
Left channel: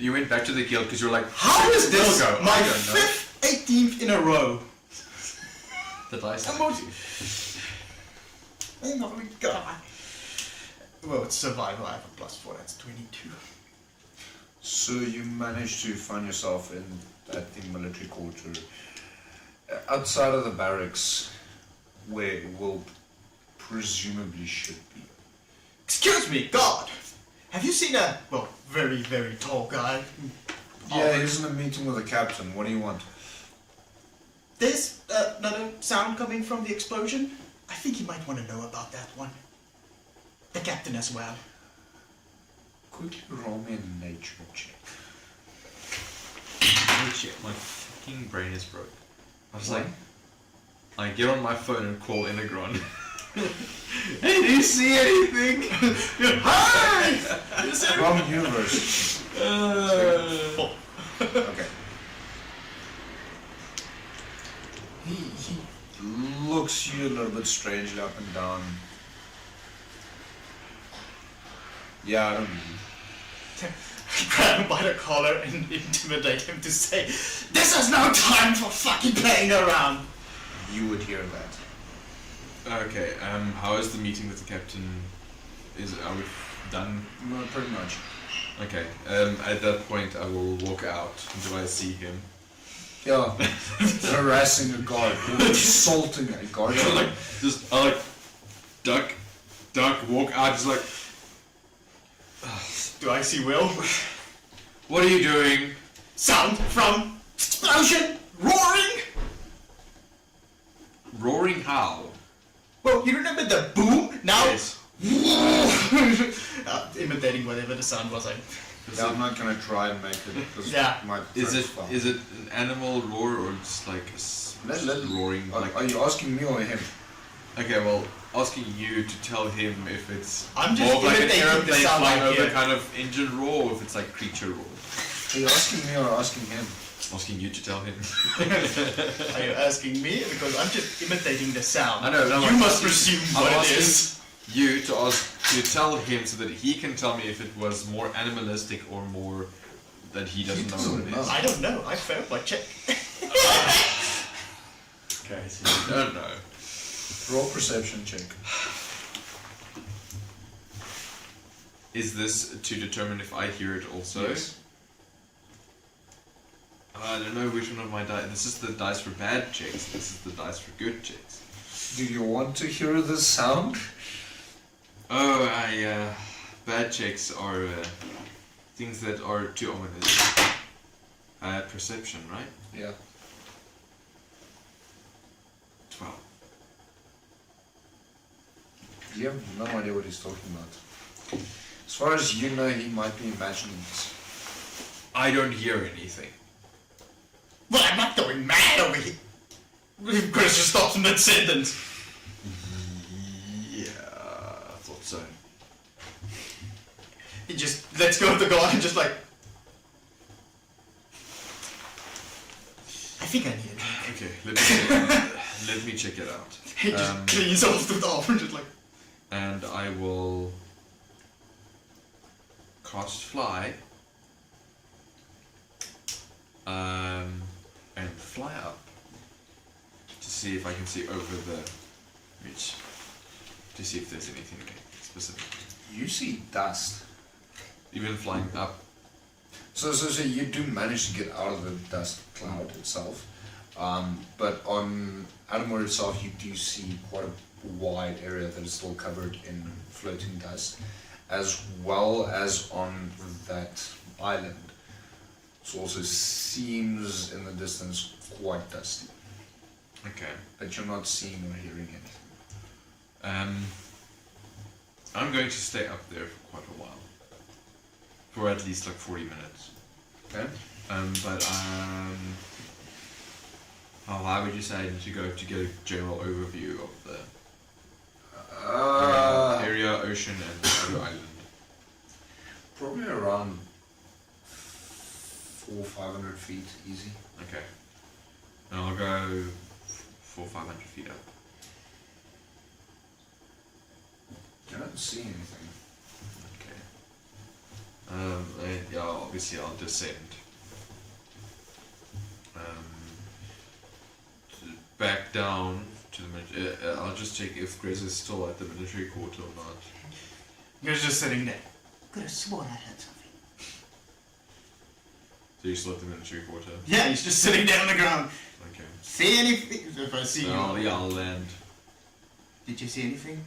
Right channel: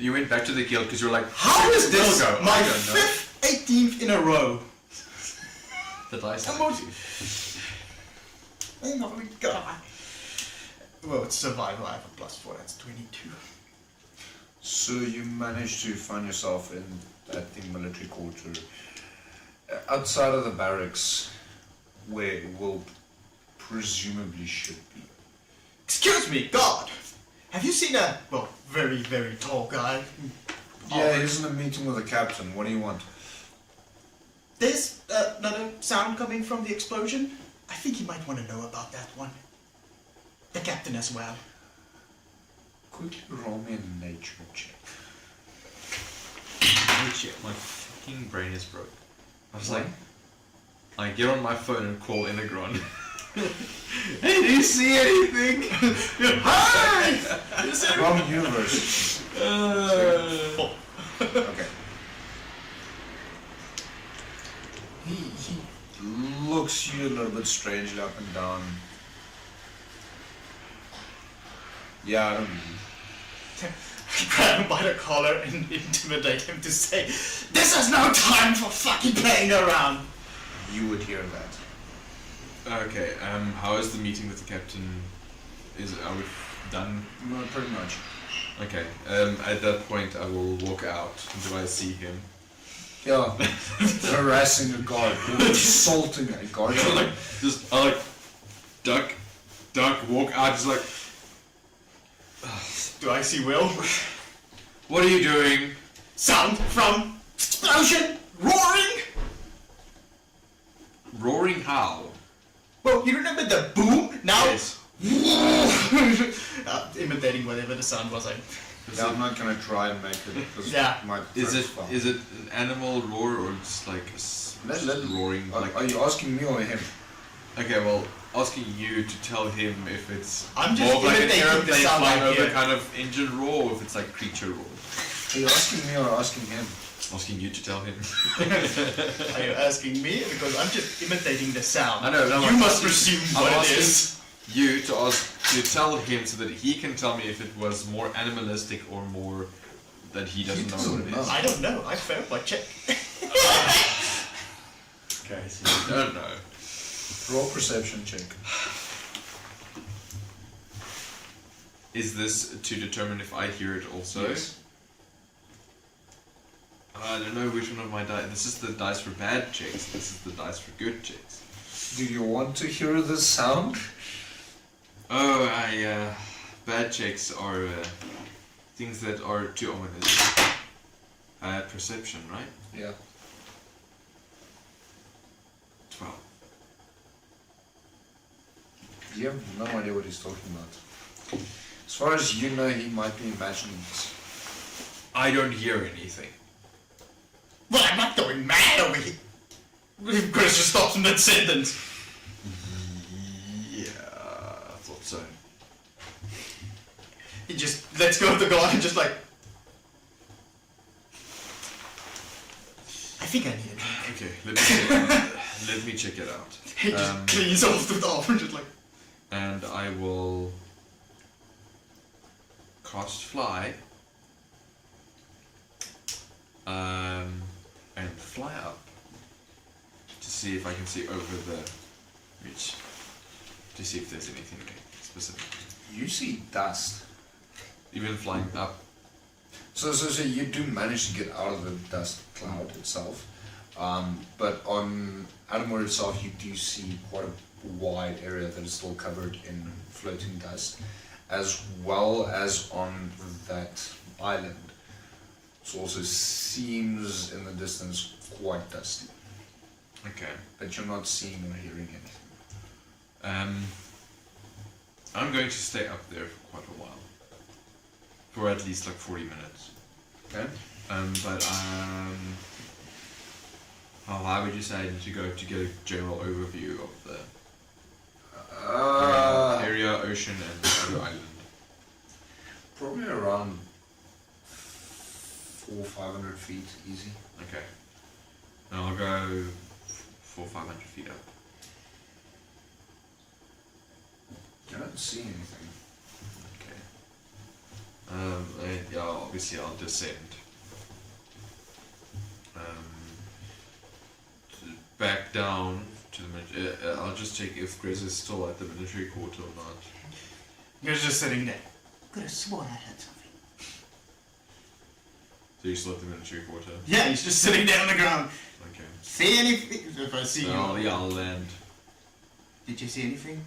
You went back to the guild because you were like, How is this Go. my I don't know. 5th, 18th in a row? The dice. Come on. Oh my god. Well, it's survival. I have a +4. That's 22. So you managed to find yourself at the military quarter, outside of the barracks, where it will presumably should be. Excuse me, God. Have you seen a, very, very tall guy? Yeah, he's in a meeting with the captain. What do you want? There's another sound coming from the explosion. I think you might want to know about that one. The captain as well. Quickly roll me a nature check. Oh shit, my fucking brain is broke. I was like, I get on my phone and call Integron. Did you see anything? Hi! Wrong universe. Okay. He looks you a little bit strangely up and down. Yeah, I don't know. Grab him by the collar and intimidate him to say, "This is no time for fucking playing around." You would hear that. Okay, how is the meeting with the captain? Are we done? No, pretty much. Okay, at that point I will walk out until I see him. Yeah, harassing a guard, assaulting a guard. I like duck, walk out, just like, Do I see Will? what are you doing? Sound from explosion, roaring. Roaring how? Well, you remember the boom? Now, Yes. imitating whatever the sound was. Yeah, I'm not gonna try and make it because Yeah. it might Is break it fun. is it an animal roar or just like roaring? Like, Are you asking me or him? okay, well, asking you to tell him if it's I'm just more like an imitating the airplane sound flying I over hear. kind of engine roar, or if it's like creature roar. Are you asking me or asking him? Asking you to tell him. Are you asking me? Because I'm just imitating the sound. I know. No, You I'm must asking- presume I'm what it asking is. You to tell him so that he can tell me if it was more animalistic or more that he doesn't know what it is. I don't know. I failed my check. Okay, so you don't know. Roll perception check. Is this to determine if I hear it also? Yes. I don't know which one of my dice. This is the dice for bad checks. This is the dice for good checks. Do you want to hear the sound? Oh, bad checks are things that are too ominous. Perception, right? Yeah. 12. You have no idea what he's talking about. As far as you know, he might be imagining this. I don't hear anything. Well, I'm not going mad over here. Chris just stops in that sentence. Yeah, I thought so. lets go of the guard and just like, I think I need a drink. Okay, let me check it out. He just cleans off the top and just like, And I will cast fly. And fly up to see if I can see over the ridge. To see if there's anything specific. You see dust. Even flying up. So you do manage to get out of the dust cloud itself. But on Adomawyr itself, you do see quite a wide area that is still covered in floating dust, as well as on that island. It also seems in the distance quite dusty, Okay. but you're not seeing or hearing it. I'm going to stay up there for quite a while. For at least like 40 minutes. Okay? Why would you say I need to go to get a general overview of the area, ocean, and the island? Probably around 400 or 500 feet, easy. Okay. And I'll go 400 or 500 feet up. I don't see anything. Okay. Yeah, obviously I'll descend. Back down to the military. I'll just check if Grace is still at the military quarter or not. you're just sitting there. Could have sworn I had something. So you're still at the military quarter? Yeah, he's just sitting there on the ground. Okay. See anything? If I see So you. I'll land. Did you see anything?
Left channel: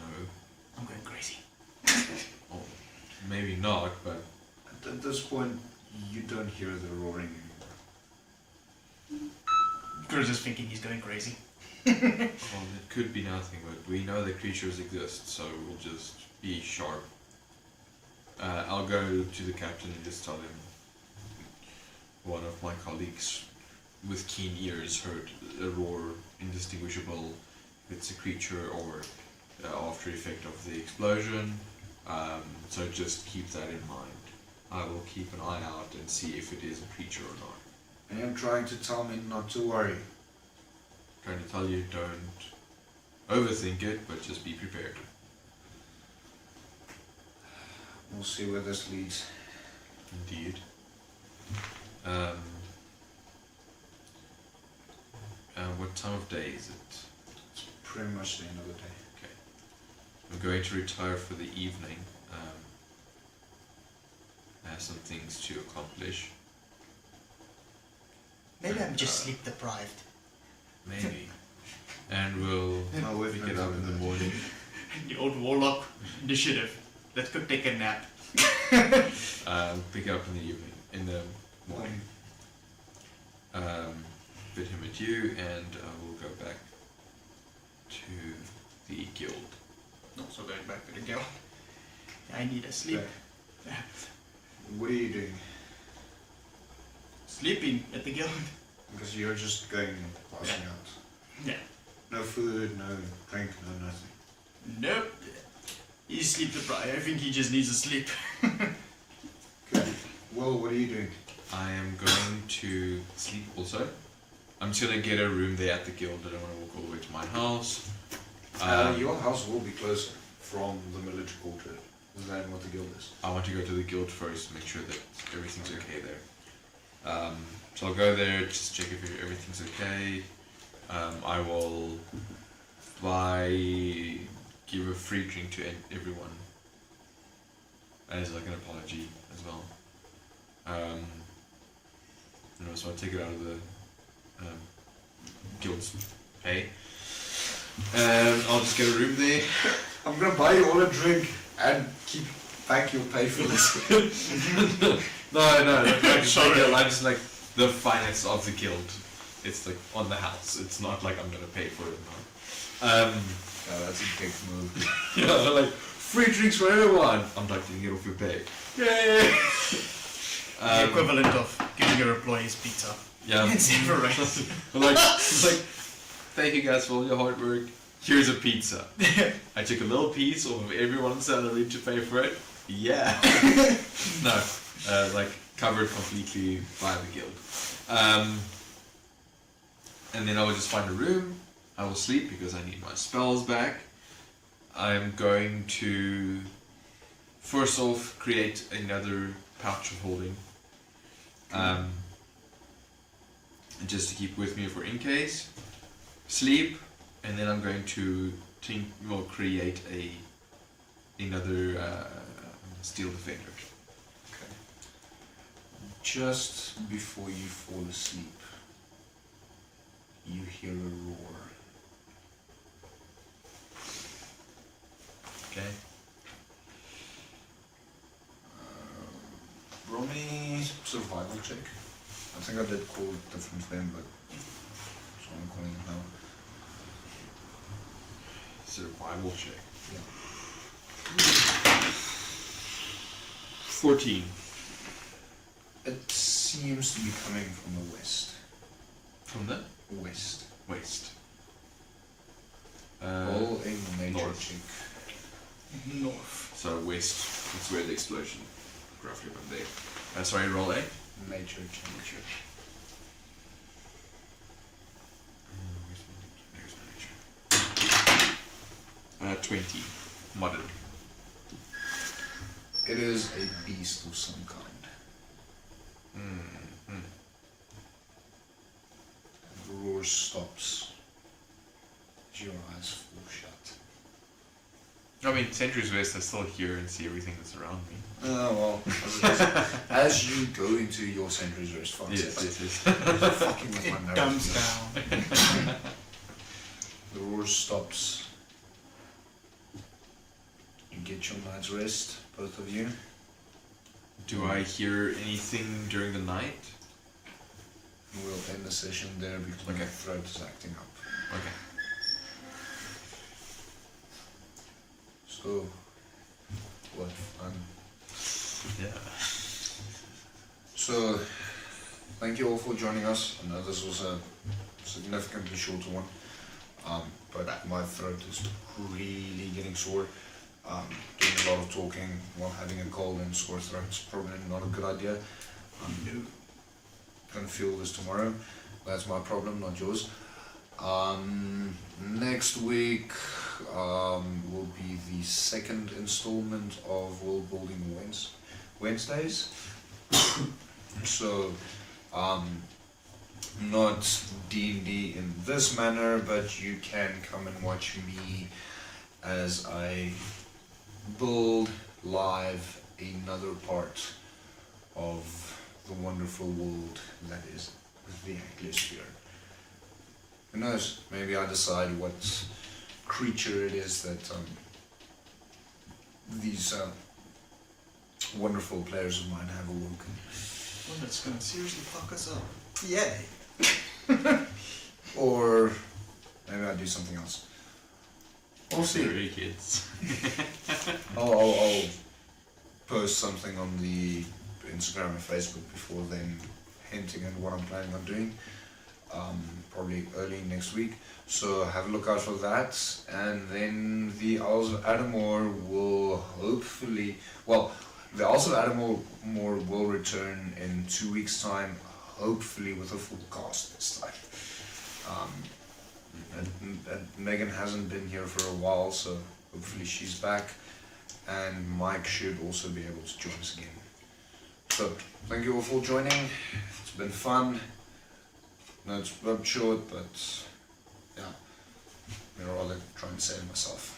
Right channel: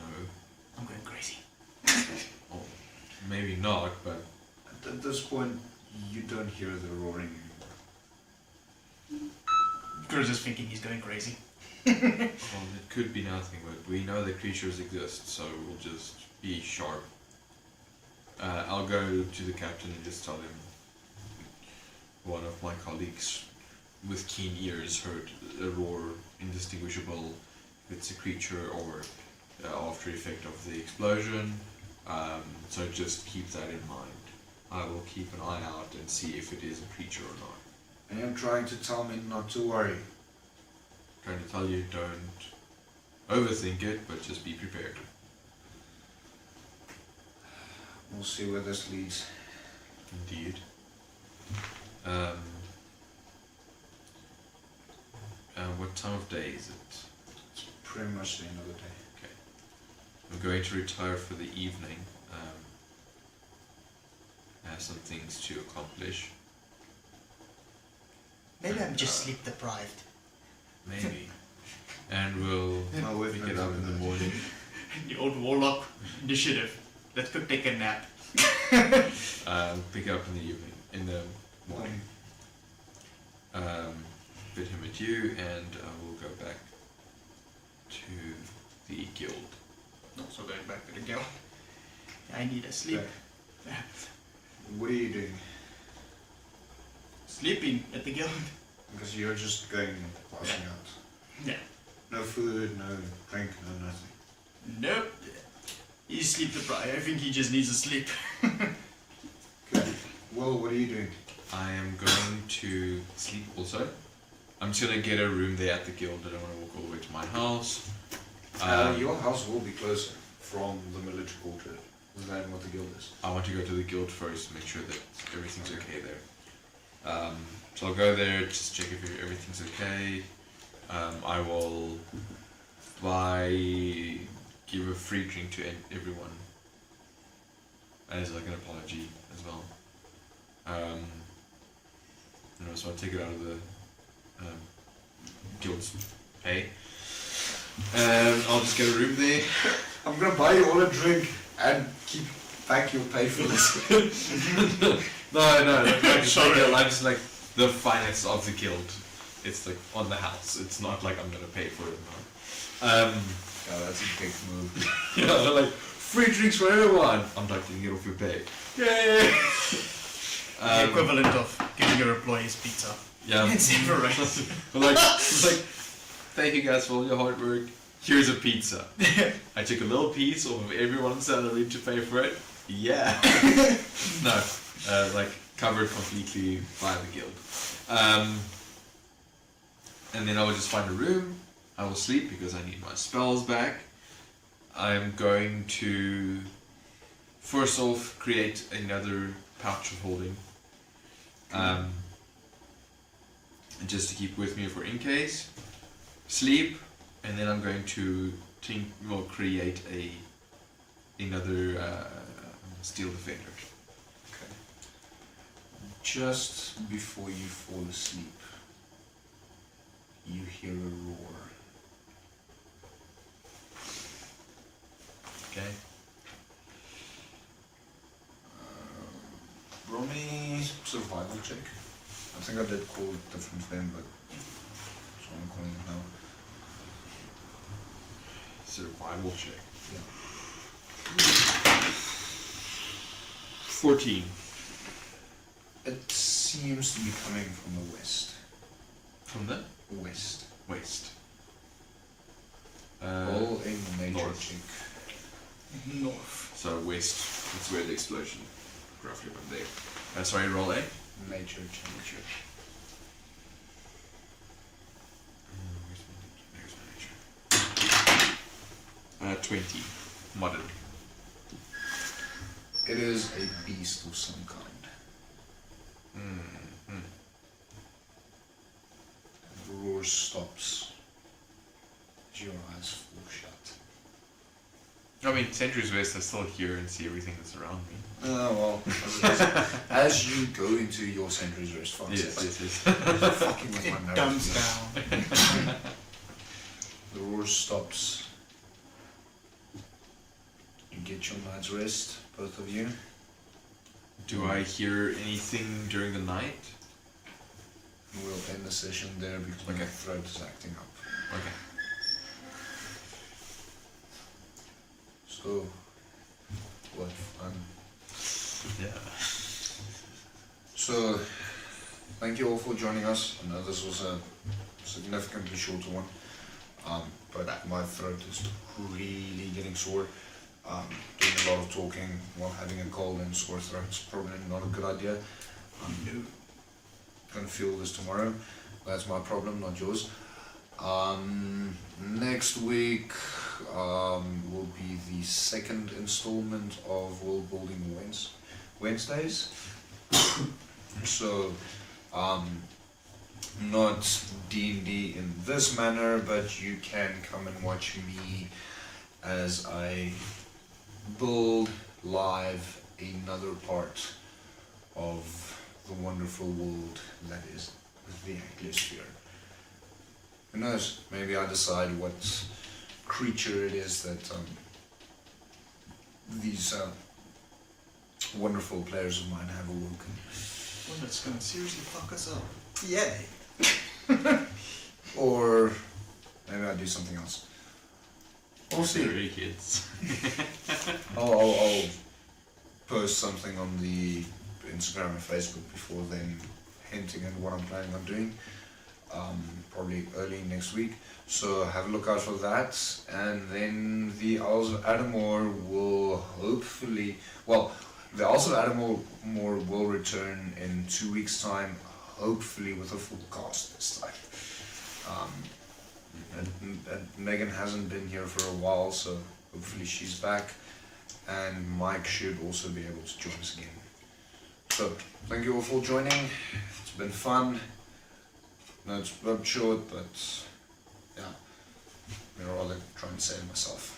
No. I'm going crazy. Well, maybe not, but At this point, you don't hear the roaring. Cruz is thinking he's going crazy. well, it could be nothing, but we know that creatures exist, so we'll just be sharp. I'll go to the captain and just tell him one of my colleagues with keen ears heard a roar indistinguishable if it's a creature or after effect of the explosion. So just keep that in mind. I will keep an eye out and see if it is a creature or not. And you're trying to tell me not to worry. Trying to tell you don't overthink it, but just be prepared. We'll see where this leads. Indeed. What time of day is it? It's pretty much the end of the day. Okay. I'm going to retire for the evening. I have some things to accomplish. Maybe I'm just sleep deprived. Maybe. And we'll pick it up in the morning. The old warlock initiative. Let's go take a nap. Pick it up in the evening, in the morning. Bid him adieu, and we'll go back to the guild. Also going back to the guild. I need a sleep. What are you doing? Sleeping at the guild. Because you're just going and passing out. Yeah. No food, no drink, no nothing. Nope. He's sleep deprived. I think he just needs a sleep. Okay. Well, what are you doing? I am going to sleep also. I'm just going to get a room there at the guild. I don't want to walk all the way to my house. Your house will be closer from the military quarter than what the guild is. I want to go to the guild first, make sure that everything's okay there. So I'll go there, just check if everything's okay. I will give a free drink to everyone as like an apology as well. So I'll take it out of the guild's pay. And I'll just get a room there. I'm gonna buy you all a drink and keep back your pay for this. No, sorry. I'm just like the finance of the guild. It's like on the house. It's not like I'm gonna pay for it now. Oh, that's a big move. You know, they're like free drinks for everyone. I'm like taking it off your pay. The equivalent of giving your employees pizza. Yeah. It's never right. It's like, thank you guys for all your hard work. Here's a pizza. I took a little piece off of everyone's salary to pay for it. Yeah. No, like covered completely by the guild. And then I will just find a room. I will sleep because I need my spells back. I'm going to first off create another pouch of holding. Just to keep with me for in case. Sleep, and then I'm going to create another steel defender. Okay. Just before you fall asleep, you hear a roar. Okay. Roll me survival check. I think I did call it different then, but so I'm calling it now. Survival check. Yeah. 14. It seems to be coming from the west. From the West. west. Roll a nature north. check. North. So west. That's where the explosion. Roughly from there. Sorry, roll A. Nature check. 20. Modern. It is a beast of some kind. The roar stops. Your eyes fall shut. I mean, Centuries West, I still hear and see everything that's around me. Well, as you go into your Centuries Rest Yes. fucking with my It nerves. dumbs down. The roar stops. You get your night's rest, both of you. Do I hear anything during the night? We'll end the session there because my throat is acting up. Okay. So, what fun. Yeah. So, thank you all for joining us. I know this was a significantly shorter one, but my throat is really getting sore. Doing a lot of talking while having a cold and sore throat is probably not a good idea. Gonna feel this tomorrow. That's my problem, not yours. Next week will be the second installment of World Building Wednesdays. So, not D&D in this manner, but you can come and watch me as I build live another part of the wonderful world that is the Anglosphere. Who knows, maybe I decide what creature it is that these wonderful players of mine have awoken. One that's going to seriously fuck us up. Yay! Or maybe I'll do something else. We'll see. Really, kids. I'll post something on the Instagram and Facebook before then, hinting at what I'm planning on doing. Probably early next week. So have a look out for that. And then the Owls of Adomawyr will hopefully, the Owls of Adomawyr will return in 2 weeks' time, hopefully with a full cast this time. And Megan hasn't been here for a while, so hopefully she's back. And Mike should also be able to join us again. So, thank you all for joining. It's been fun. No, it's a bit short, but yeah, I'm rather trying to save myself.